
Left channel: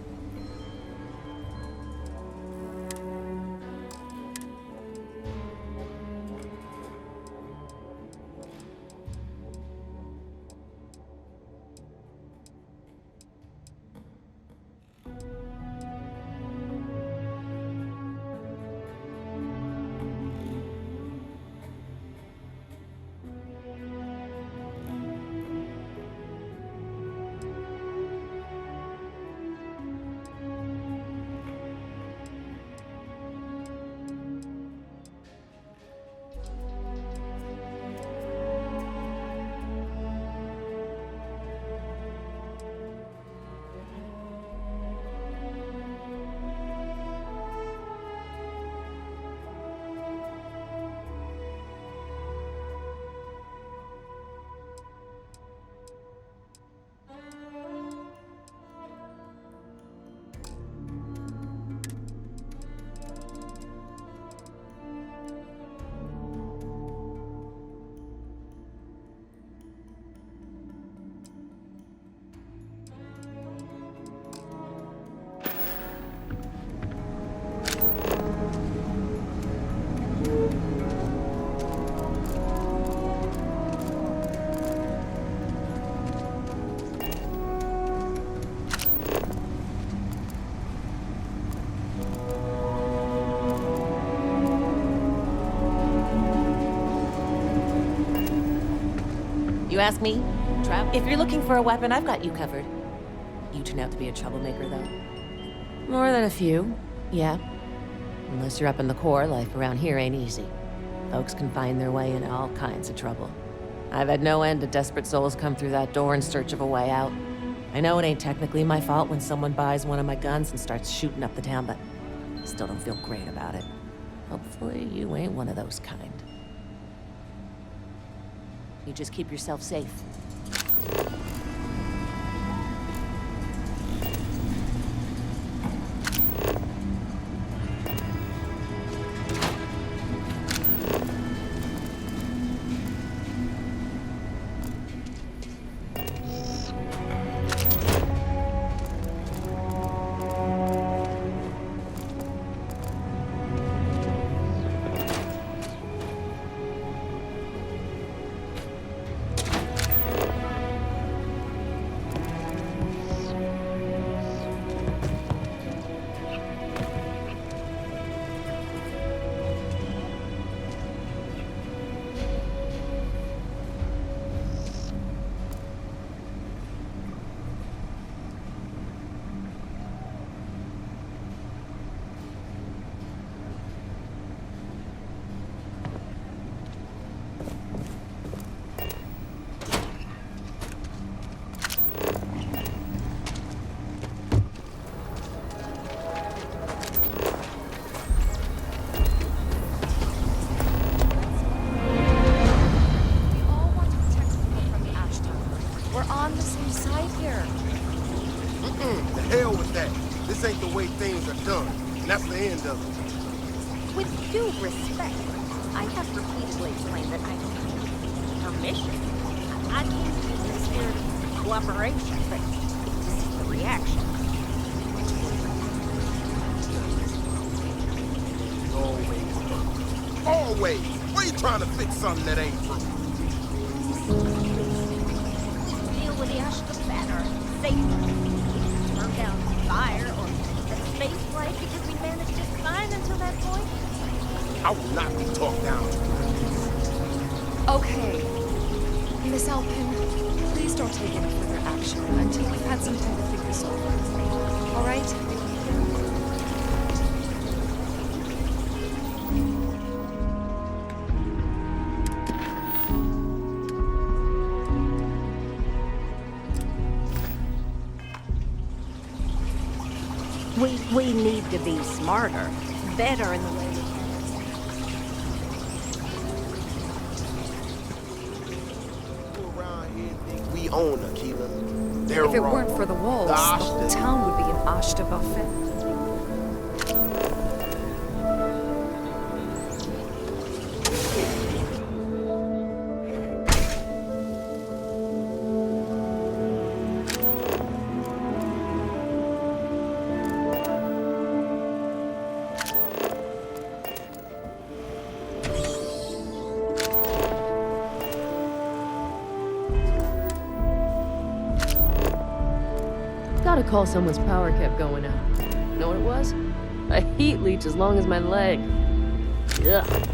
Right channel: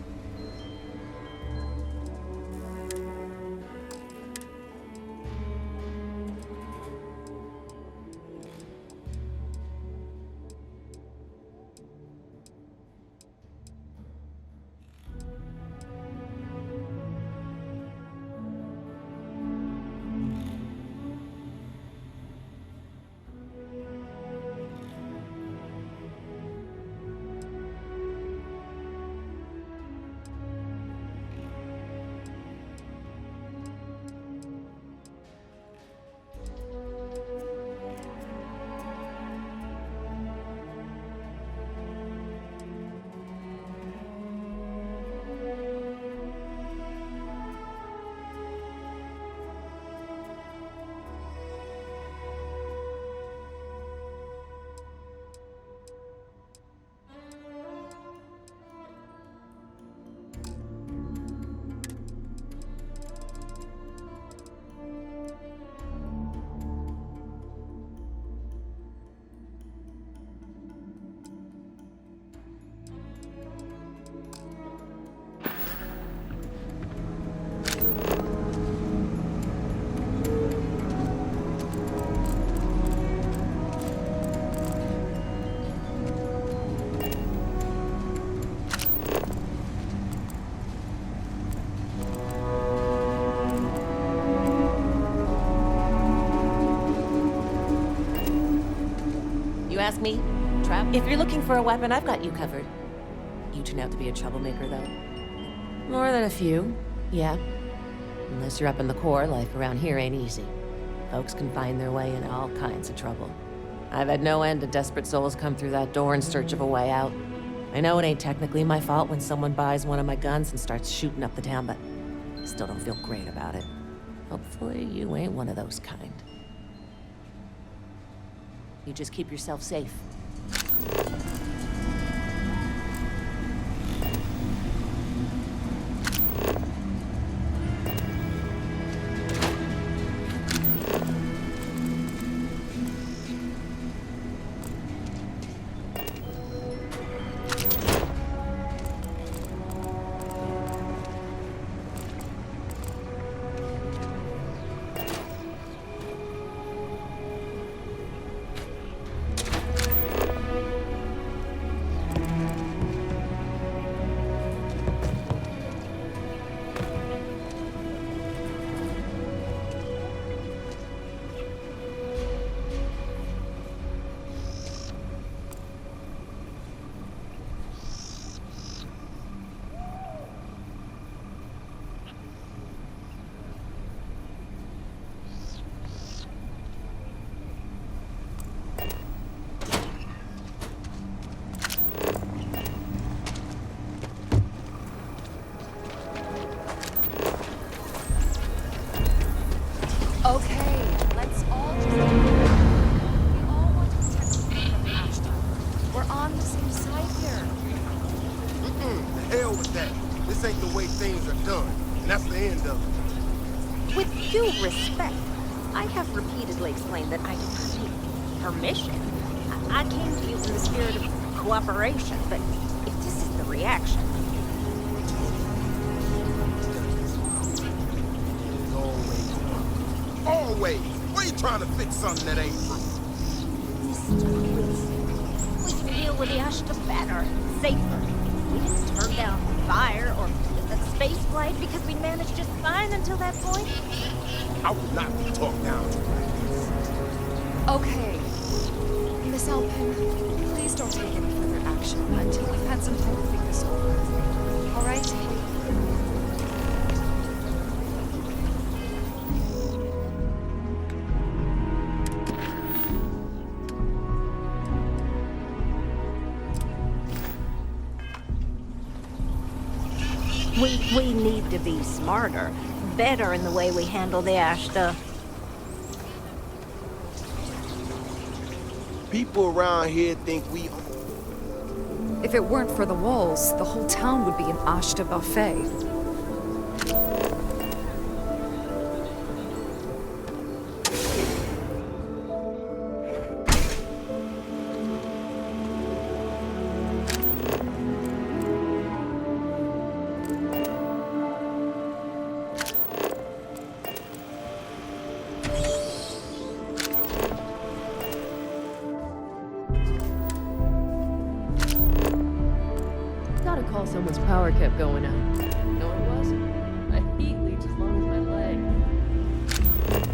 You ask me, if you're looking for a weapon, I've got you covered. You turn out to be a troublemaker, though. More than a few, yeah. Unless you're up in the core, life around here ain't easy. Folks can find their way into all kinds of trouble. I've had no end of desperate souls come through that door in search of a way out. I know it ain't technically my fault when someone buys one of my guns and starts shooting up the town, but I still don't feel great about it. Hopefully you ain't one of those kind. You just keep yourself safe. Things are done, and that's the end of it. With due respect, I have repeatedly explained that I don't need permission. I came to you in the spirit of cooperation, but if this is the reaction... Always! Why are you trying to fix something that ain't broke? We can deal with the Ashta better, safer. We didn't turn down fire or space flight because we managed just fine until that point. I will not be talked down. Okay. Miss Alpin, please don't take any further action until we've had some time to think this over. All right? We need to be smarter, better in the way we handle the Ashta. People around here think we own Akila. They're If it wrong. weren't for the walls, the whole town would be an Ashta buffet. Gotta call someone's power kept going out. Know what it was? A heat leech as long as my leg. Ugh.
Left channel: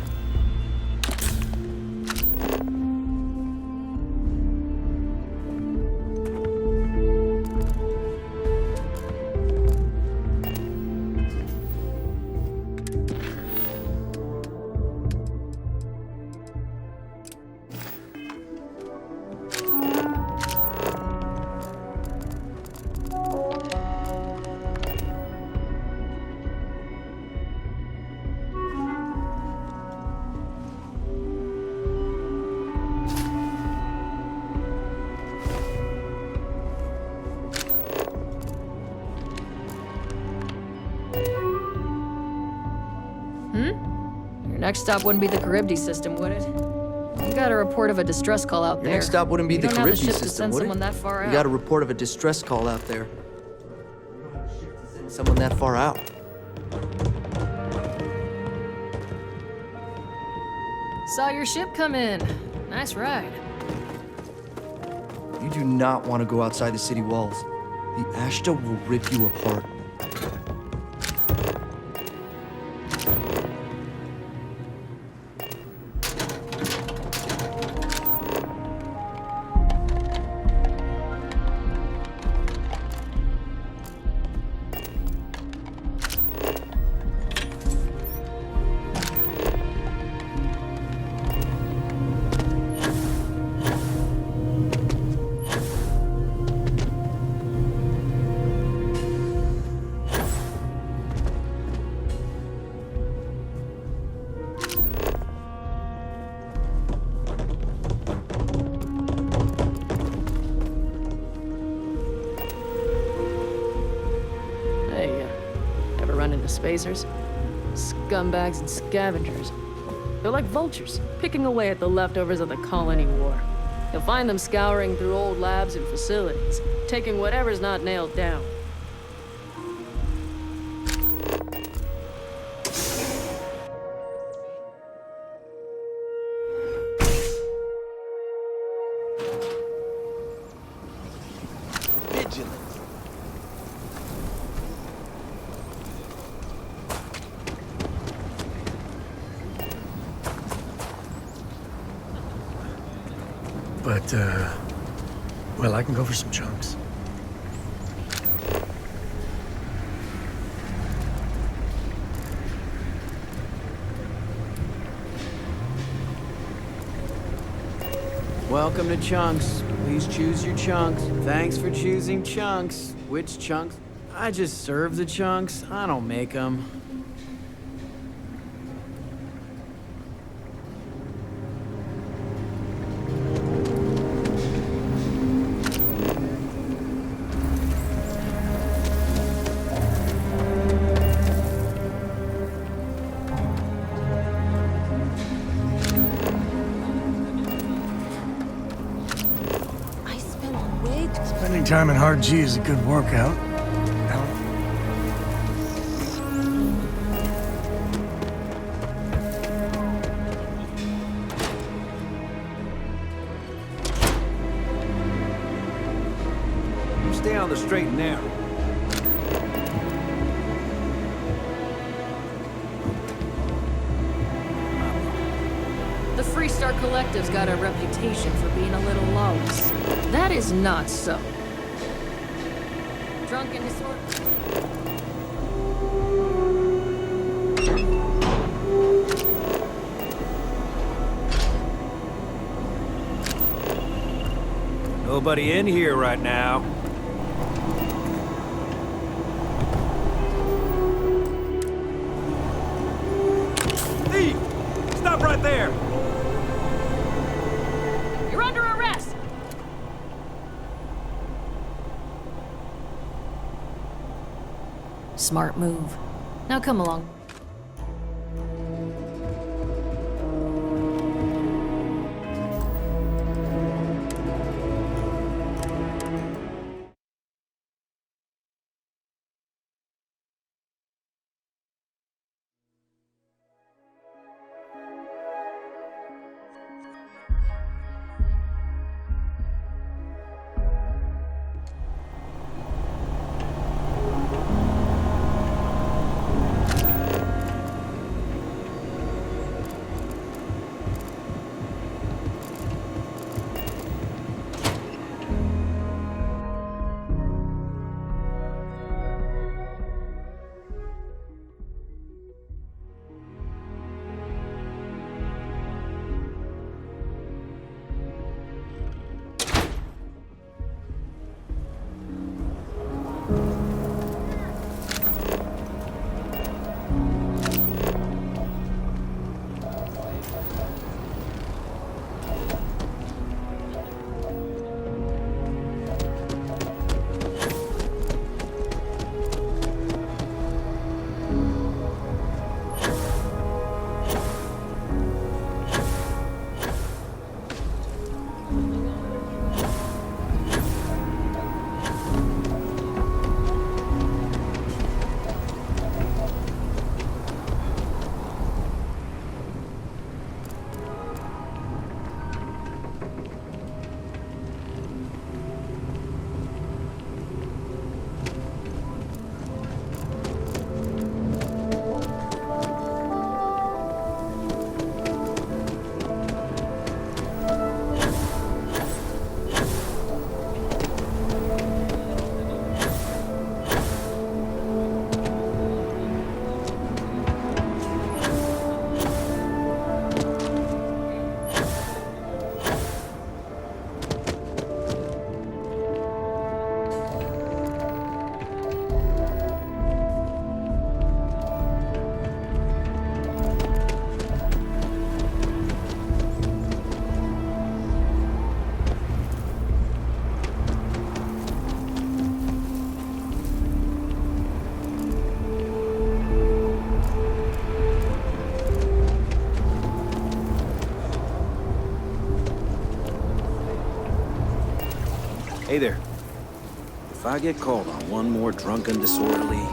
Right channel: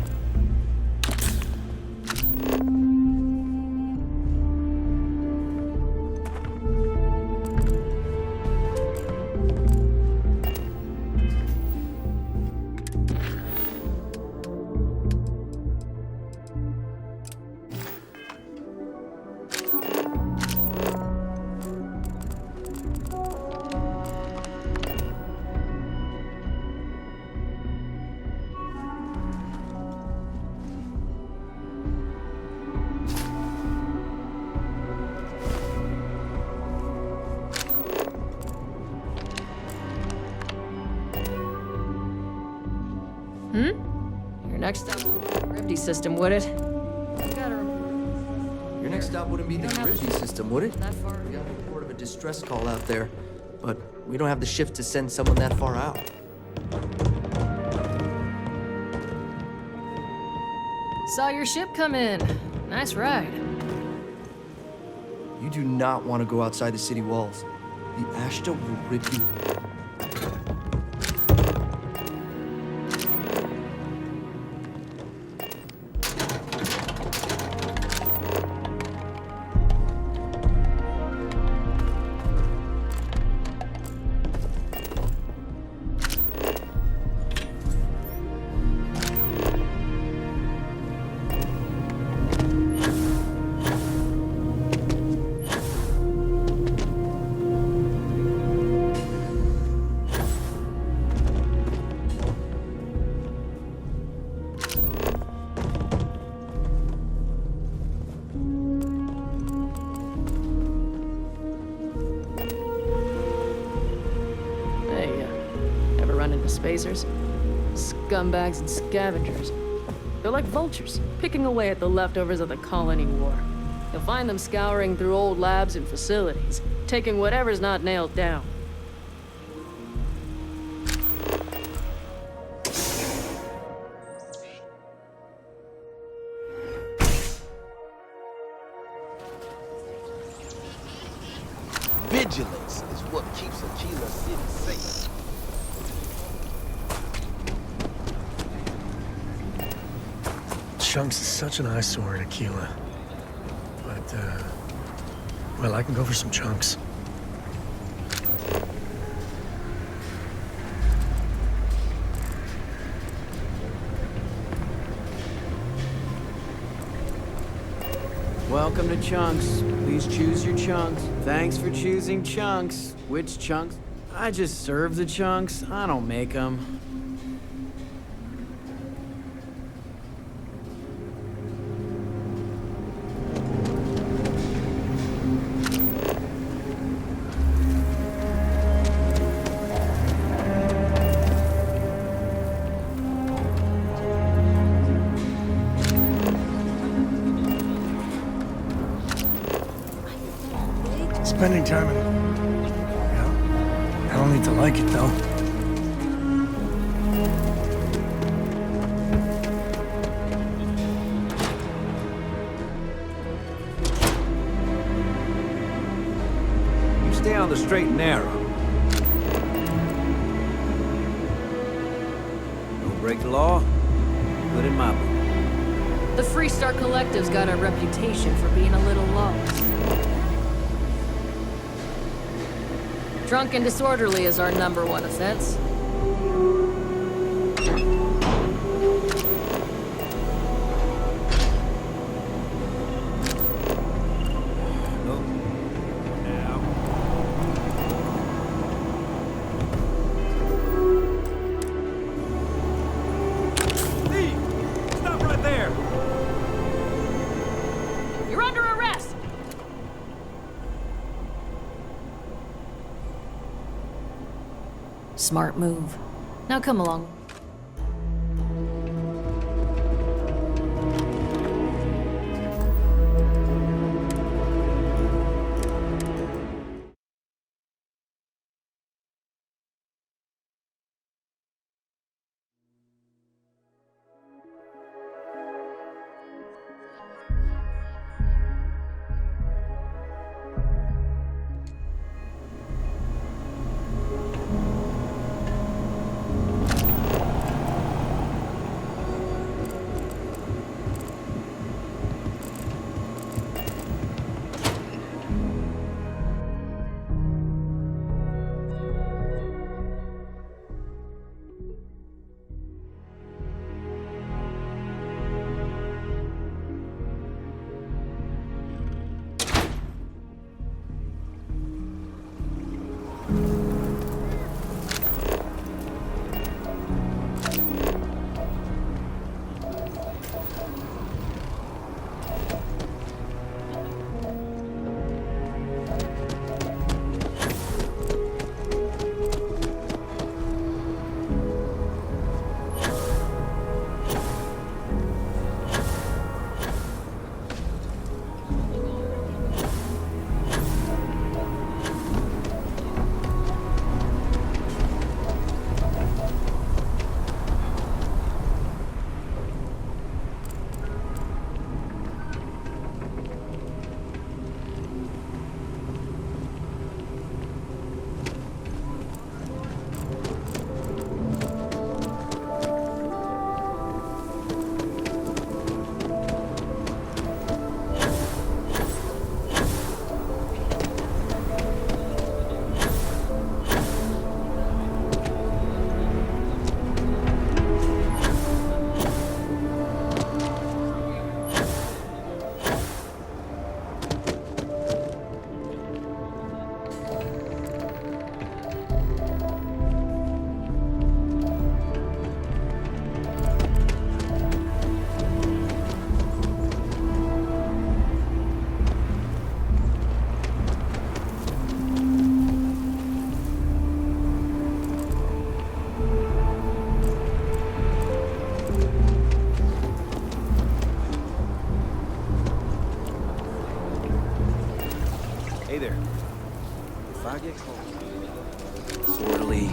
Your next stop wouldn't be the Charybdis system, would it? We got a report of a distress call out there. Your next stop wouldn't be We the don't have Charybdis shift to system, send would it? someone that far We out. got a report of a distress call out there, but we don't have the shift to send someone that far out. Saw your ship come in. Nice ride. You do not want to go outside the city walls. The Ashta will rip you apart. spacers. Scumbags and scavengers. They're like vultures, picking away at the leftovers of the colony war. You'll find them scouring through old labs and facilities, taking whatever's not nailed down. Vigilance is what keeps Akila safe. Chunks is such an eyesore at Akila. But, well, I can go for some chunks. Welcome to Chunks. Please choose your chunks. Thanks for choosing Chunks. Which chunks? I just serve the chunks. I don't make them. Spending time in hard G is a good workout. I don't need to like it, though. You stay on the straight and narrow. Don't break the law. Put in my book. The Freestar Collective's got a reputation for being a little lawless. That is not so. Drunk and disorderly is our #1 offense. Nobody in here right now. Thief! Stop right there! You're under arrest! Smart move. Now come along. Hey there. If I get called on one more drunken disorderly...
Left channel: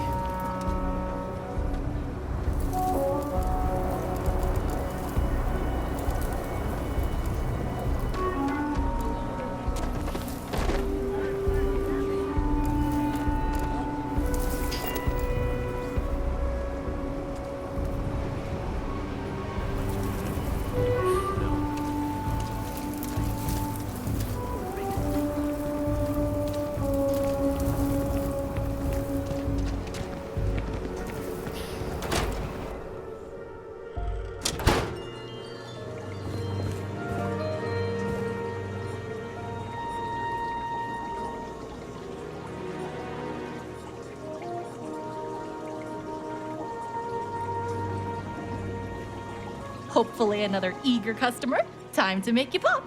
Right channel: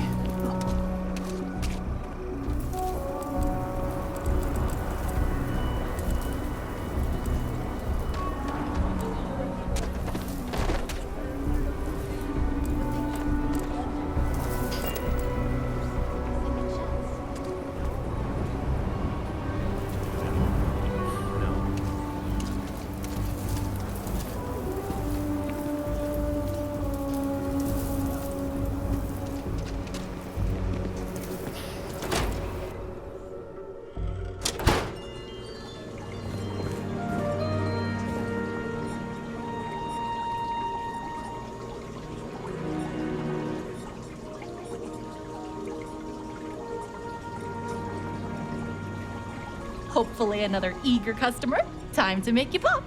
Hopefully another eager customer. Time to make you pop.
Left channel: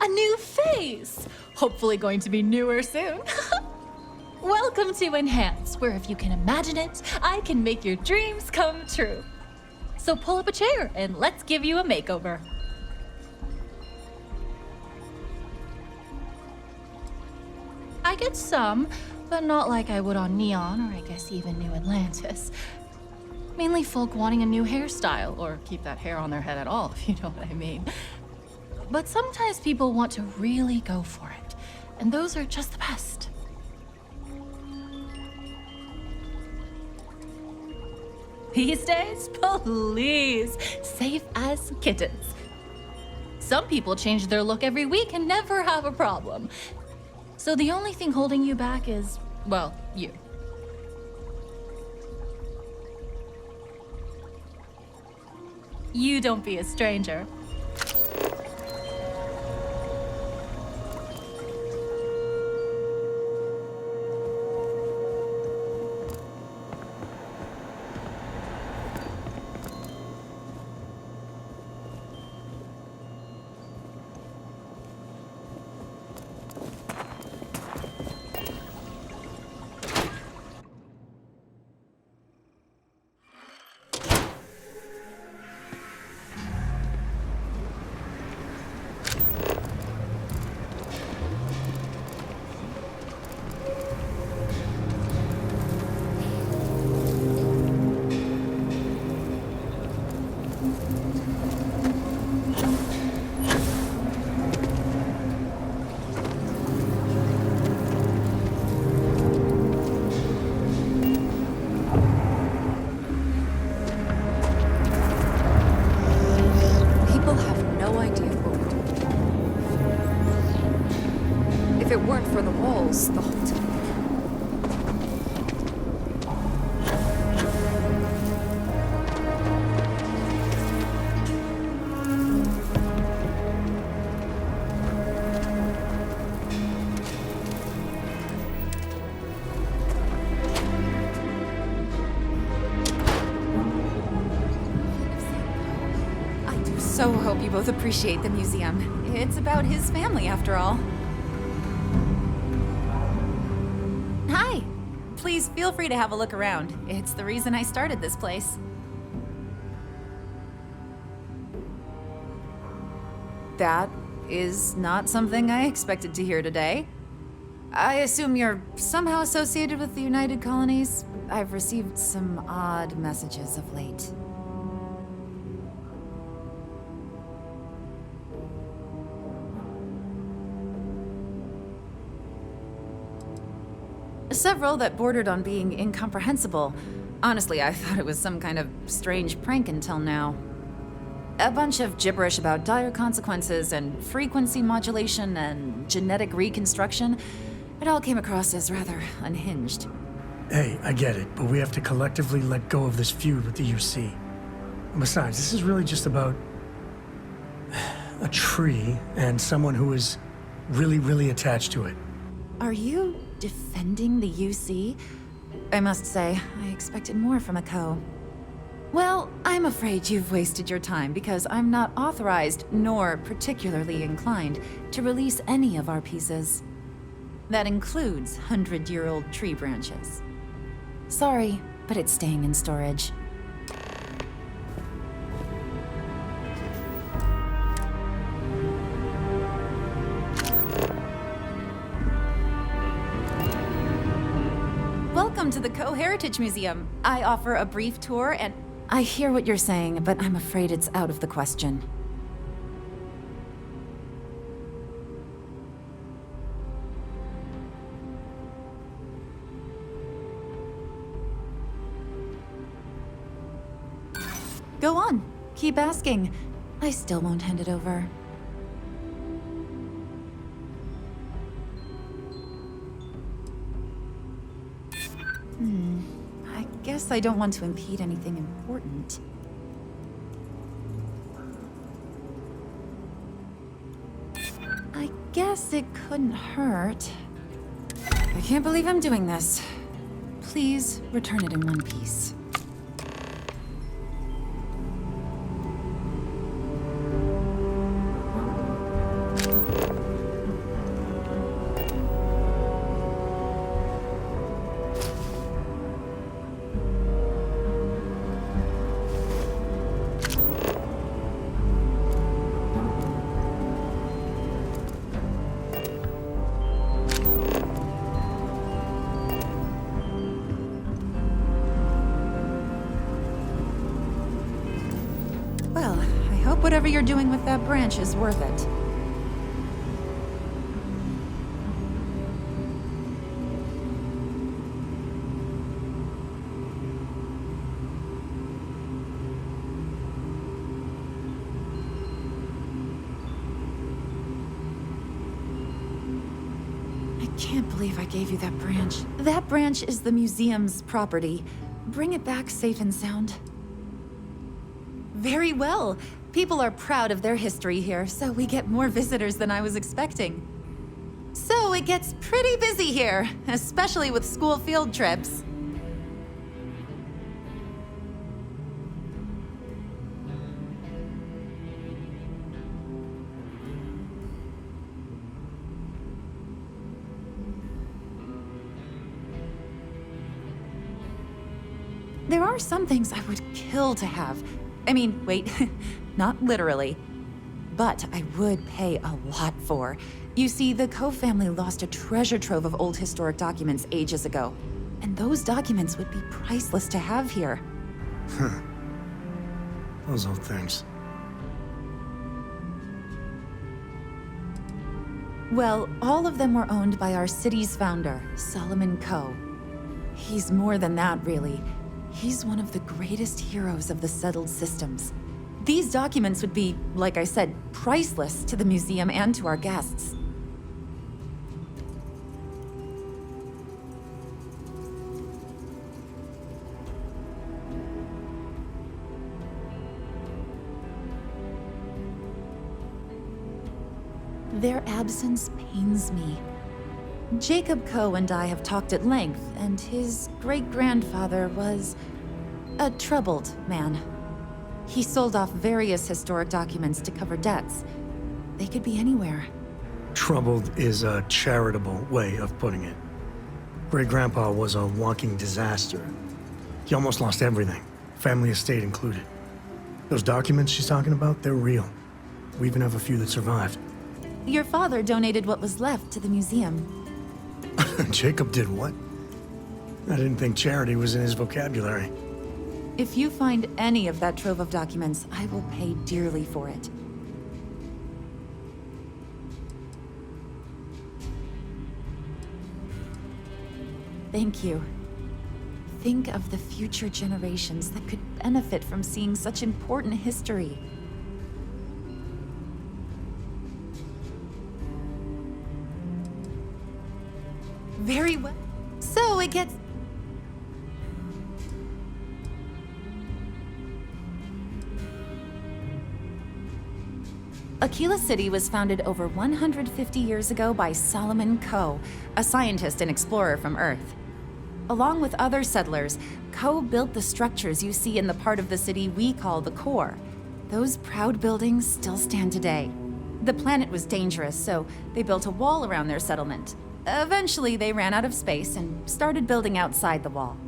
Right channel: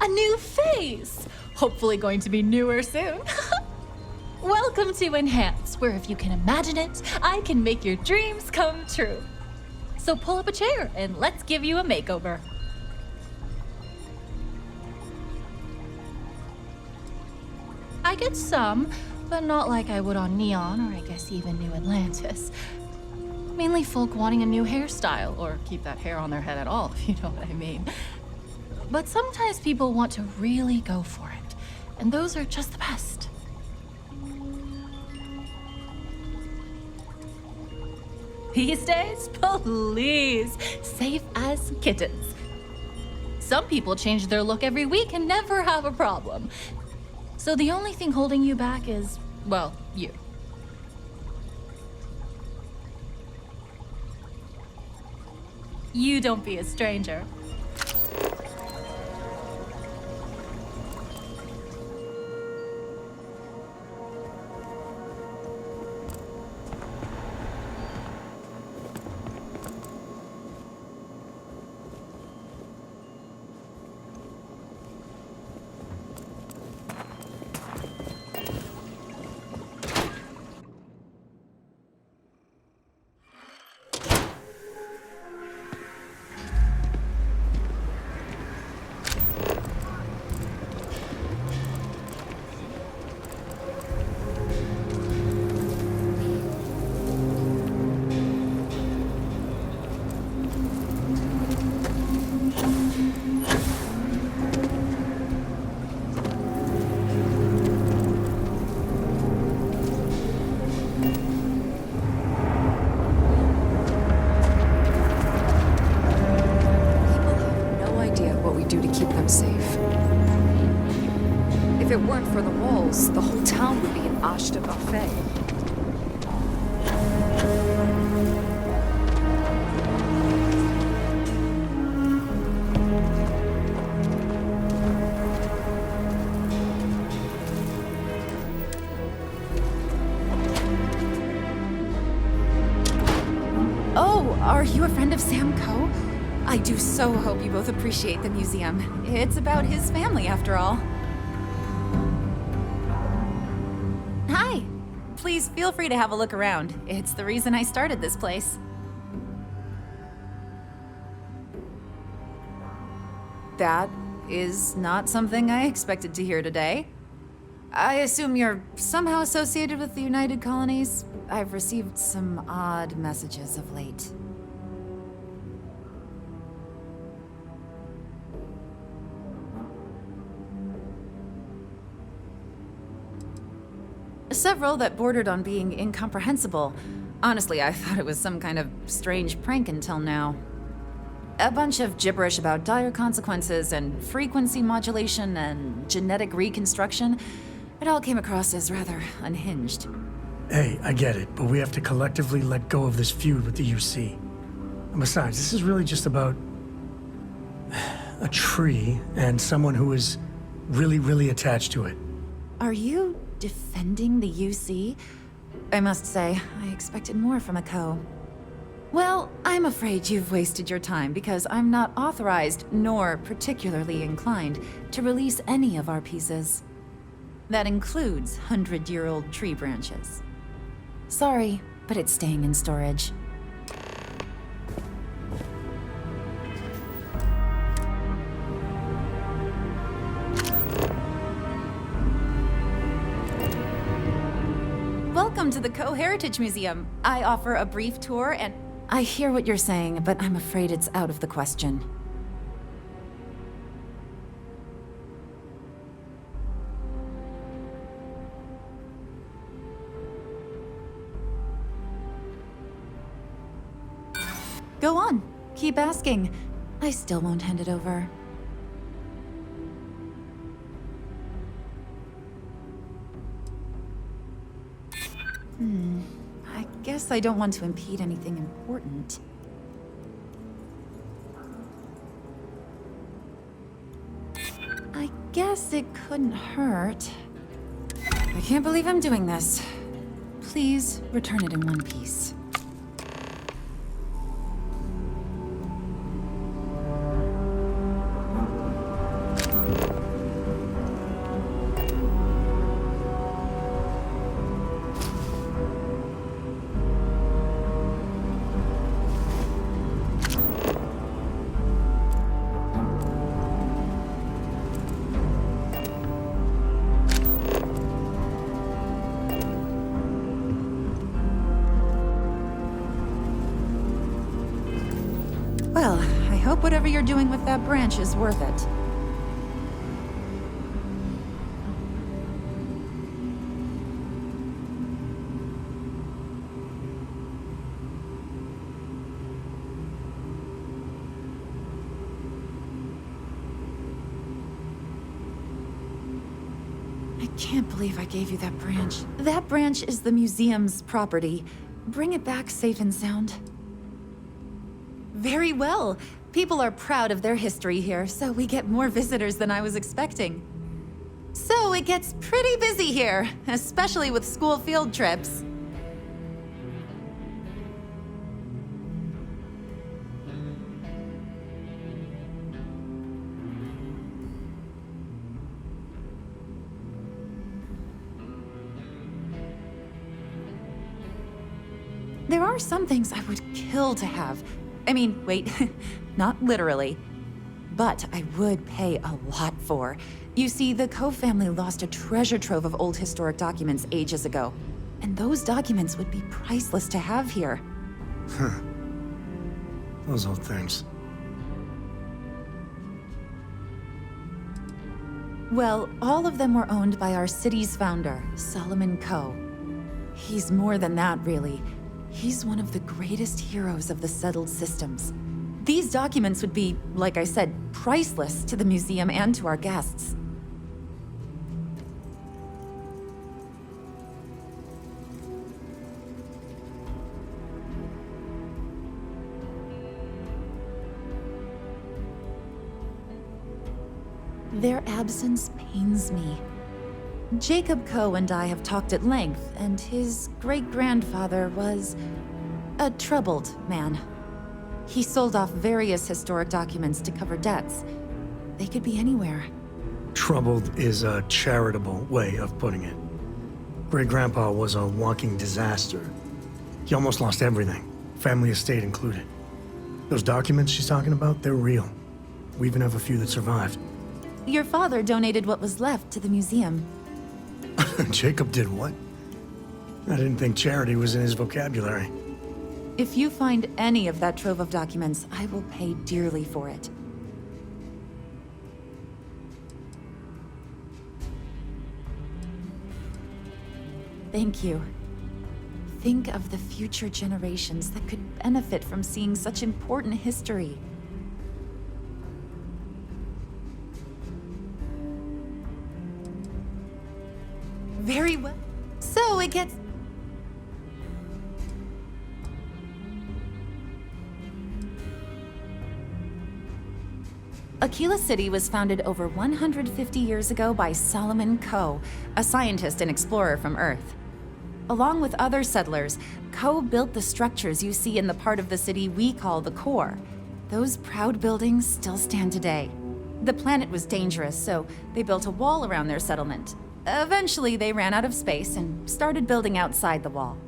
A new face. Hopefully going to be newer soon. Welcome to Enhance, where if you can imagine it, I can make your dreams come true. So pull up a chair and let's give you a makeover. I get some, but not like I would on Neon, or I guess even New Atlantis. Mainly folk wanting a new hairstyle, or keep that hair on their head at all, if you know what I mean. But sometimes people want to really go for it, and those are just the best. These days, please, safe as kittens. Some people change their look every week and never have a problem. So the only thing holding you back is, well, you. You don't be a stranger. If it weren't for the walls, the whole town would be an Ashta buffet. Oh, are you a friend of Sam Coe? I do so hope you both appreciate the museum. It's about his family, after all. Hi. Please feel free to have a look around. It's the reason I started this place. That is not something I expected to hear today. I assume you're somehow associated with the United Colonies? I've received some odd messages of late. Several that bordered on being incomprehensible. Honestly, I thought it was some kind of strange prank until now. A bunch of gibberish about dire consequences and frequency modulation and genetic reconstruction. It all came across as rather unhinged. Hey, I get it, but we have to collectively let go of this feud with the UC. And besides, this is really just about a tree and someone who is really, really attached to it. Are you defending the UC? I must say, I expected more from a Coe. Well, I'm afraid you've wasted your time because I'm not authorized nor particularly inclined to release any of our pieces. That includes 100-year-old tree branches. Sorry, but it's staying in storage. Welcome to the Co-Heritage Museum. I offer a brief tour and... I hear what you're saying, but I'm afraid it's out of the question. Go on. Keep asking. I still won't hand it over. I guess I don't want to impede anything important. I guess it couldn't hurt. I can't believe I'm doing this. Please return it in one piece. Well, I hope whatever you're doing with that branch is worth it. I can't believe I gave you that branch. That branch is the museum's property. Bring it back safe and sound. Very well. People are proud of their history here, so we get more visitors than I was expecting. So it gets pretty busy here, especially with school field trips. There are some things I would kill to have. I mean, wait, not literally. But I would pay a lot for. You see, the Coe family lost a treasure trove of old historic documents ages ago. And those documents would be priceless to have here. Huh. Those old things. Well, all of them were owned by our city's founder, Solomon Coe. He's more than that, really. He's one of the greatest heroes of the settled systems. These documents would be, like I said, priceless to the museum and to our guests. Their absence pains me. Jacob Coe and I have talked at length, and his great-grandfather was a troubled man. He sold off various historic documents to cover debts. They could be anywhere. Troubled is a charitable way of putting it. Great-grandpa was a walking disaster. He almost lost everything, family estate included. Those documents she's talking about, they're real. We even have a few that survived. Your father donated what was left to the museum. Jacob did what? I didn't think charity was in his vocabulary. If you find any of that trove of documents, I will pay dearly for it. Thank you. Think of the future generations that could benefit from seeing such important history. Very well. So it gets... Akila City was founded over 150 years ago by Solomon Coe, a scientist and explorer from Earth. Along with other settlers, Coe built the structures you see in the part of the city we call the core. Those proud buildings still stand today. The planet was dangerous, so they built a wall around their settlement. Eventually, they ran out of space and started building outside the wall.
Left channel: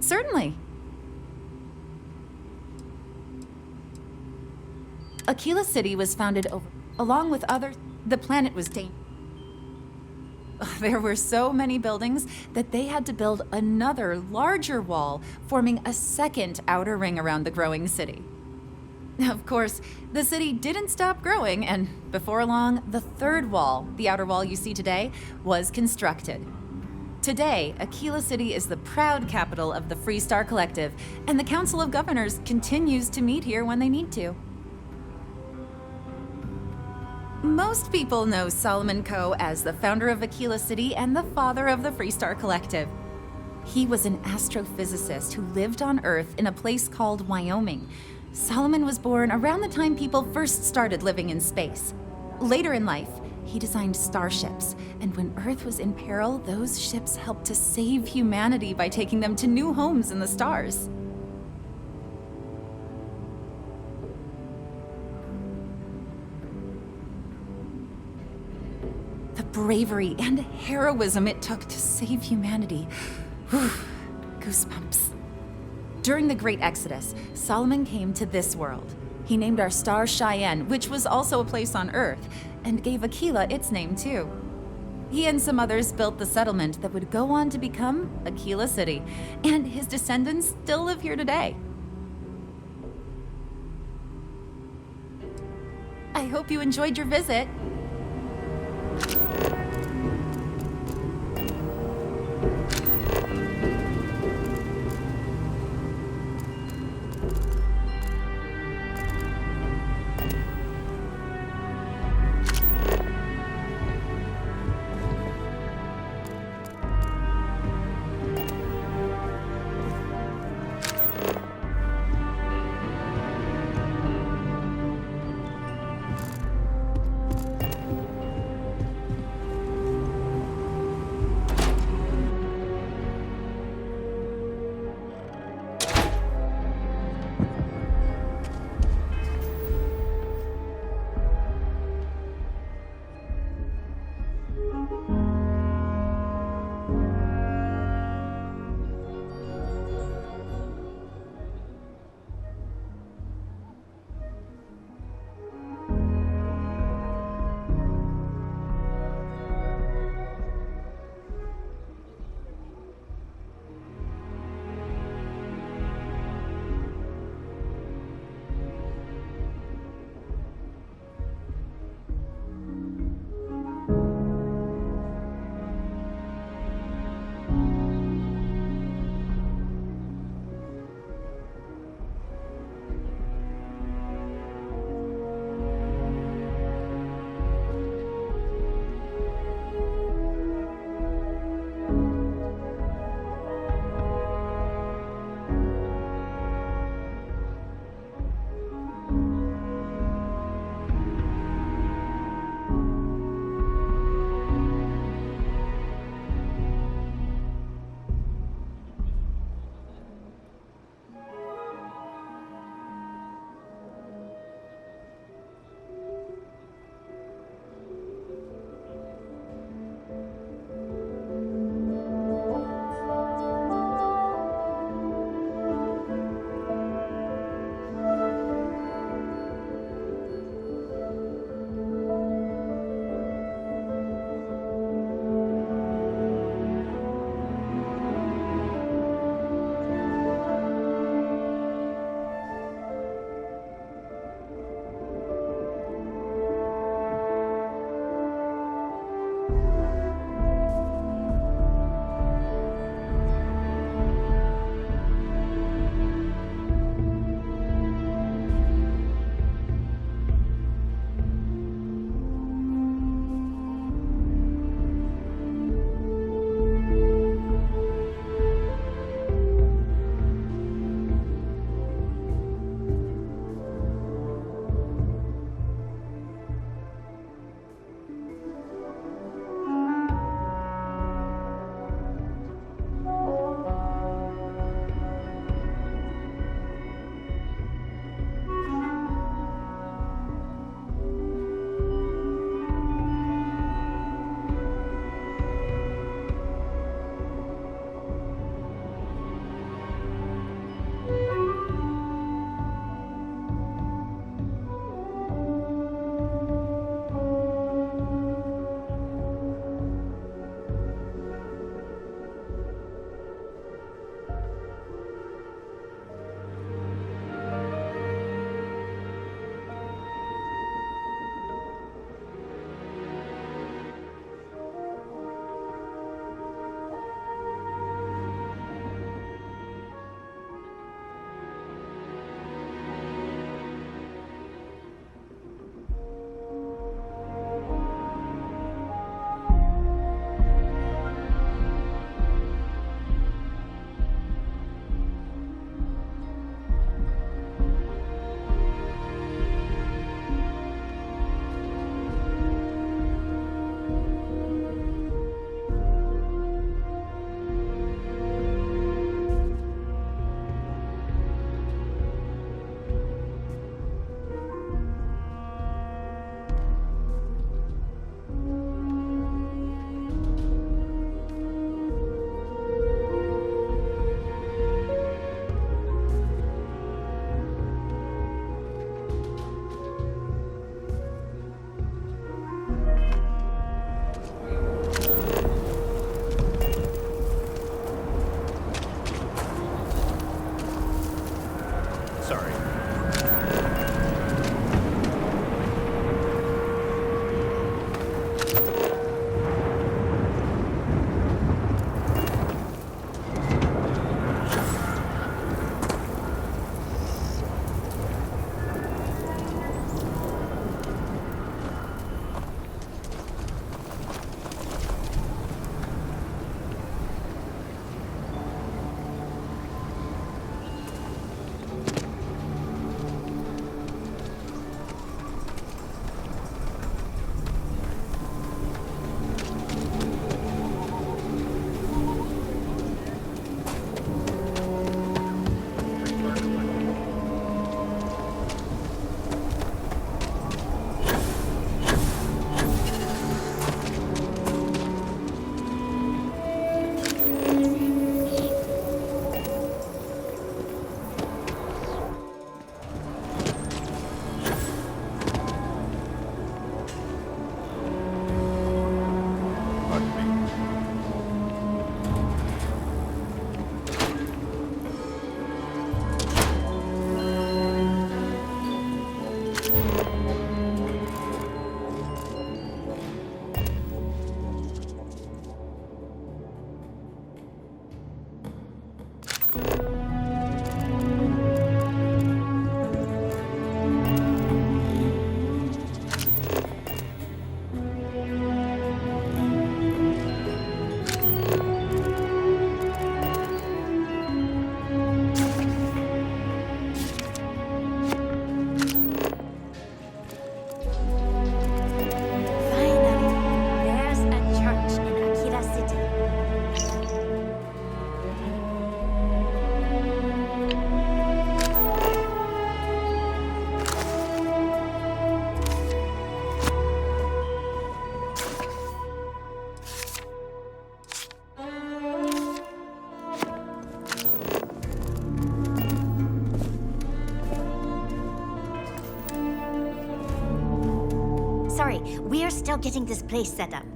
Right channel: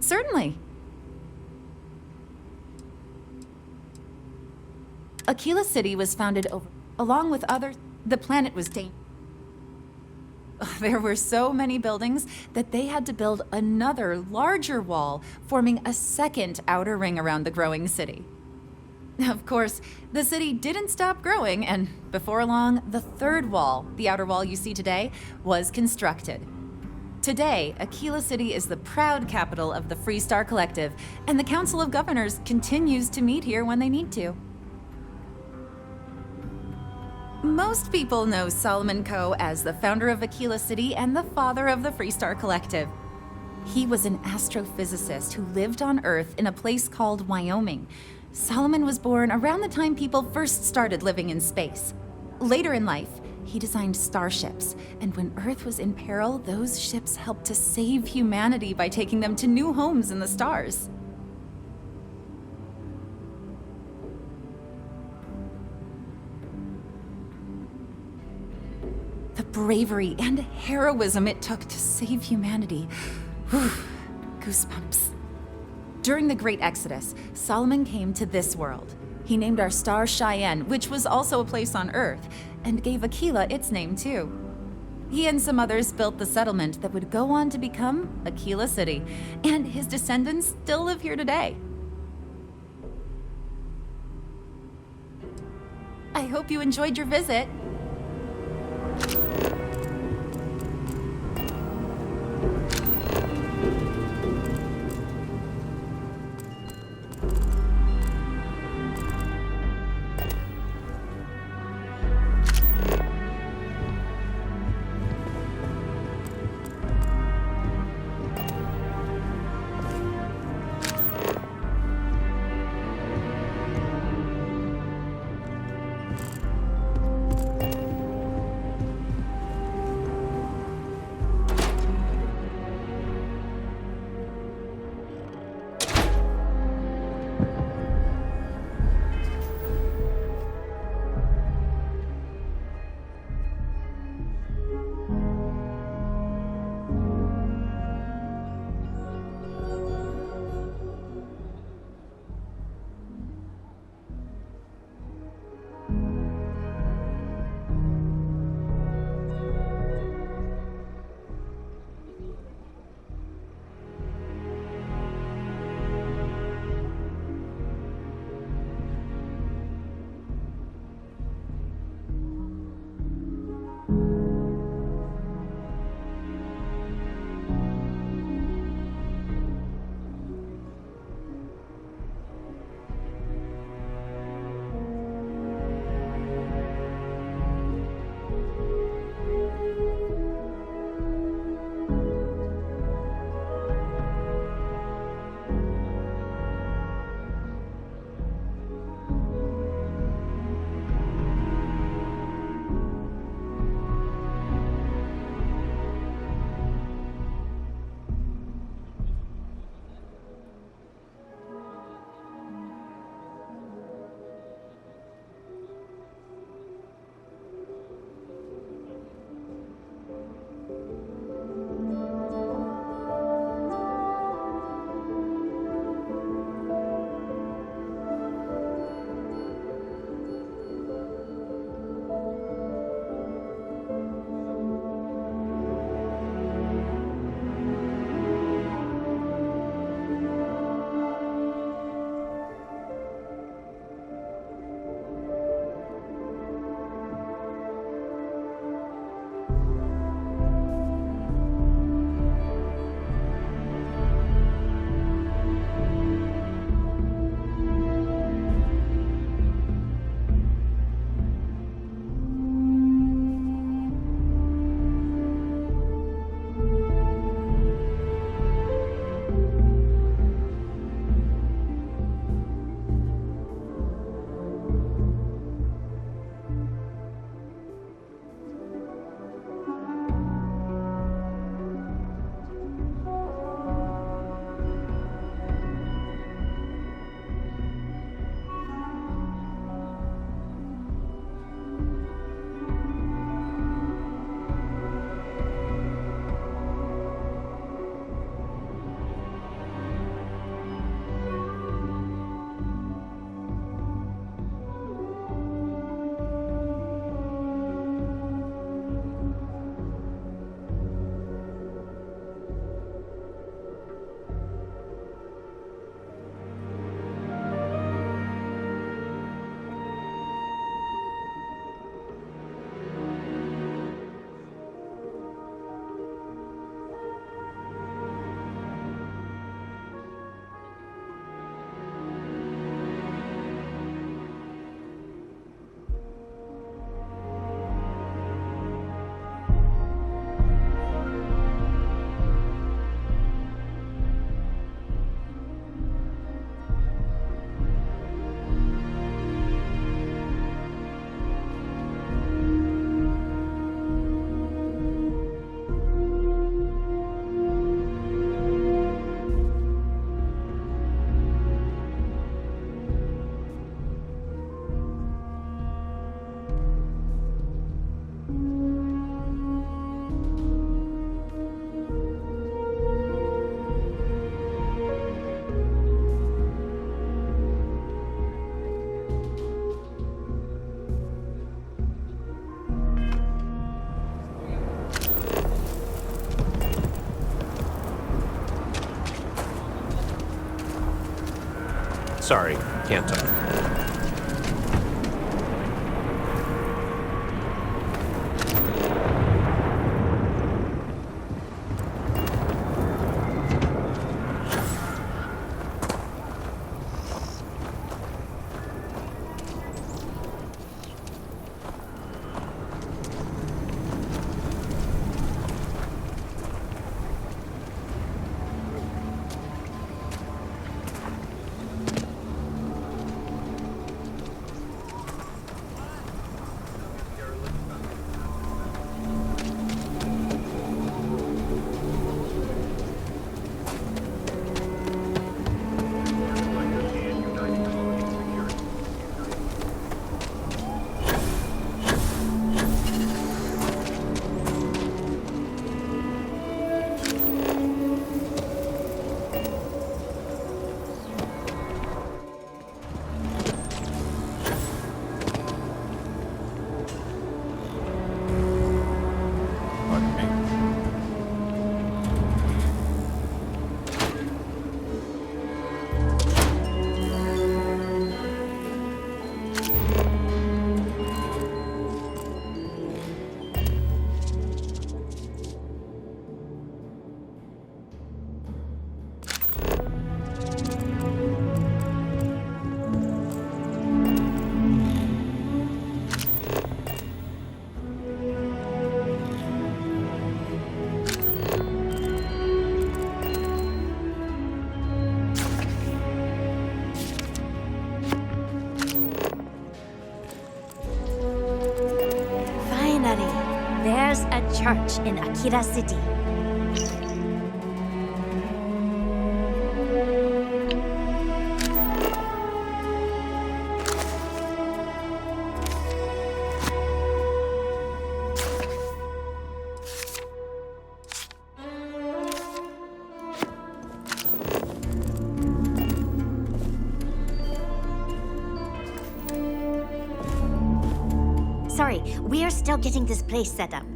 Certainly. Akila City was founded along with other... The planet was dangerous. There were so many buildings that they had to build another, larger wall, forming a second outer ring around the growing city. Of course, the city didn't stop growing, and before long, the third wall, the outer wall you see today, was constructed. Today, Akila City is the proud capital of the Freestar Collective, and the Council of Governors continues to meet here when they need to. Most people know Solomon Coe as the founder of Akila City and the father of the Freestar Collective. He was an astrophysicist who lived on Earth in a place called Wyoming. Solomon was born around the time people first started living in space. Later in life, he designed starships, and when Earth was in peril, those ships helped to save humanity by taking them to new homes in the stars. The bravery and heroism it took to save humanity. Whew, goosebumps. During the Great Exodus, Solomon came to this world. He named our star Cheyenne, which was also a place on Earth, and gave Akila its name too. He and some others built the settlement that would go on to become Akila City, and his descendants still live here today. I hope you enjoyed your visit. Sorry, can't talk. Pardon me. Finally, there's a church in Akila City. Sorry, we're still getting this place set up.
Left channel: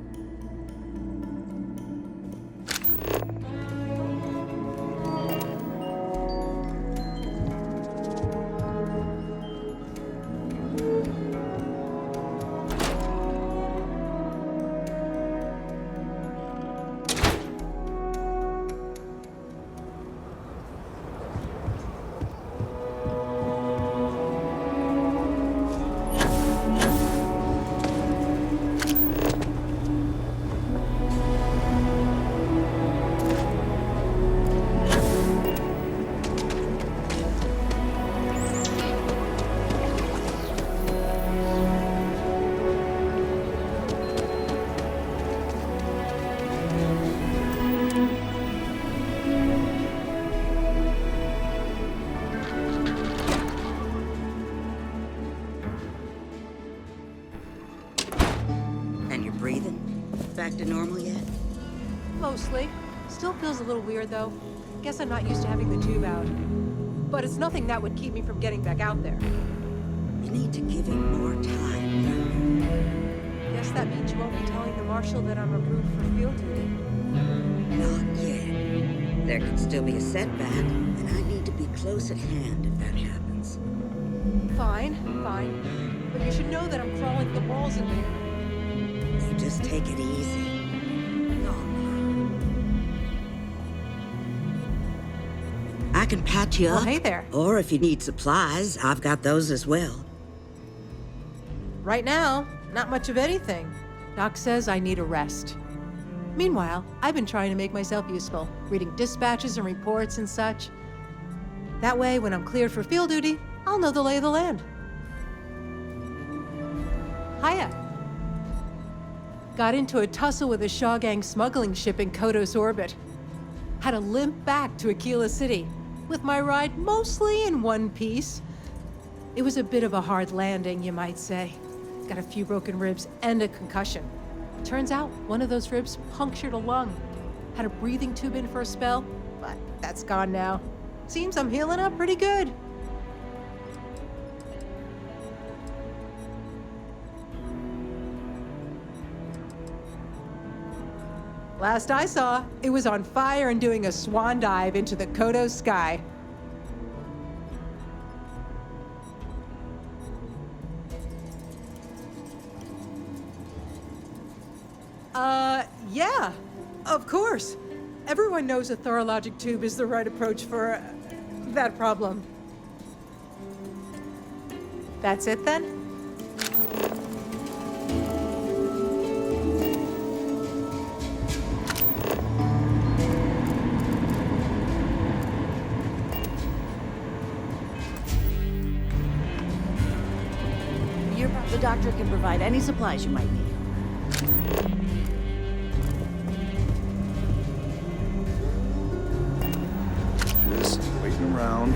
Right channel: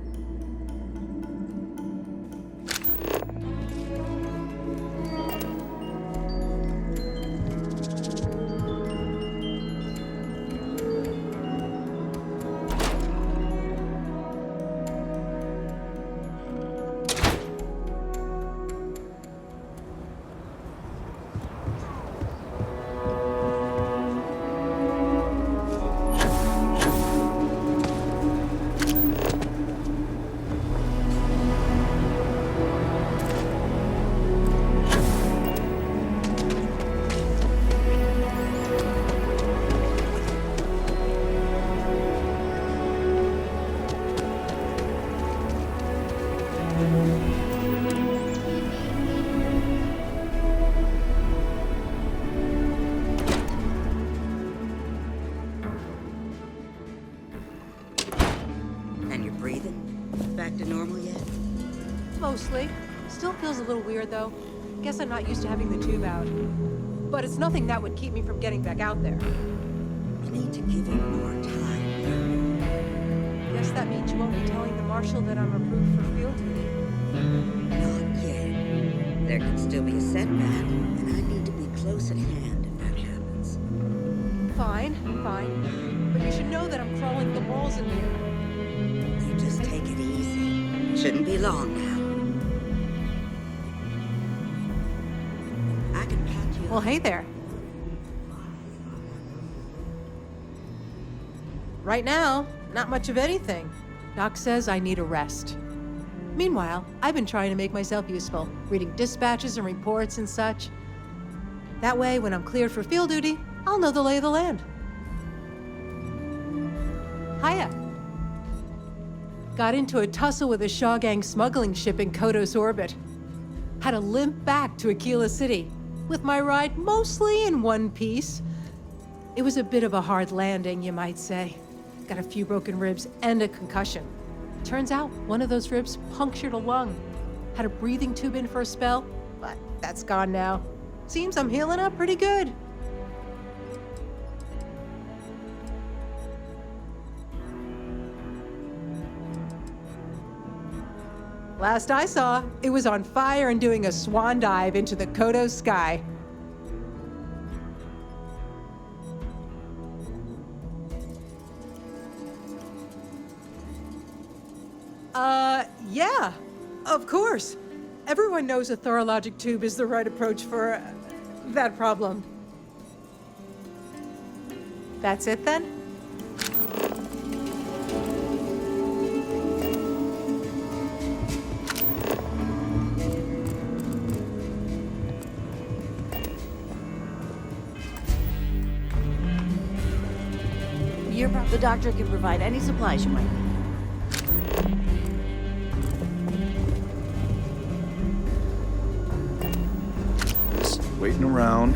And you're breathing? Back to normal yet? Mostly. Still feels a little weird, though. Guess I'm not used to having the tube out. But it's nothing that would keep me from getting back out there. You need to give it more time. Guess that means you won't be telling the Marshal that I'm approved for field duty. Not yet. There could still be a setback, and I need to be close at hand if that happens. Fine, fine. But you should know that I'm crawling the walls in here. You just take it easy. Shouldn't be long now. I can patch you up. Well, hey there. Or if you need supplies, I've got those as well. Right now, not much of anything. Doc says I need a rest. Meanwhile, I've been trying to make myself useful, reading dispatches and reports and such. That way, when I'm cleared for field duty, I'll know the lay of the land. Hiya. Got into a tussle with a Shaw Gang smuggling ship in Kodos orbit. Had to limp back to Akila City, with my ride mostly in one piece. It was a bit of a hard landing, you might say. Got a few broken ribs and a concussion. Turns out one of those ribs punctured a lung. Had a breathing tube in for a spell, but that's gone now. Seems I'm healing up pretty good. Last I saw, it was on fire and doing a swan dive into the Kodos sky. Yeah, of course. Everyone knows a thorologic tube is the right approach for that problem. That's it then? The doctor can provide any supplies you might need. Just waiting around.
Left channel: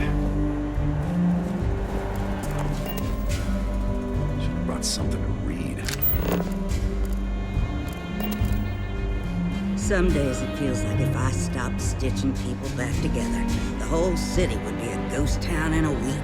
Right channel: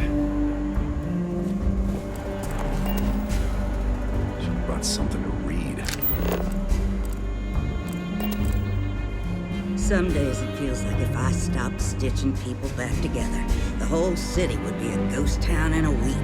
Should have brought something to read. Some days it feels like if I stopped stitching people back together, the whole city would be a ghost town in a week.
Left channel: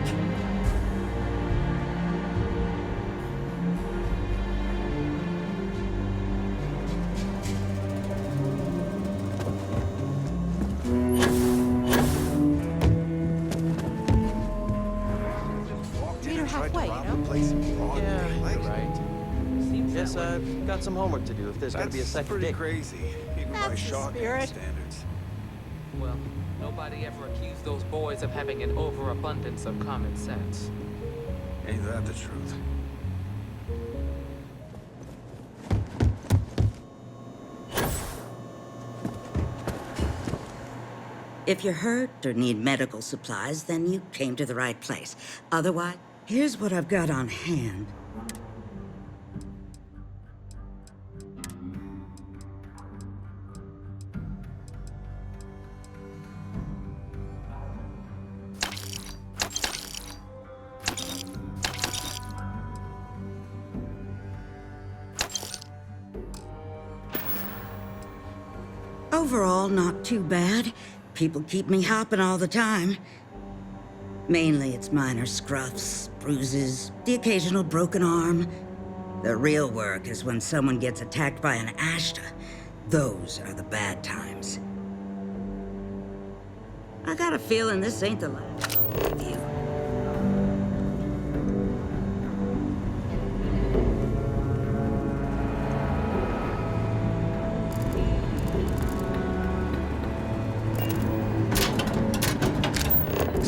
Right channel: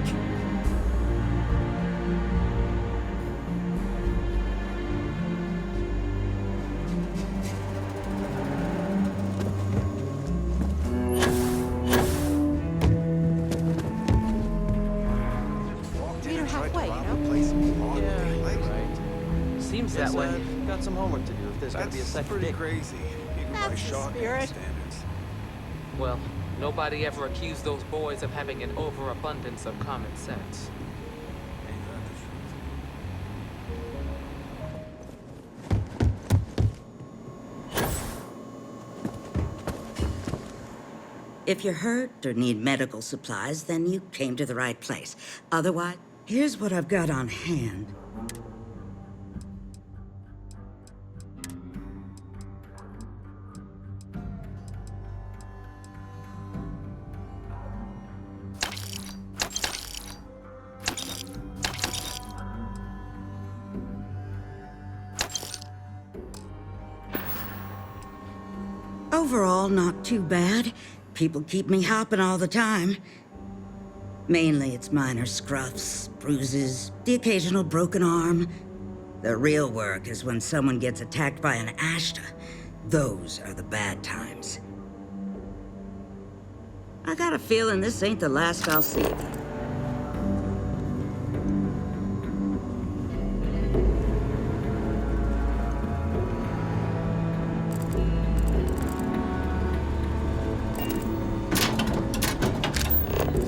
Seems that way. Got some homework to do if there's gotta be a second pretty dig. crazy, even by That's the Shaw spirit. standards. Well, nobody ever accused those boys of having an overabundance of common sense. Ain't that the truth? If you're hurt or need medical supplies, then you came to the right place. Otherwise, here's what I've got on hand. Overall, not too bad. People keep me hopping all the time. Mainly it's minor scruffs, bruises, the occasional broken arm. The real work is when someone gets attacked by an Ashta. Those are the bad times. I got a feeling this ain't the last I'll see of you.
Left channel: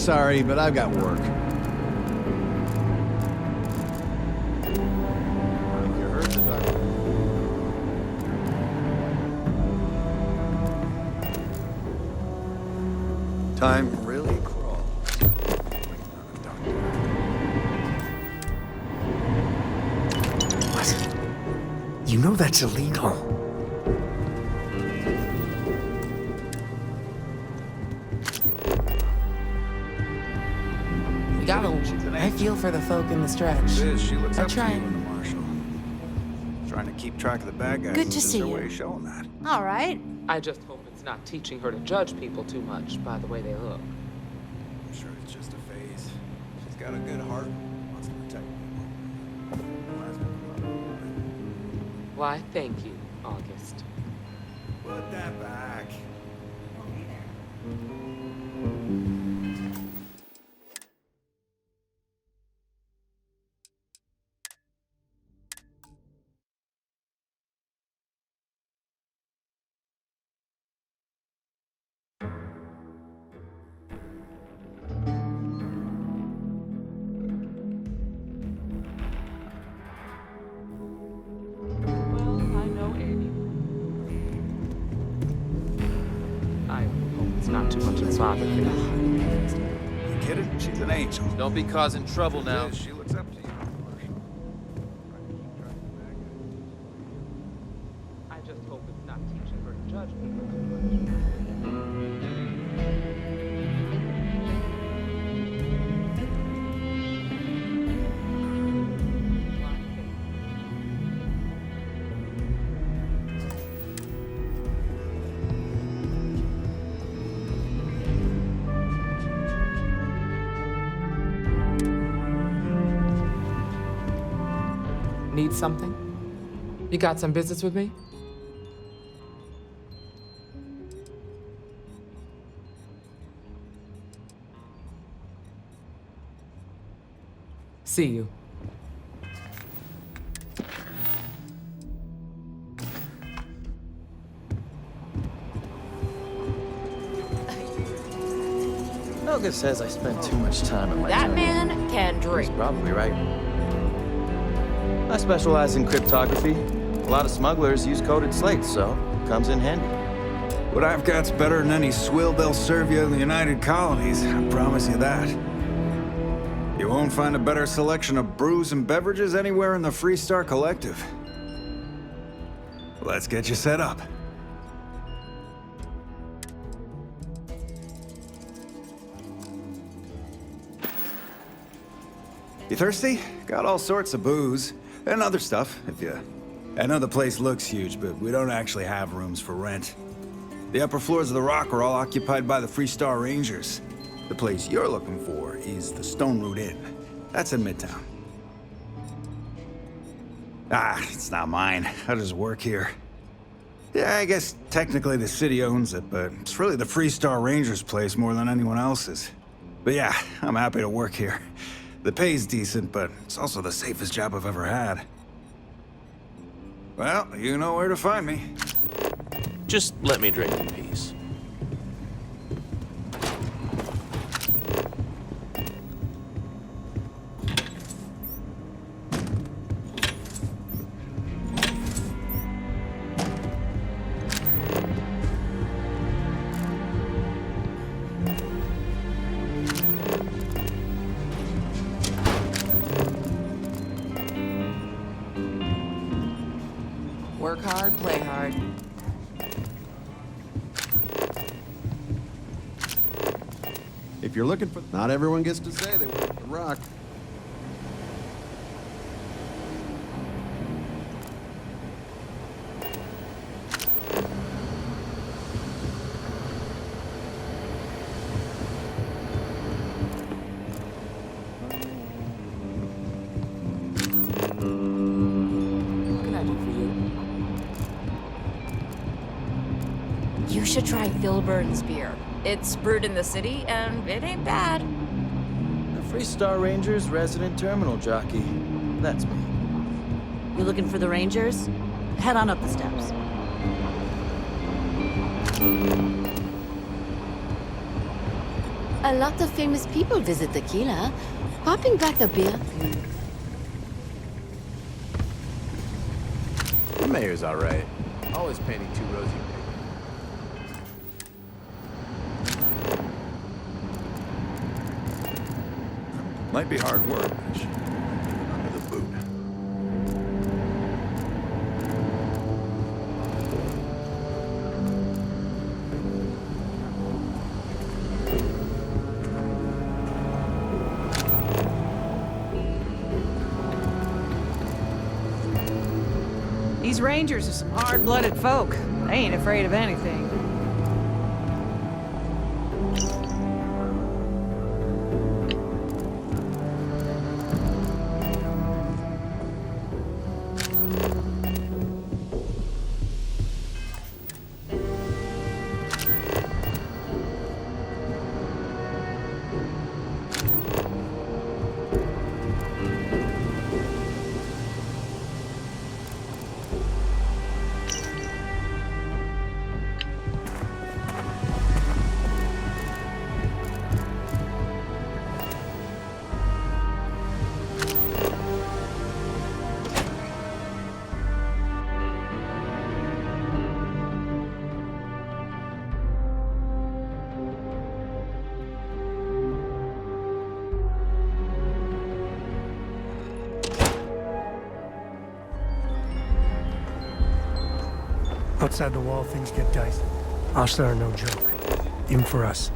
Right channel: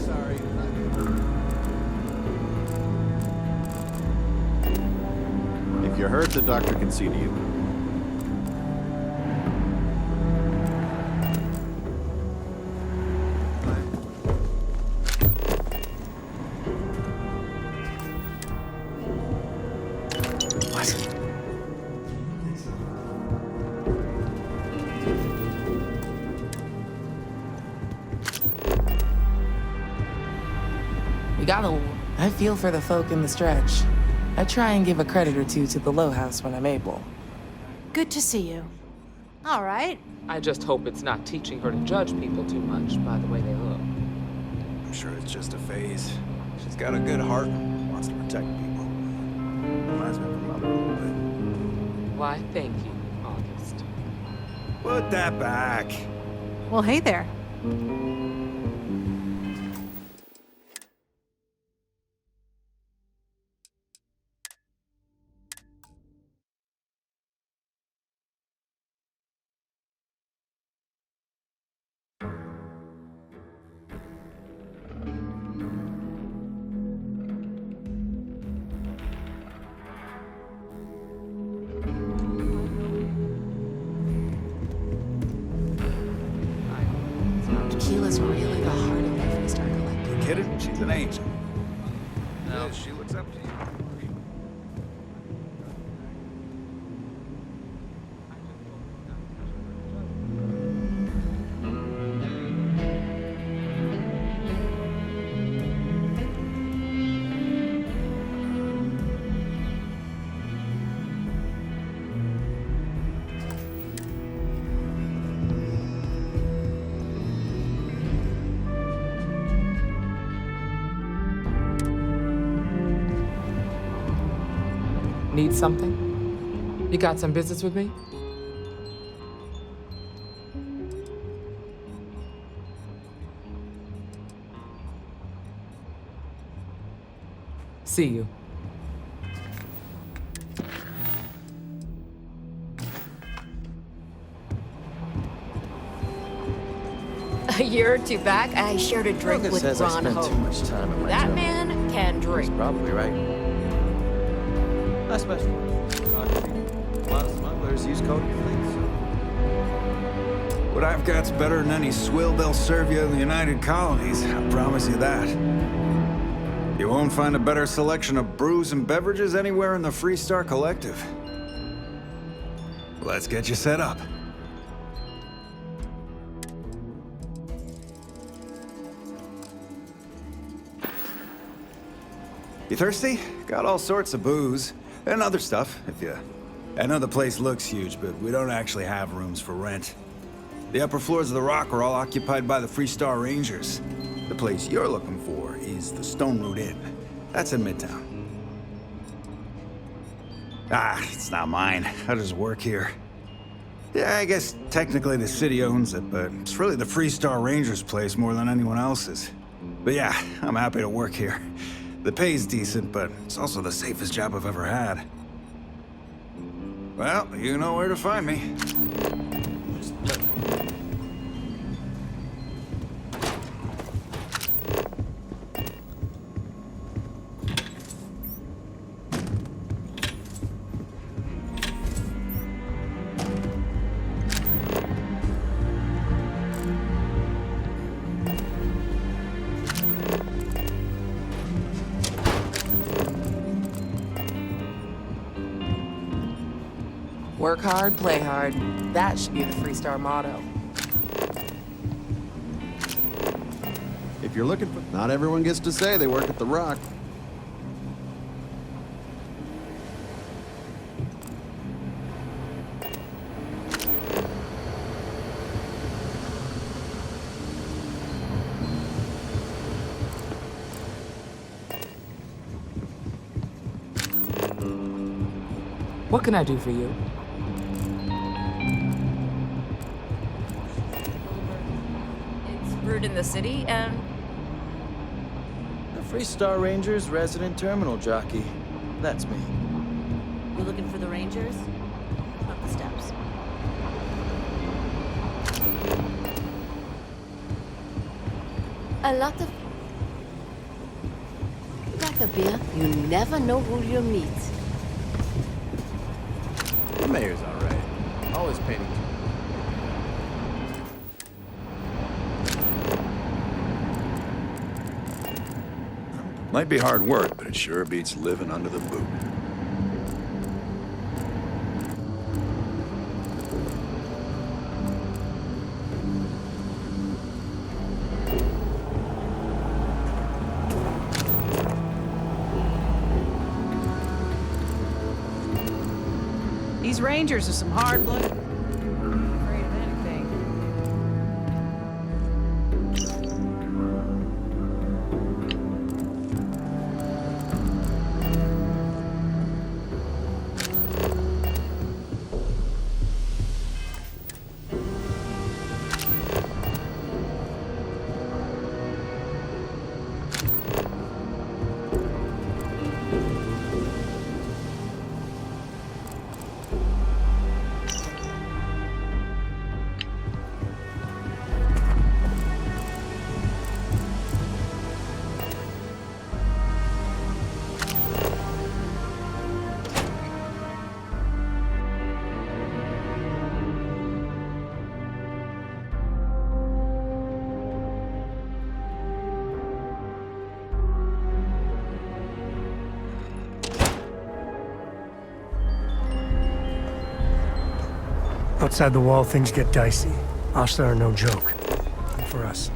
Sorry, but I've got work. If you're hurt, the doctor can see to you. Time really What? You know that's illegal. I feel for the folk in the stretch. I try and give a credit or two to the Low House when I'm able. Keep track of the bad guys. Good to see you. All right. I just hope it's not teaching her to judge people too much by the way they look. I'm sure it's just a phase. She's got a good heart, wants to protect people. Reminds me of her mother a little bit. Why, thank you, August. Put that back. Well, hey there. You kidding? She's an angel. Don't be causing trouble now. She looks up to you. I just hope it's not teaching her to judge people too Need something? You got some business with me? See you. A year or two back, I shared a drink Roga with says I Ron spend Ho. too much time at my That terminal. man can drink. He's probably right. I specialize in cryptography. A lot of smugglers use coded slates, so it comes in handy. What I've got's better than any swill they'll serve you in the United Colonies, I promise you that. You won't find a better selection of brews and beverages anywhere in the Freestar Collective. Let's get you set up. You thirsty? Got all sorts of booze. And other stuff, if you... I know the place looks huge, but we don't actually have rooms for rent. The upper floors of the Rock are all occupied by the Freestar Rangers. The place you're looking for is the Stone Root Inn. That's in Midtown. Ah, it's not mine. I just work here. Yeah, I guess technically the city owns it, but it's really the Freestar Rangers' place more than anyone else's. But yeah, I'm happy to work here. The pay's decent, but it's also the safest job I've ever had. Well, you know where to find me. Just let me drink in peace. Work hard, play hard. That should be the Freestar motto. If you're looking for... Not everyone gets to say they work at the Rock. What can I do for you? You should try Filburn's beer. It's brewed in the city, and it ain't bad. The Freestar Rangers resident terminal jockey. That's me. You looking for the Rangers? Head on up the steps. A lot of famous people visit Akila. Popping back a beer, you never know who you'll meet. The mayor's all right. Always painting too rosy. Might be hard work, but it sure beats living under the boot. These Rangers are some hard-blooded folk. They ain't afraid of anything. Outside the wall, things get dicey. Ashlar are no joke. Even for us.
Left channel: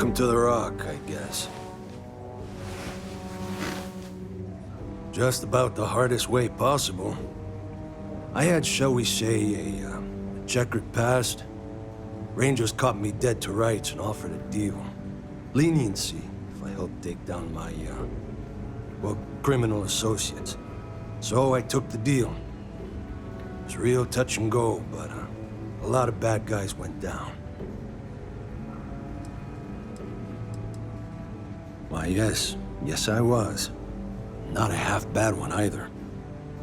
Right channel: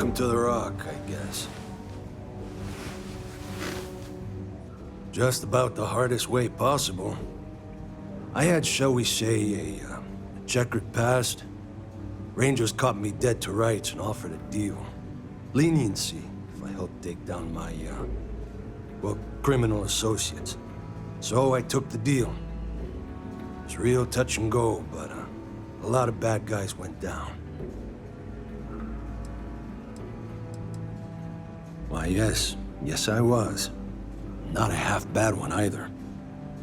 Welcome to the Rock, I guess. Just about the hardest way possible. I had, shall we say, a checkered past. Rangers caught me dead to rights and offered a deal. Leniency if I helped take down my, well, criminal associates. So I took the deal. It's real touch and go, but a lot of bad guys went down. Why, yes I was. Not a half bad one either.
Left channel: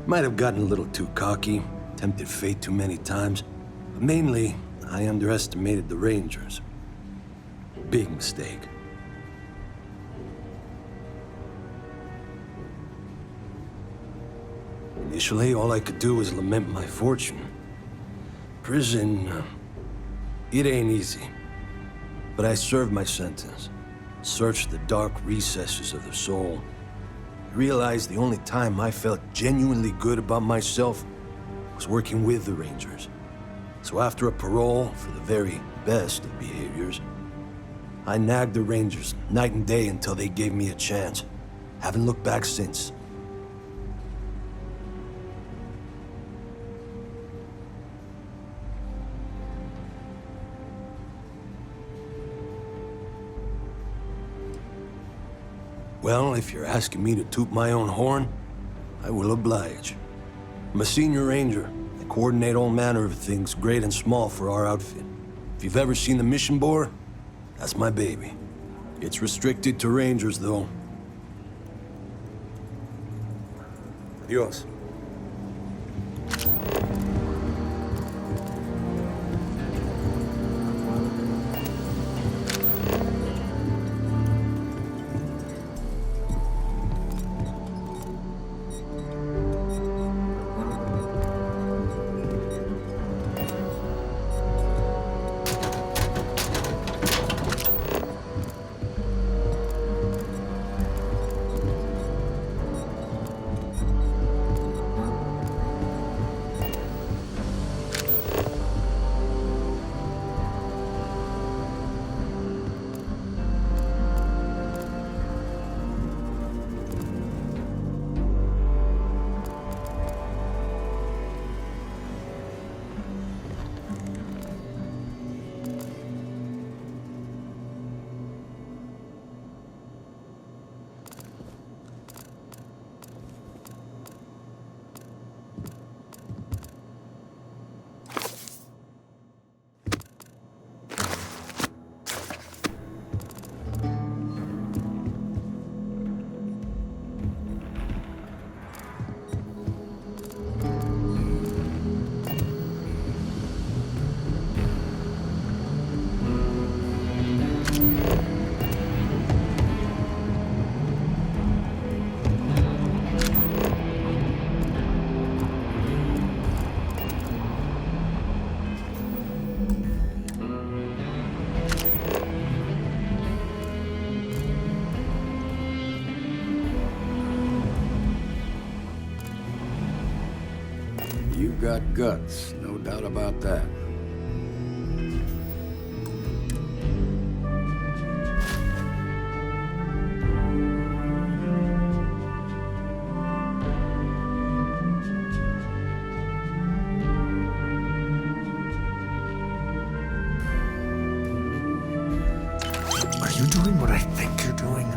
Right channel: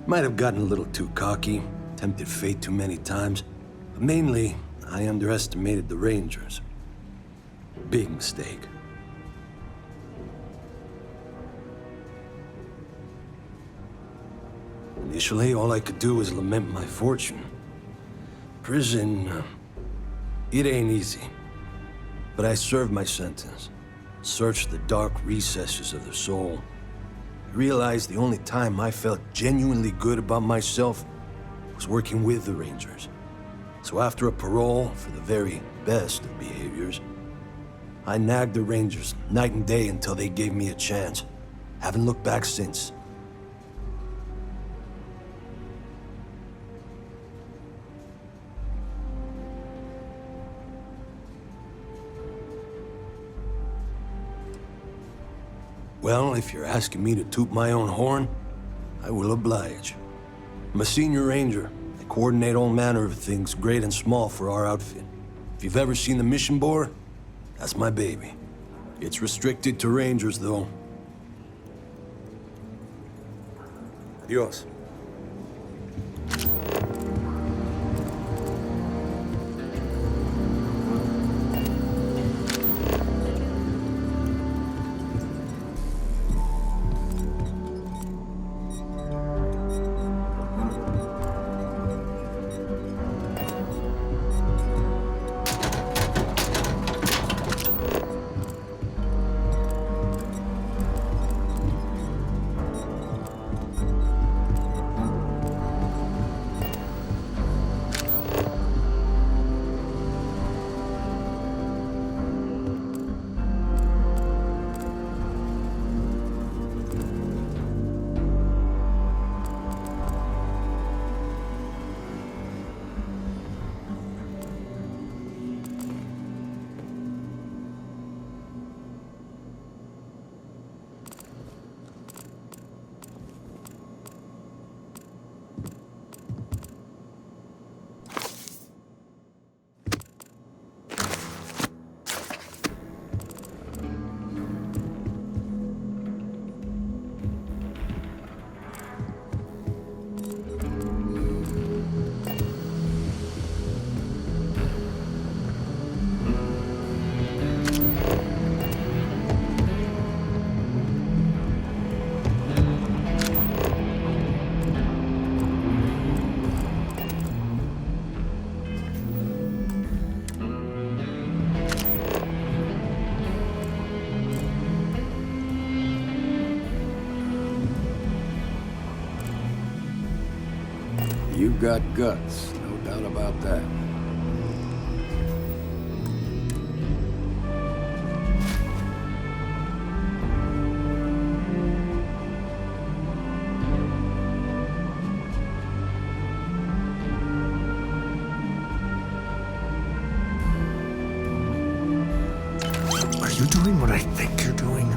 Might have gotten a little too cocky, tempted fate too many times, but mainly, I underestimated the Rangers. Big mistake. Initially, all I could do was lament my fortune. Prison, it ain't easy. But I served my sentence. Searched the dark recesses of the soul. I realized the only time I felt genuinely good about myself was working with the Rangers. So after a parole for the very best of behaviors, I nagged the Rangers night and day until they gave me a chance. Haven't looked back since. Well, if you're asking me to toot my own horn, I will oblige. I'm a senior ranger. I coordinate all manner of things, great and small, for our outfit. If you've ever seen the mission board, that's my baby. It's restricted to rangers, though. Adios. You've got guts, no doubt about that. Are you doing what I think you're doing?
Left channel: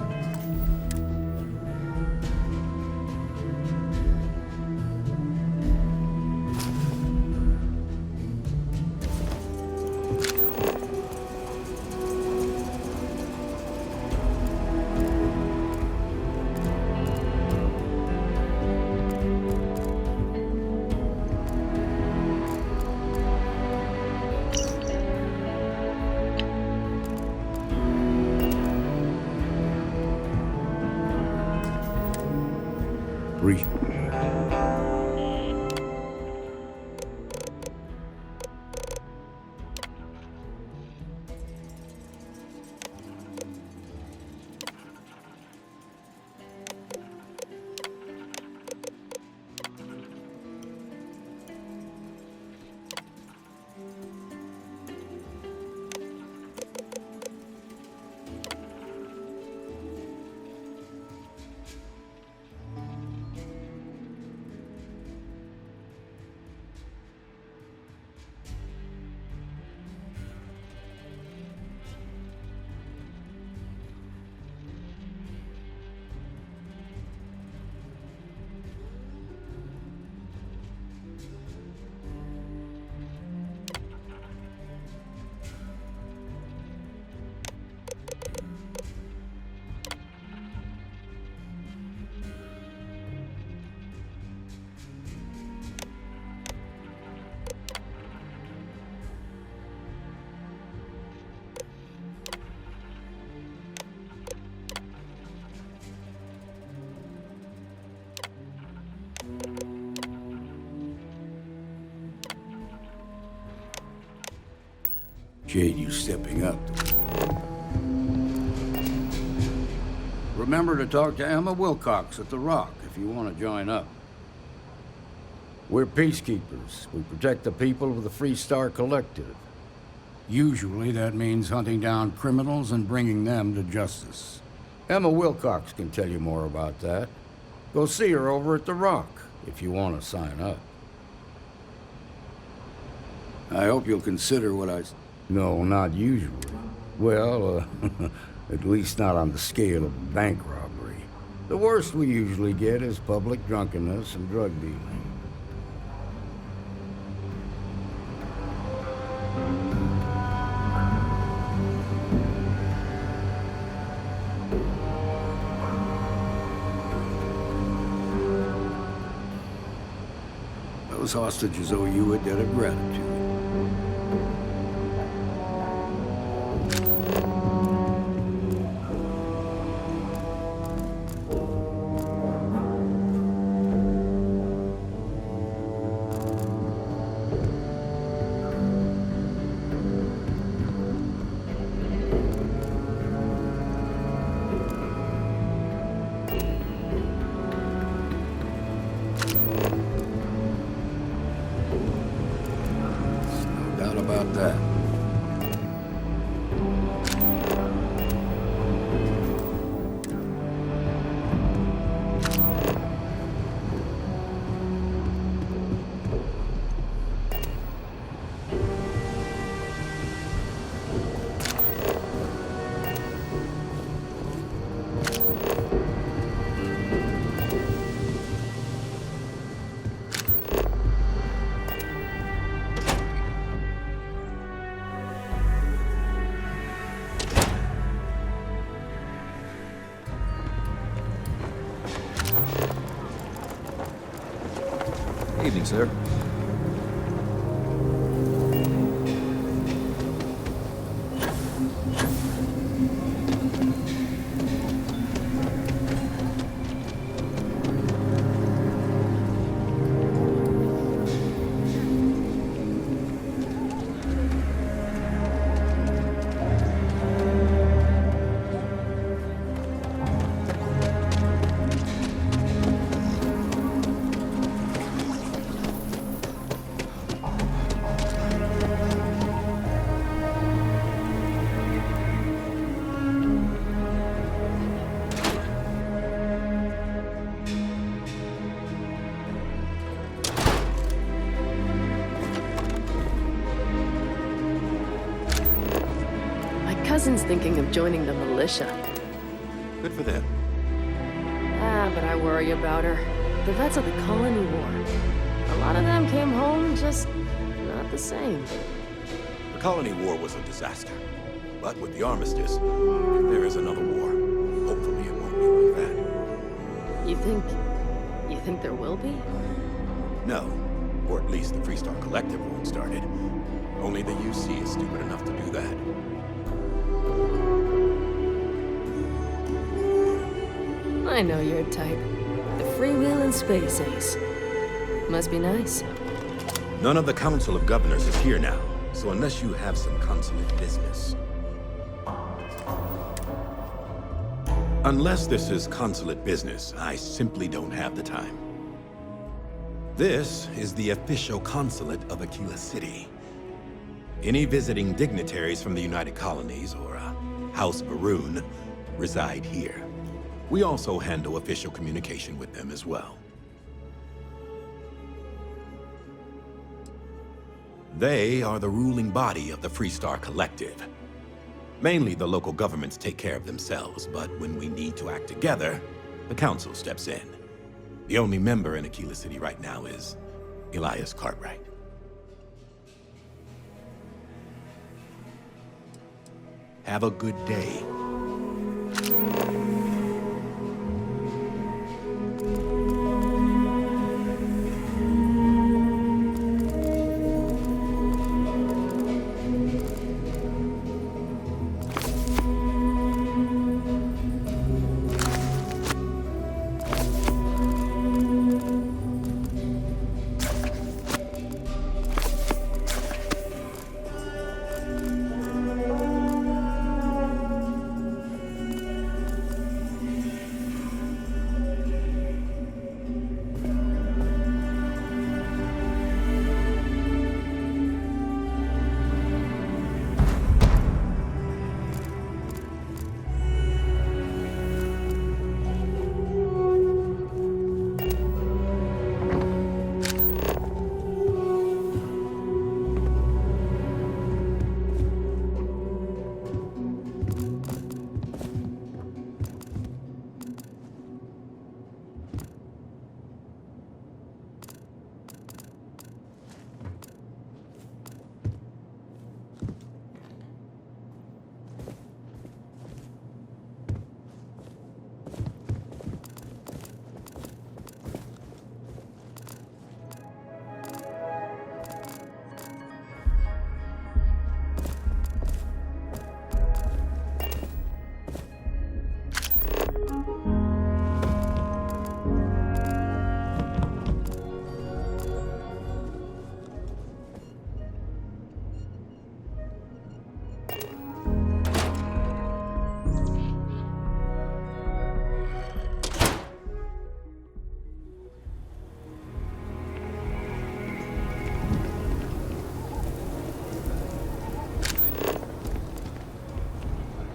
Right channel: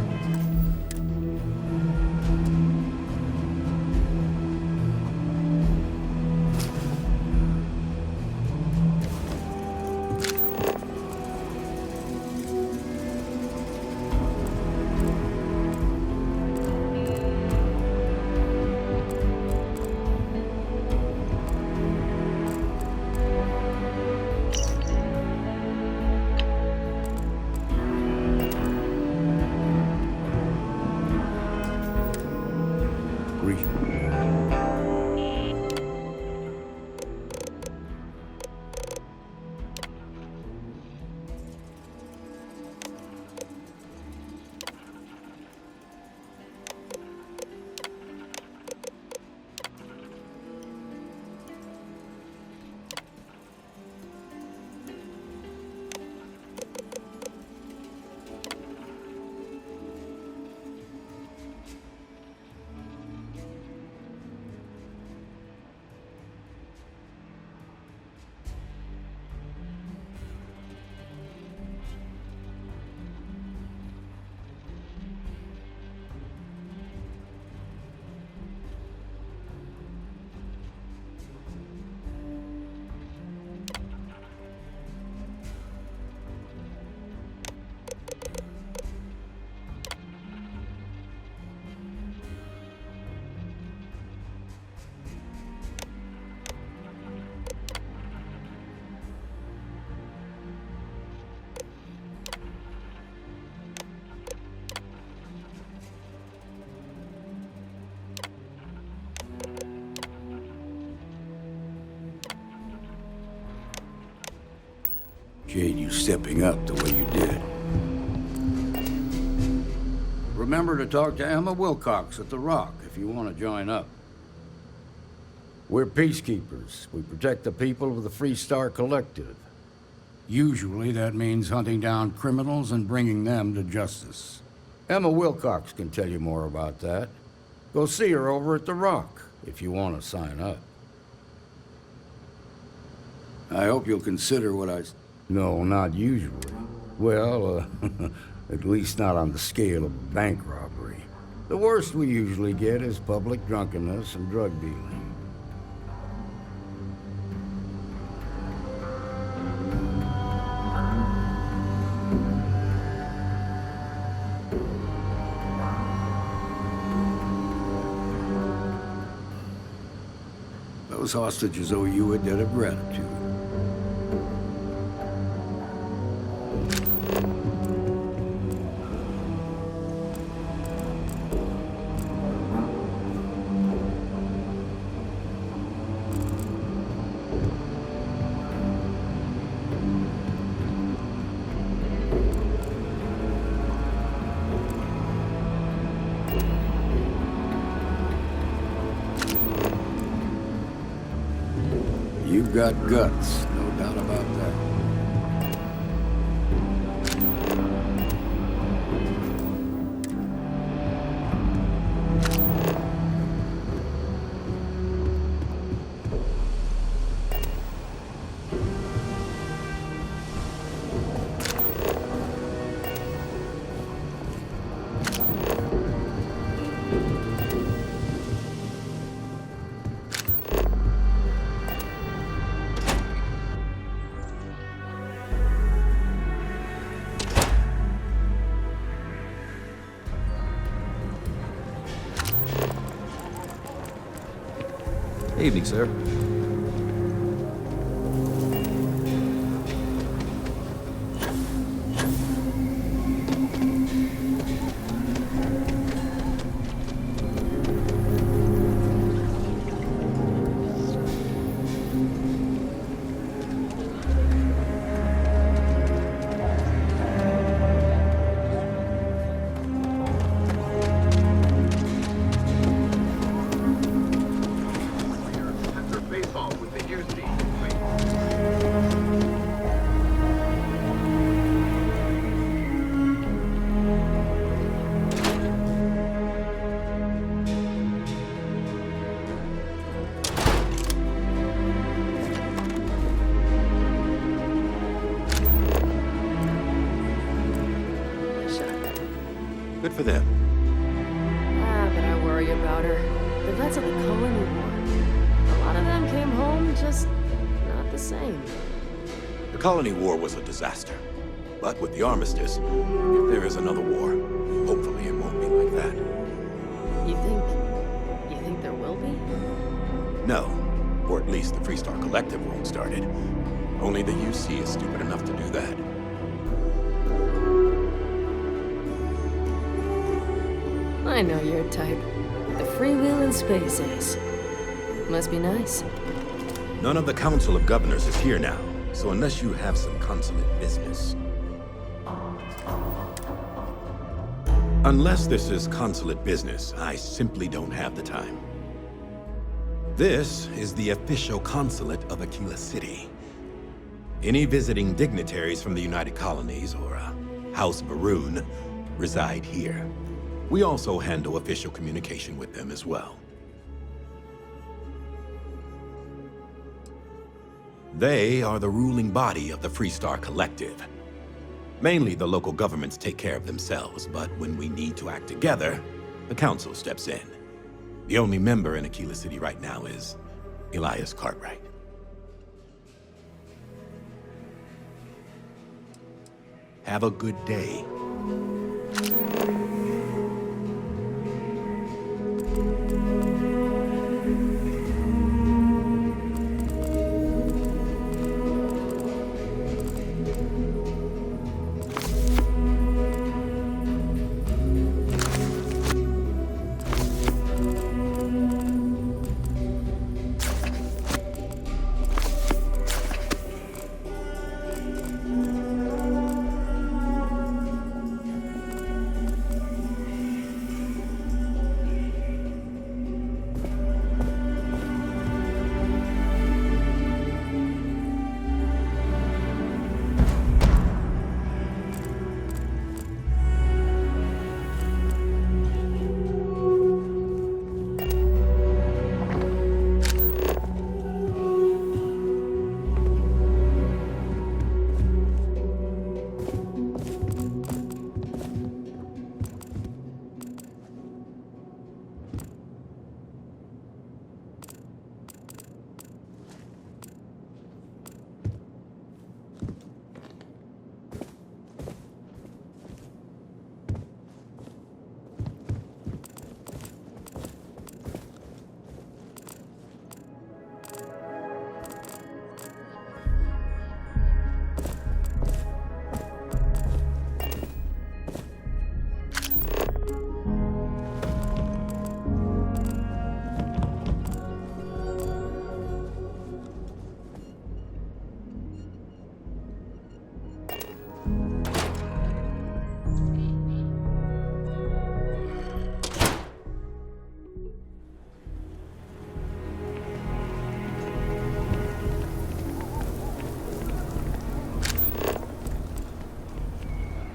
Appreciate you stepping up the way you did. Remember to talk to Emma Wilcox at the Rock if you want to join up. We're peacekeepers. We protect the people of the Free Star Collective. Usually that means hunting down criminals and bringing them to justice. Emma Wilcox can tell you more about that. Go see her over at the Rock if you want to sign up. I hope you'll consider what I... No, not usually. Well, at least not on the scale of a bank robbery. The worst we usually get is public drunkenness and drug dealing. Those hostages owe you a debt of gratitude. You've got guts, no doubt about that. Evening, sir. Thinking of joining the militia. Good for them. But I worry about her. The vets of the Colony War. A lot of them came home just not the same. The Colony War was a disaster. But with the armistice, if there is another war, hopefully it won't be like that. You think there will be? No. Or at least the Freestar Collective won't start it. Only the UC is stupid enough to do that. I know your type. The freewheeling space ace. Must be nice. None of the Council of Governors is here now, so unless you have some consulate business... Unless this is consulate business, I simply don't have the time. This is the official consulate of Akila City. Any visiting dignitaries from the United Colonies or House Baroon reside here. We also handle official communication with them as well. They are the ruling body of the Freestar Collective. Mainly the local governments take care of themselves, but when we need to act together, the council steps in. The only member in Akila City right now is Elias Cartwright. Have a good day.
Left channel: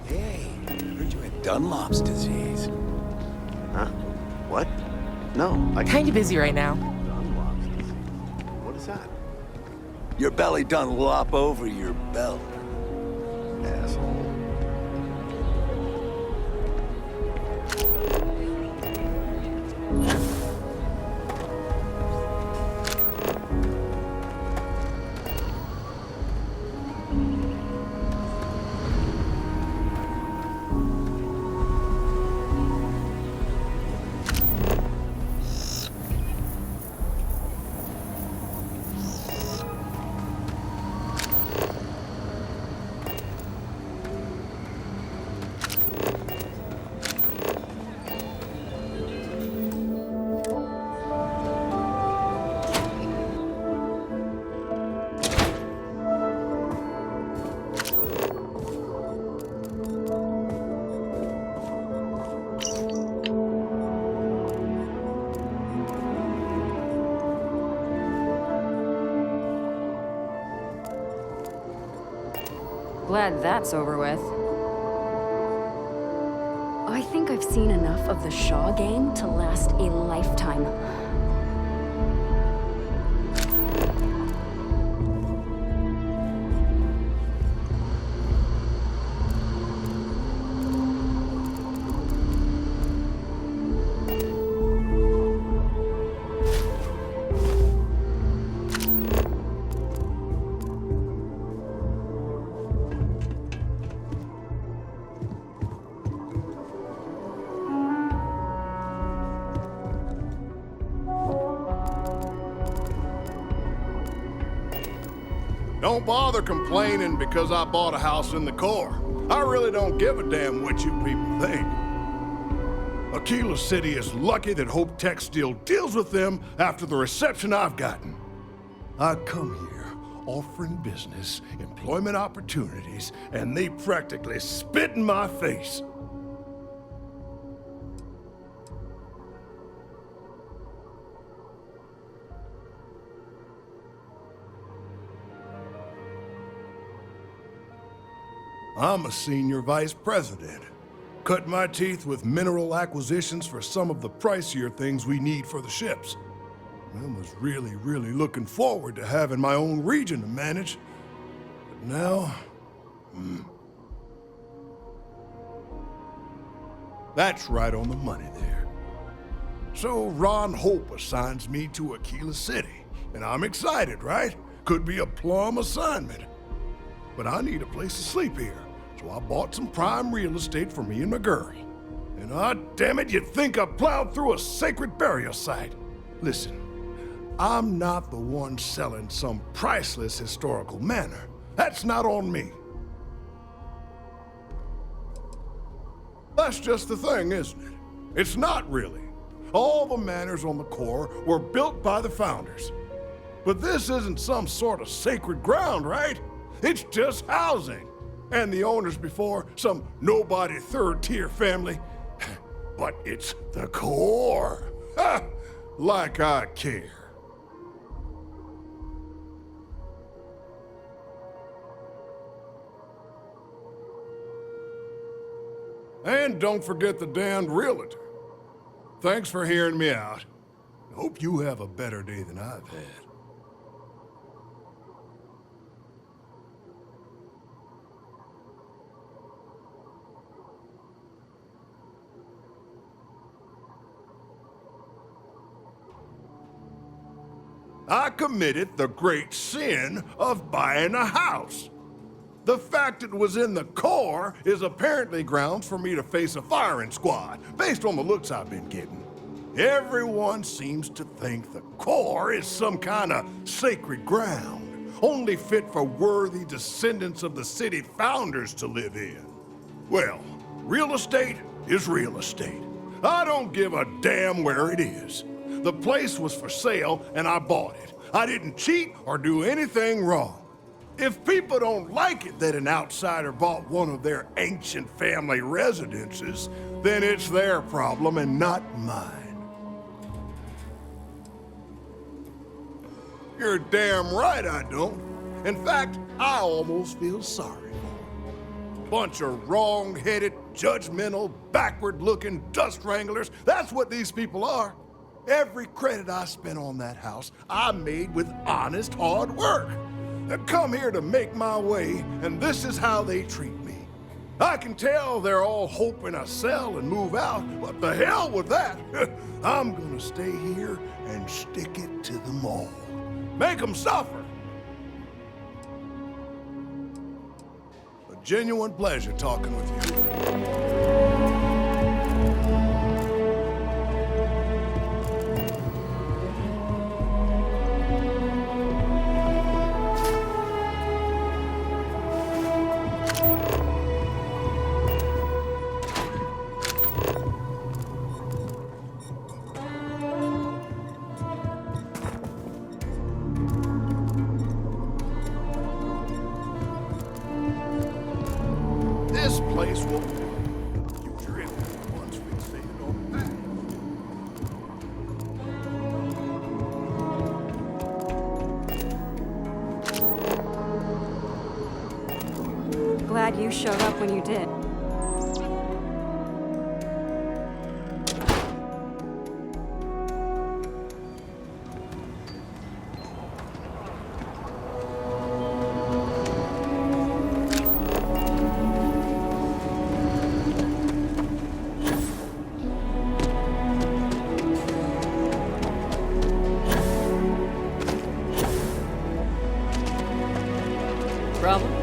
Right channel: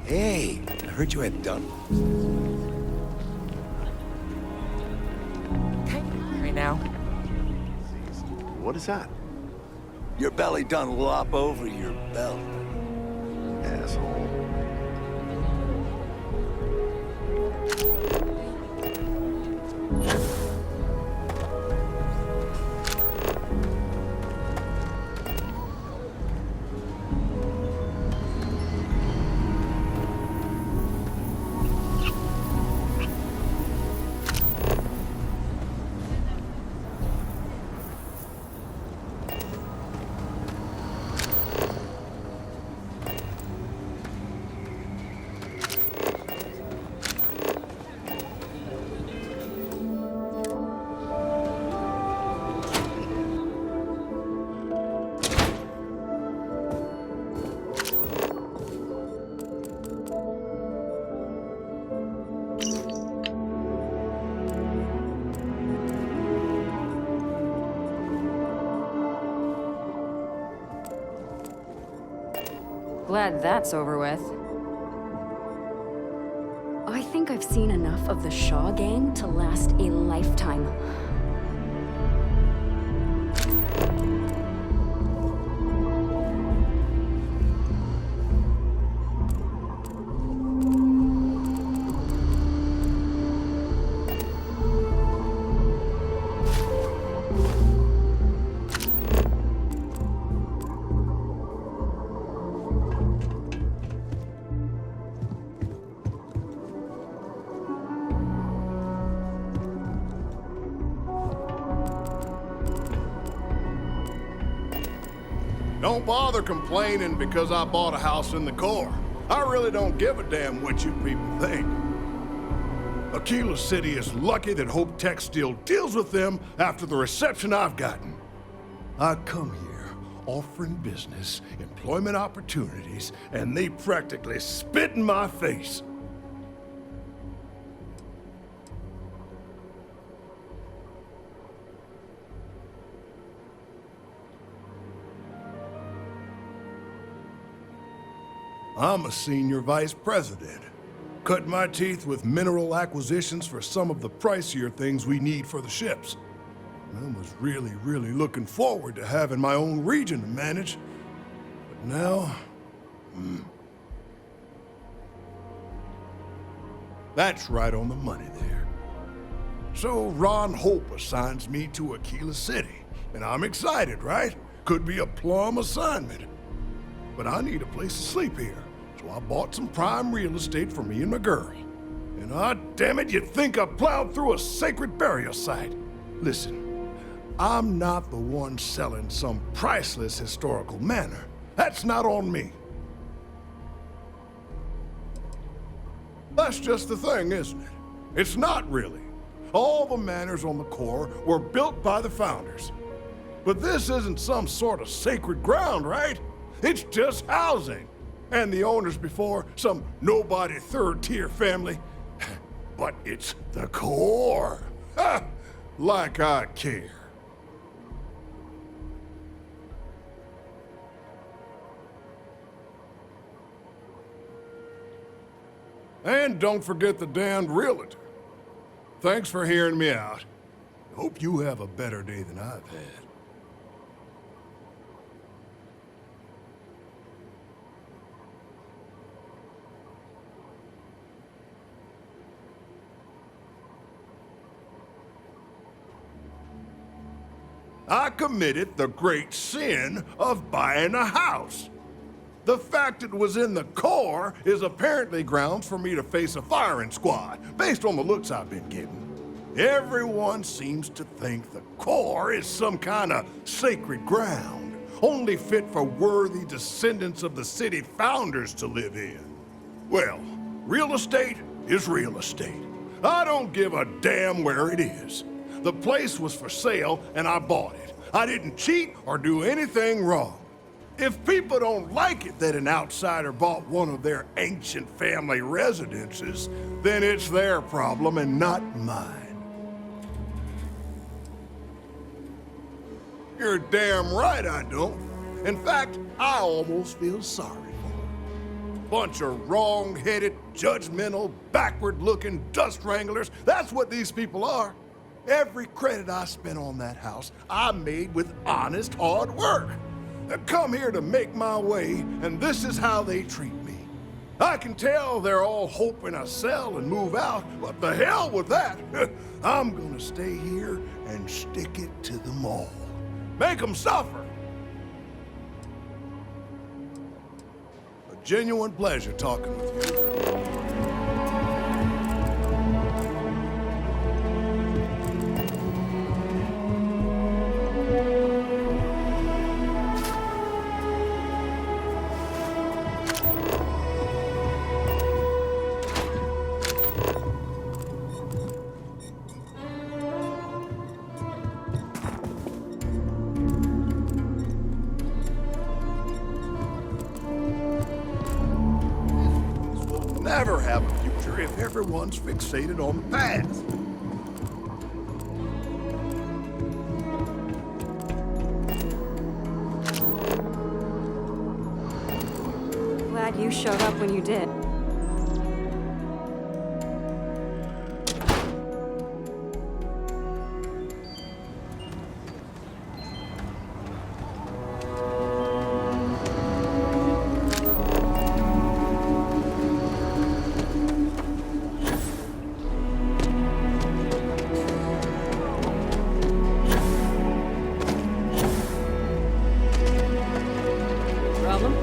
Hey, I heard you had Dunlop's disease. Huh? What? No, Kinda busy right now. What is that? Your belly done lop over your belt. Asshole. Glad that's over with. I think I've seen enough of the Shaw gang to last a lifetime. Don't bother complaining because I bought a house in the core. I really don't give a damn what you people think. Akila City is lucky that Hope Tech still deals with them after the reception I've gotten. I come here offering business, employment opportunities, and they practically spit in my face. I'm a senior vice president. Cut my teeth with mineral acquisitions for some of the pricier things we need for the ships. I was really looking forward to having my own region to manage. But now... That's right on the money there. So Ron Hope assigns me to Akila City, and I'm excited, right? Could be a plum assignment. But I need a place to sleep here, so I bought some prime real estate for me and my girl. And damn it, you'd think I plowed through a sacred burial site. Listen, I'm not the one selling some priceless historical manor. That's not on me. That's just the thing, isn't it? It's not really. All the manors on the core were built by the founders. But this isn't some sort of sacred ground, right? It's just housing. And the owners before, some nobody third-tier family. But it's the core. Ha! Like I care. And don't forget the damned realtor. Thanks for hearing me out. Hope you have a better day than I've had. I committed the great sin of buying a house. The fact it was in the core is apparently grounds for me to face a firing squad, based on the looks I've been getting. Everyone seems to think the core is some kind of sacred ground, only fit for worthy descendants of the city founders to live in. Well, real estate is real estate. I don't give a damn where it is. The place was for sale, and I bought it. I didn't cheat or do anything wrong. If people don't like it that an outsider bought one of their ancient family residences, then it's their problem and not mine. You're damn right I don't. In fact, I almost feel sorry for them. Bunch of wrong-headed, judgmental, backward-looking dust wranglers. That's what these people are. Every credit I spent on that house, I made with honest, hard work. I come here to make my way, and this is how they treat me. I can tell they're all hoping I sell and move out, but the hell with that. I'm gonna stay here and stick it to them all. Make them suffer. A genuine pleasure talking with you. Never have a future if everyone's fixated on the past. Glad you showed up when you did. Problem?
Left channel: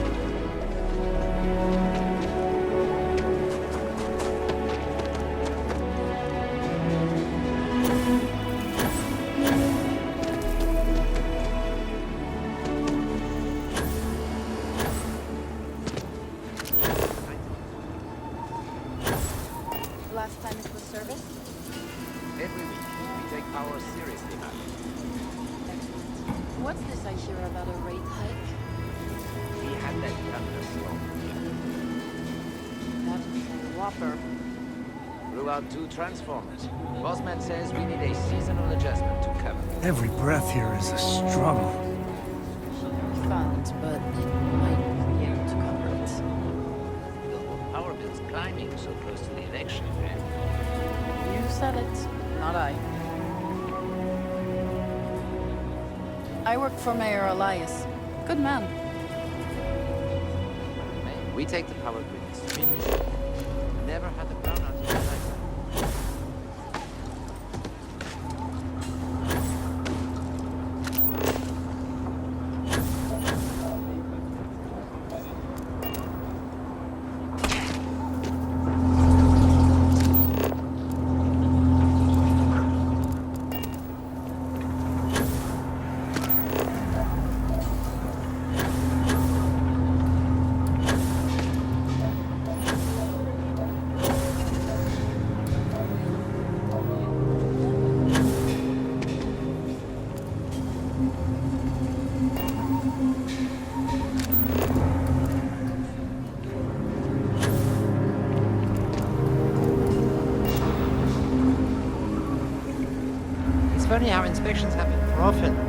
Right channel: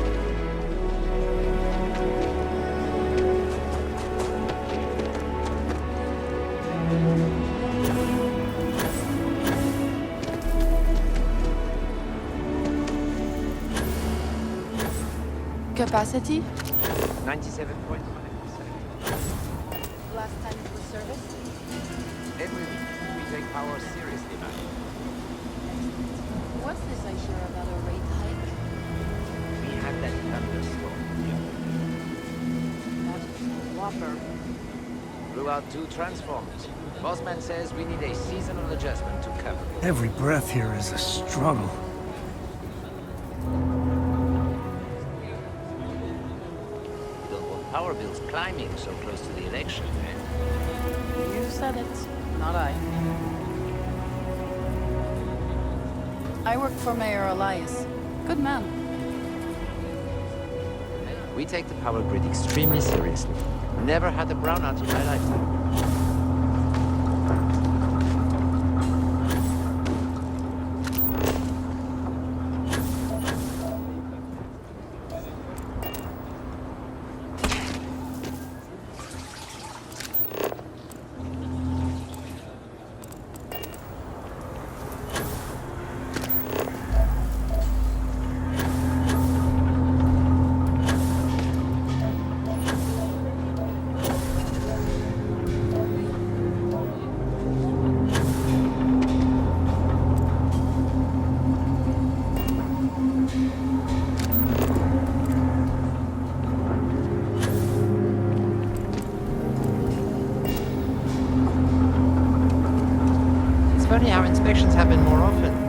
Capacity? 97 points. Last time it was serviced? Every week, we take power seriously now. Excellent. What's this I hear about a rate hike? We had that thunderstorm the other day. That was a whopper. Blew out 2 transformers. Bossman says we need a seasonal adjustment to cover. Every breath here is a struggle. Power bills climbing so close to the election, eh? You said it, not I. I work for Mayor Elias. Good man. We take the power grid extremely seriously. Never had a brownout in my lifetime. only our inspections have been more often.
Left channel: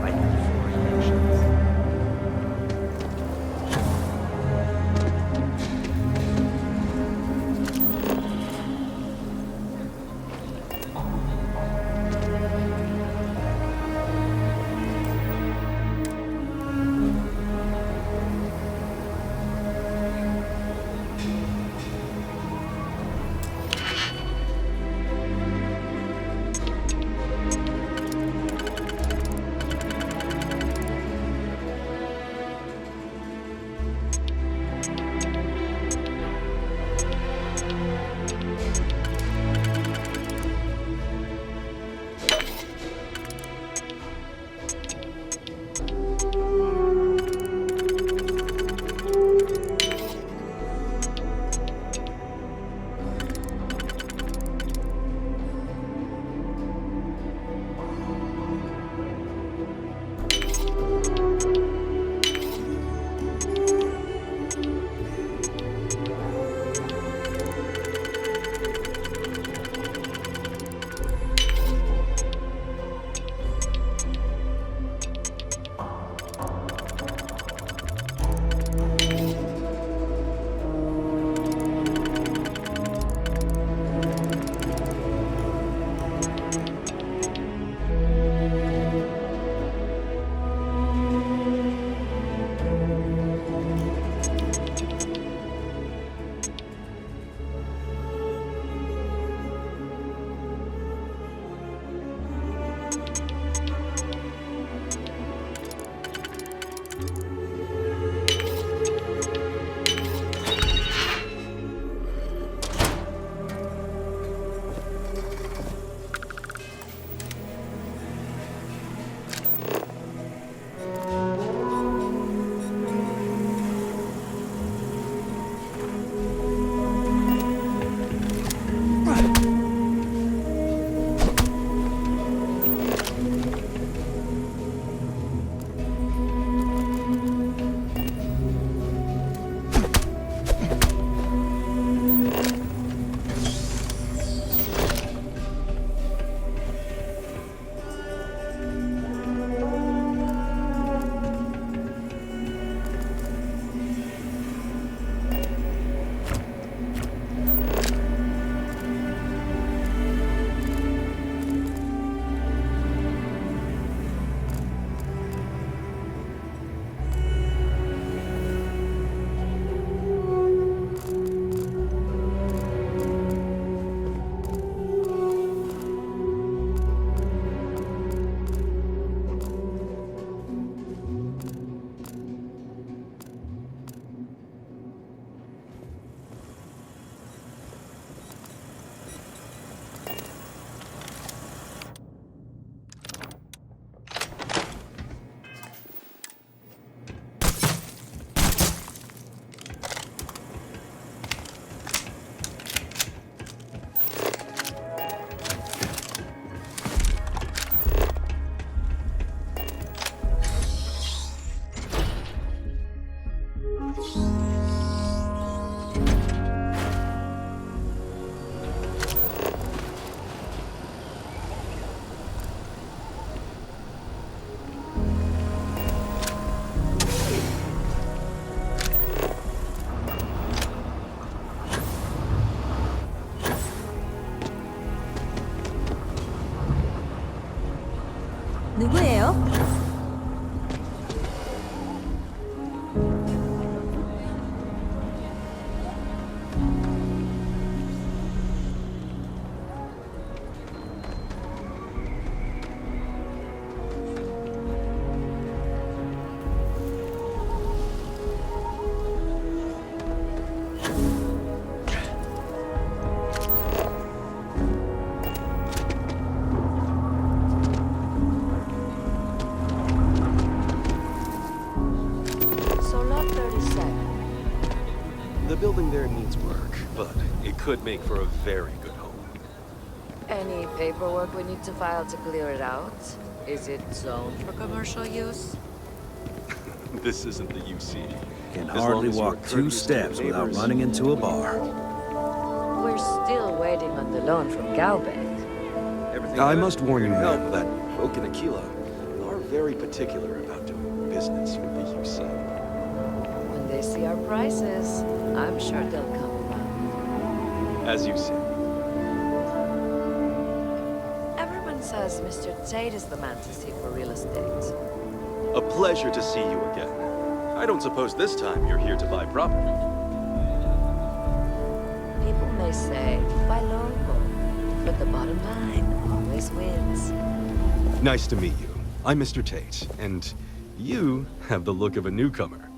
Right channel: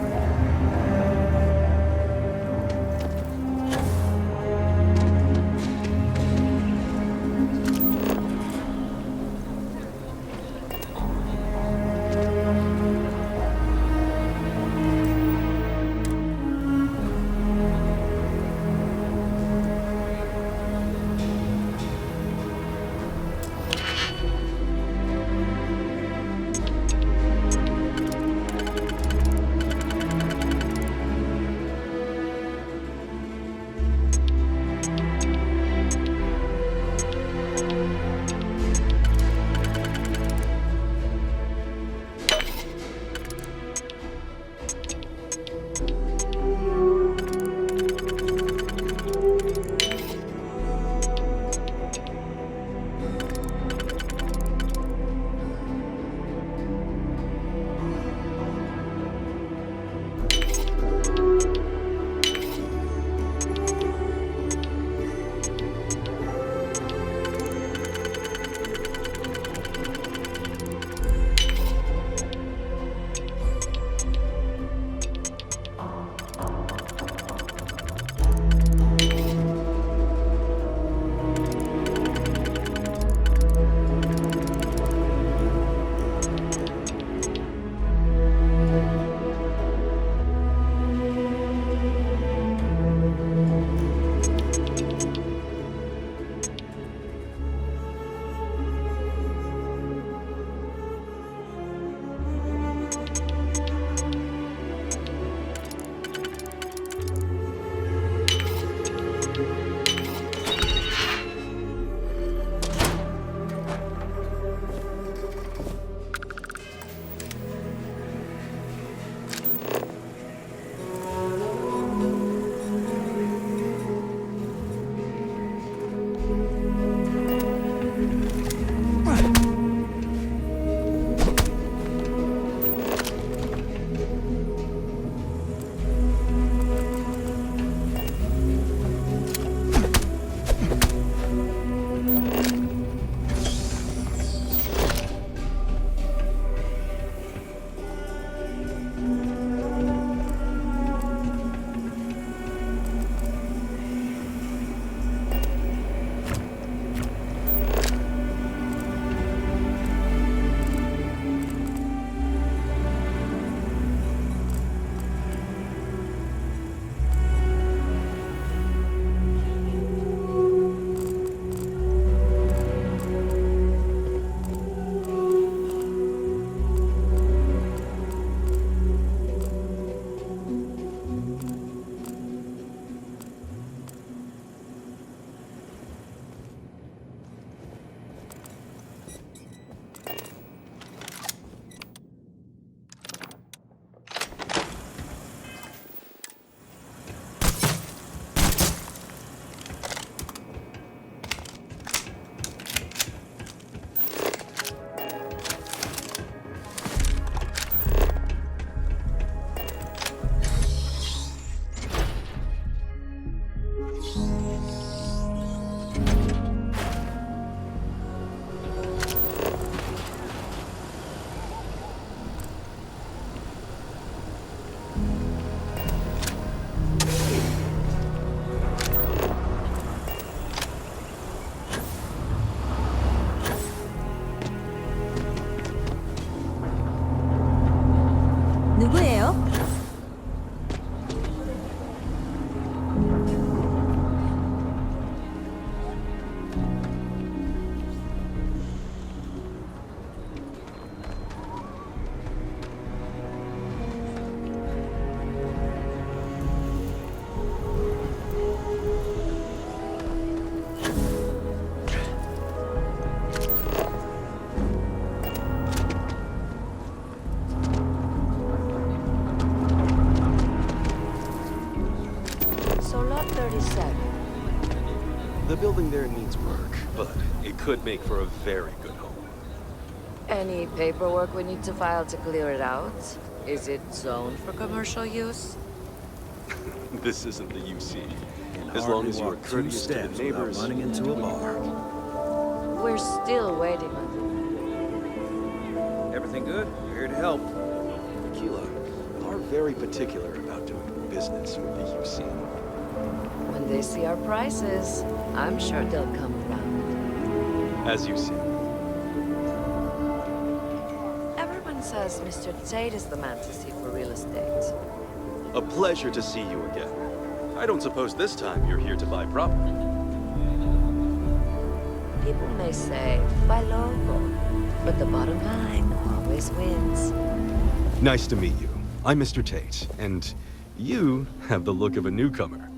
누구예요? The building there needs work, but it could make for a very good home. Any paperwork we need to file to clear it out? Is it zoned for commercial use? This isn't the UC. Can As long hardly as you are walk 2 courteous to your steps without neighbors. running into a bar. We're still waiting on the loan from Galvin. Everything I good? must warn Here you to help that Folk in Akila are very particular about doing business with the UC. When they see our prices, I'm sure they'll come around. As you see. Everyone says Mr. Tate is the man to see for real estate. A pleasure to see you again. I don't suppose this time you're here to buy property. People may say, buy local, but the bottom line always wins. Nice to meet you. I'm Mr. Tate, and you have the look of a newcomer.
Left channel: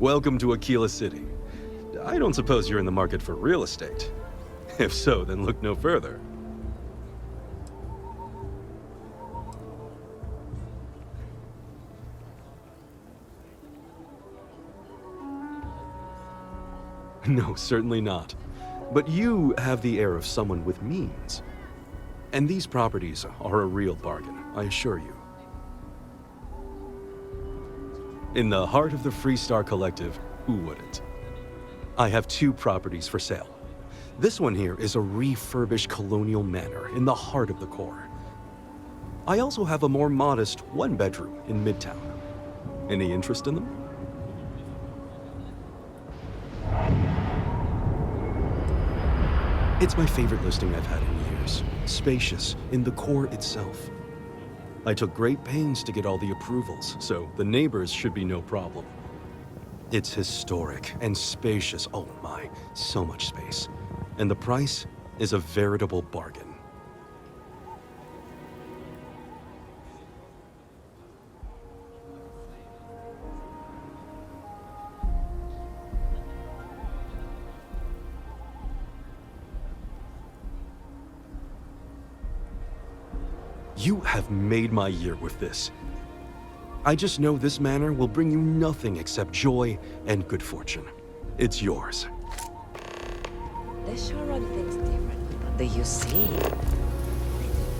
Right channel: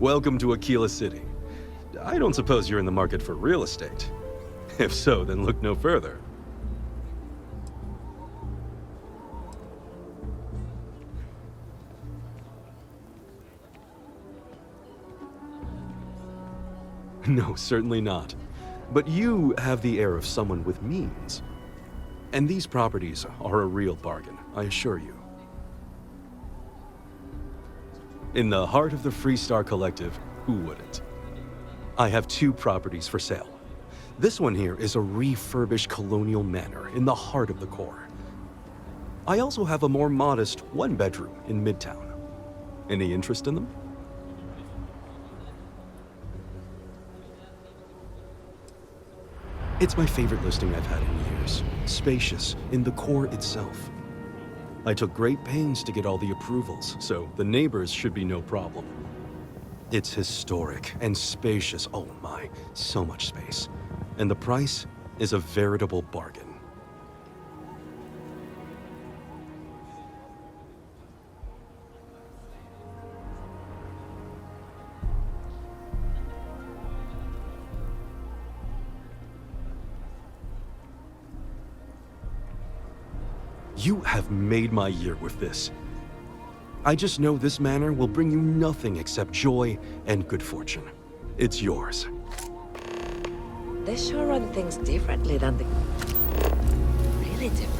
Welcome to Akila City. I don't suppose you're in the market for real estate. If so, then look no further. No, certainly not. But you have the air of someone with means. And these properties are a real bargain, I assure you. In the heart of the Freestar Collective, who wouldn't? I have 2 properties for sale. This one here is a refurbished colonial manor in the heart of the core. I also have a more modest 1-bedroom in Midtown. Any interest in them? It's my favorite listing I've had in years. Spacious in the core itself. I took great pains to get all the approvals, so the neighbors should be no problem. It's historic and spacious. Oh my, so much space. And the price is a veritable bargain. You have made my year with this. I just know this manor will bring you nothing except joy and good fortune. It's yours. They sure run things differently than the UC. Really different.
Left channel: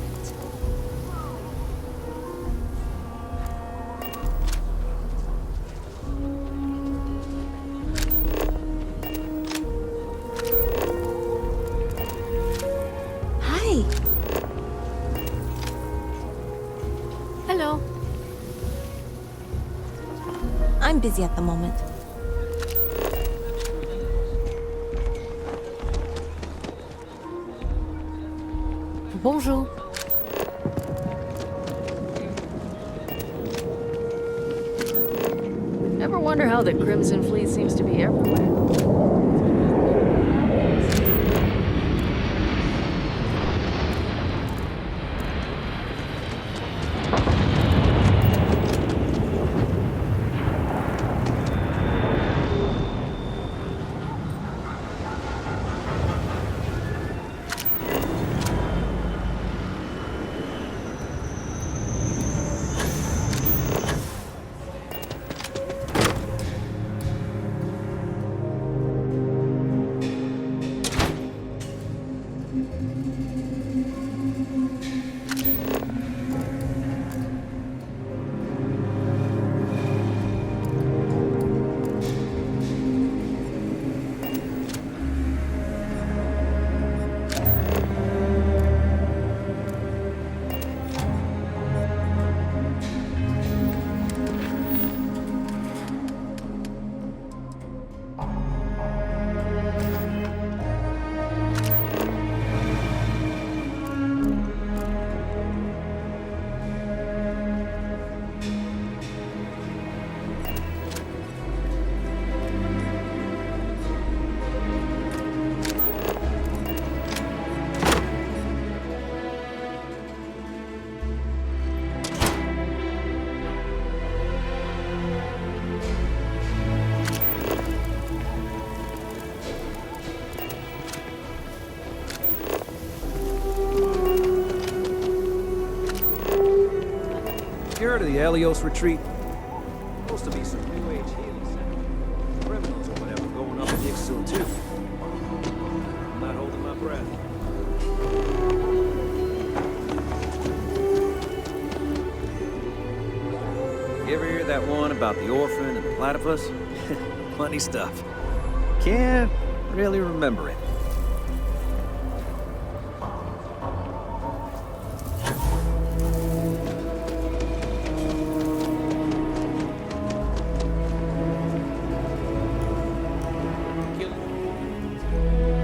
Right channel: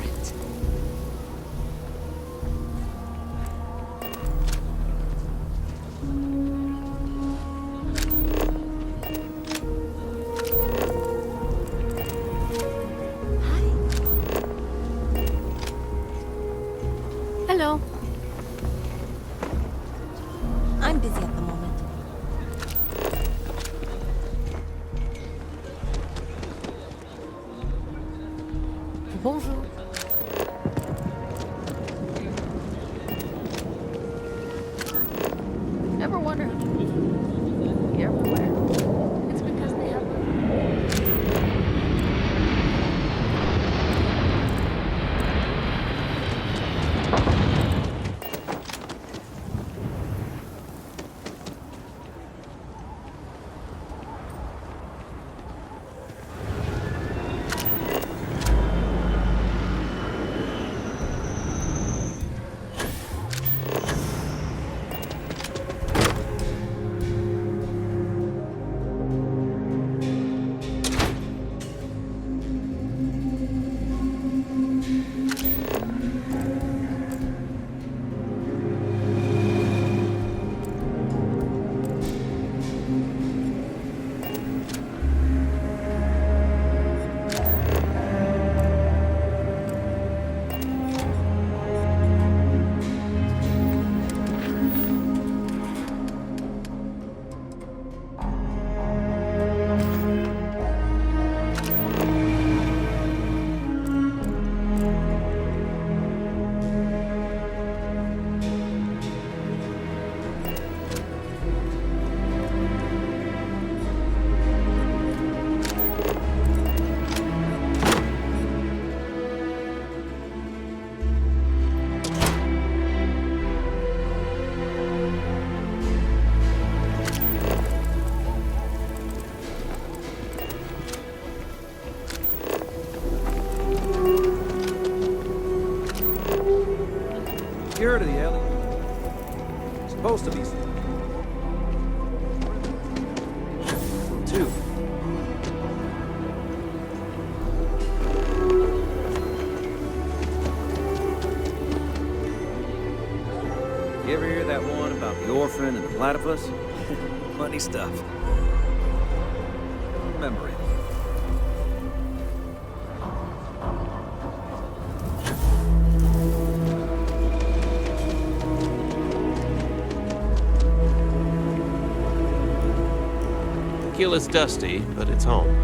Hello. I'm busy at the moment. Bonjour. Ever wonder how the Crimson Fleet seems to be everywhere? It's because You heard of the Helios retreat? Supposed to be some criminals or whatever going on in still too. You ever hear that one about the orphan and the platypus? Funny stuff. Can't really remember it. Aquila's dusty, but it's home.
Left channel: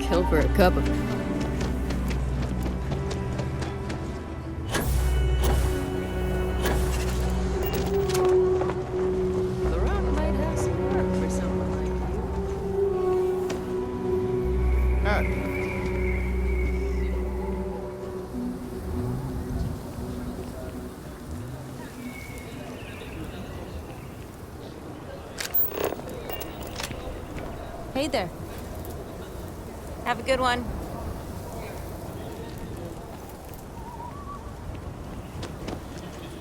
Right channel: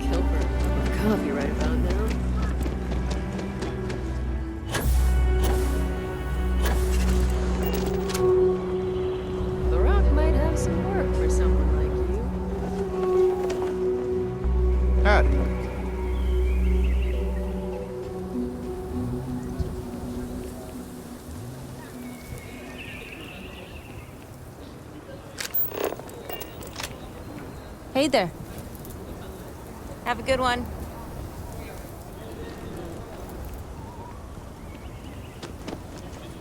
Kill for a cup of coffee right about now. The Rock might have some work for someone like you. Howdy. Hey there. Have a good one.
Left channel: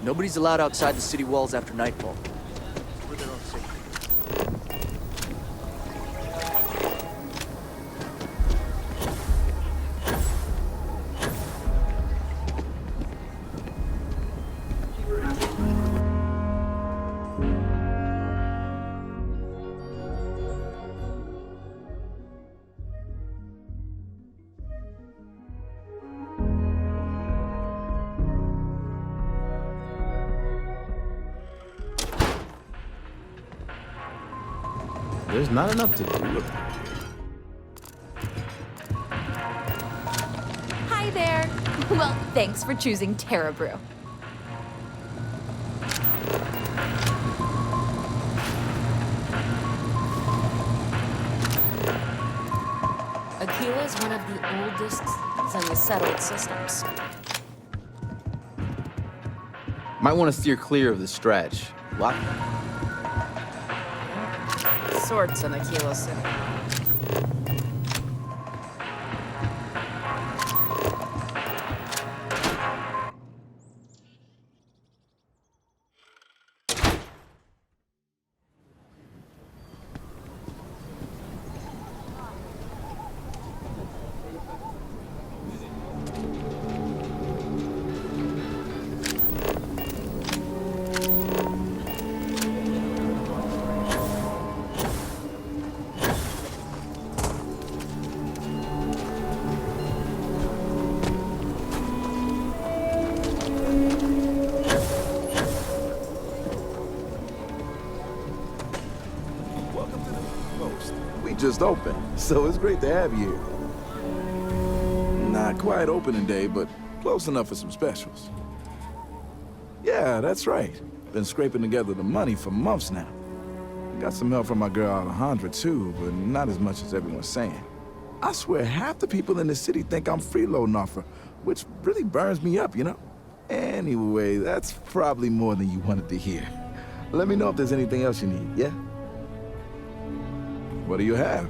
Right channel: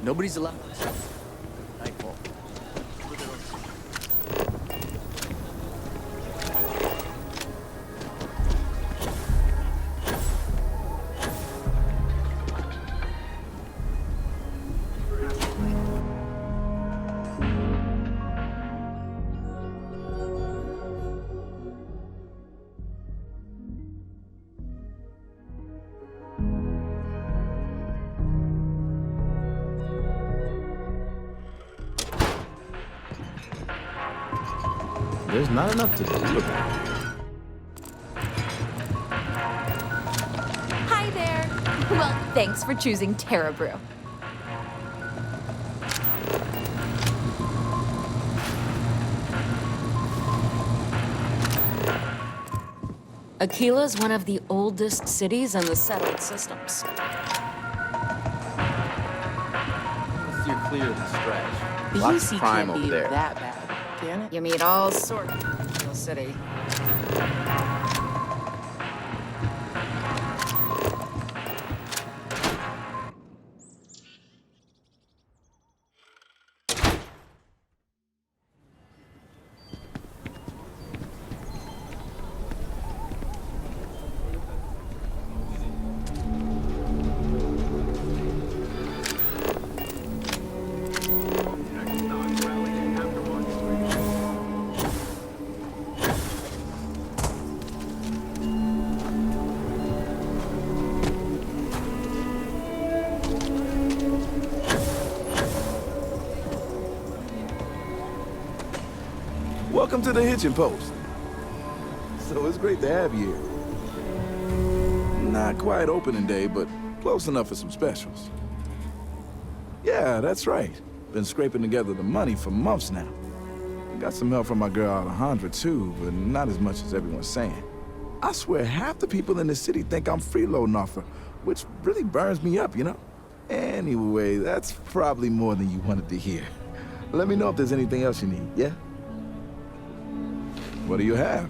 Nobody's allowed outside the city walls after nightfall. For their own safety. There's not enough to do. Hi there. Well, thanks for choosing Terra Brew. Akila is one of the oldest cities in the settled systems. Might want to steer clear of the stretch. Lots of crime over there. That bad. You meet all sorts in Akila City. Welcome to the Hitching Post. We just opened, so it's great to have you here. Not quite opening day, but close enough for some specials. Yeah, that's right. Been scraping together the money for months now. Got some help from my girl Alejandra too, but not as much as everyone's saying. I swear half the people in the city think I'm freeloading off her, which really burns me up, you know? Anyway, that's probably more than you wanted to hear. Let me know if there's anything else you need, yeah? What do you have?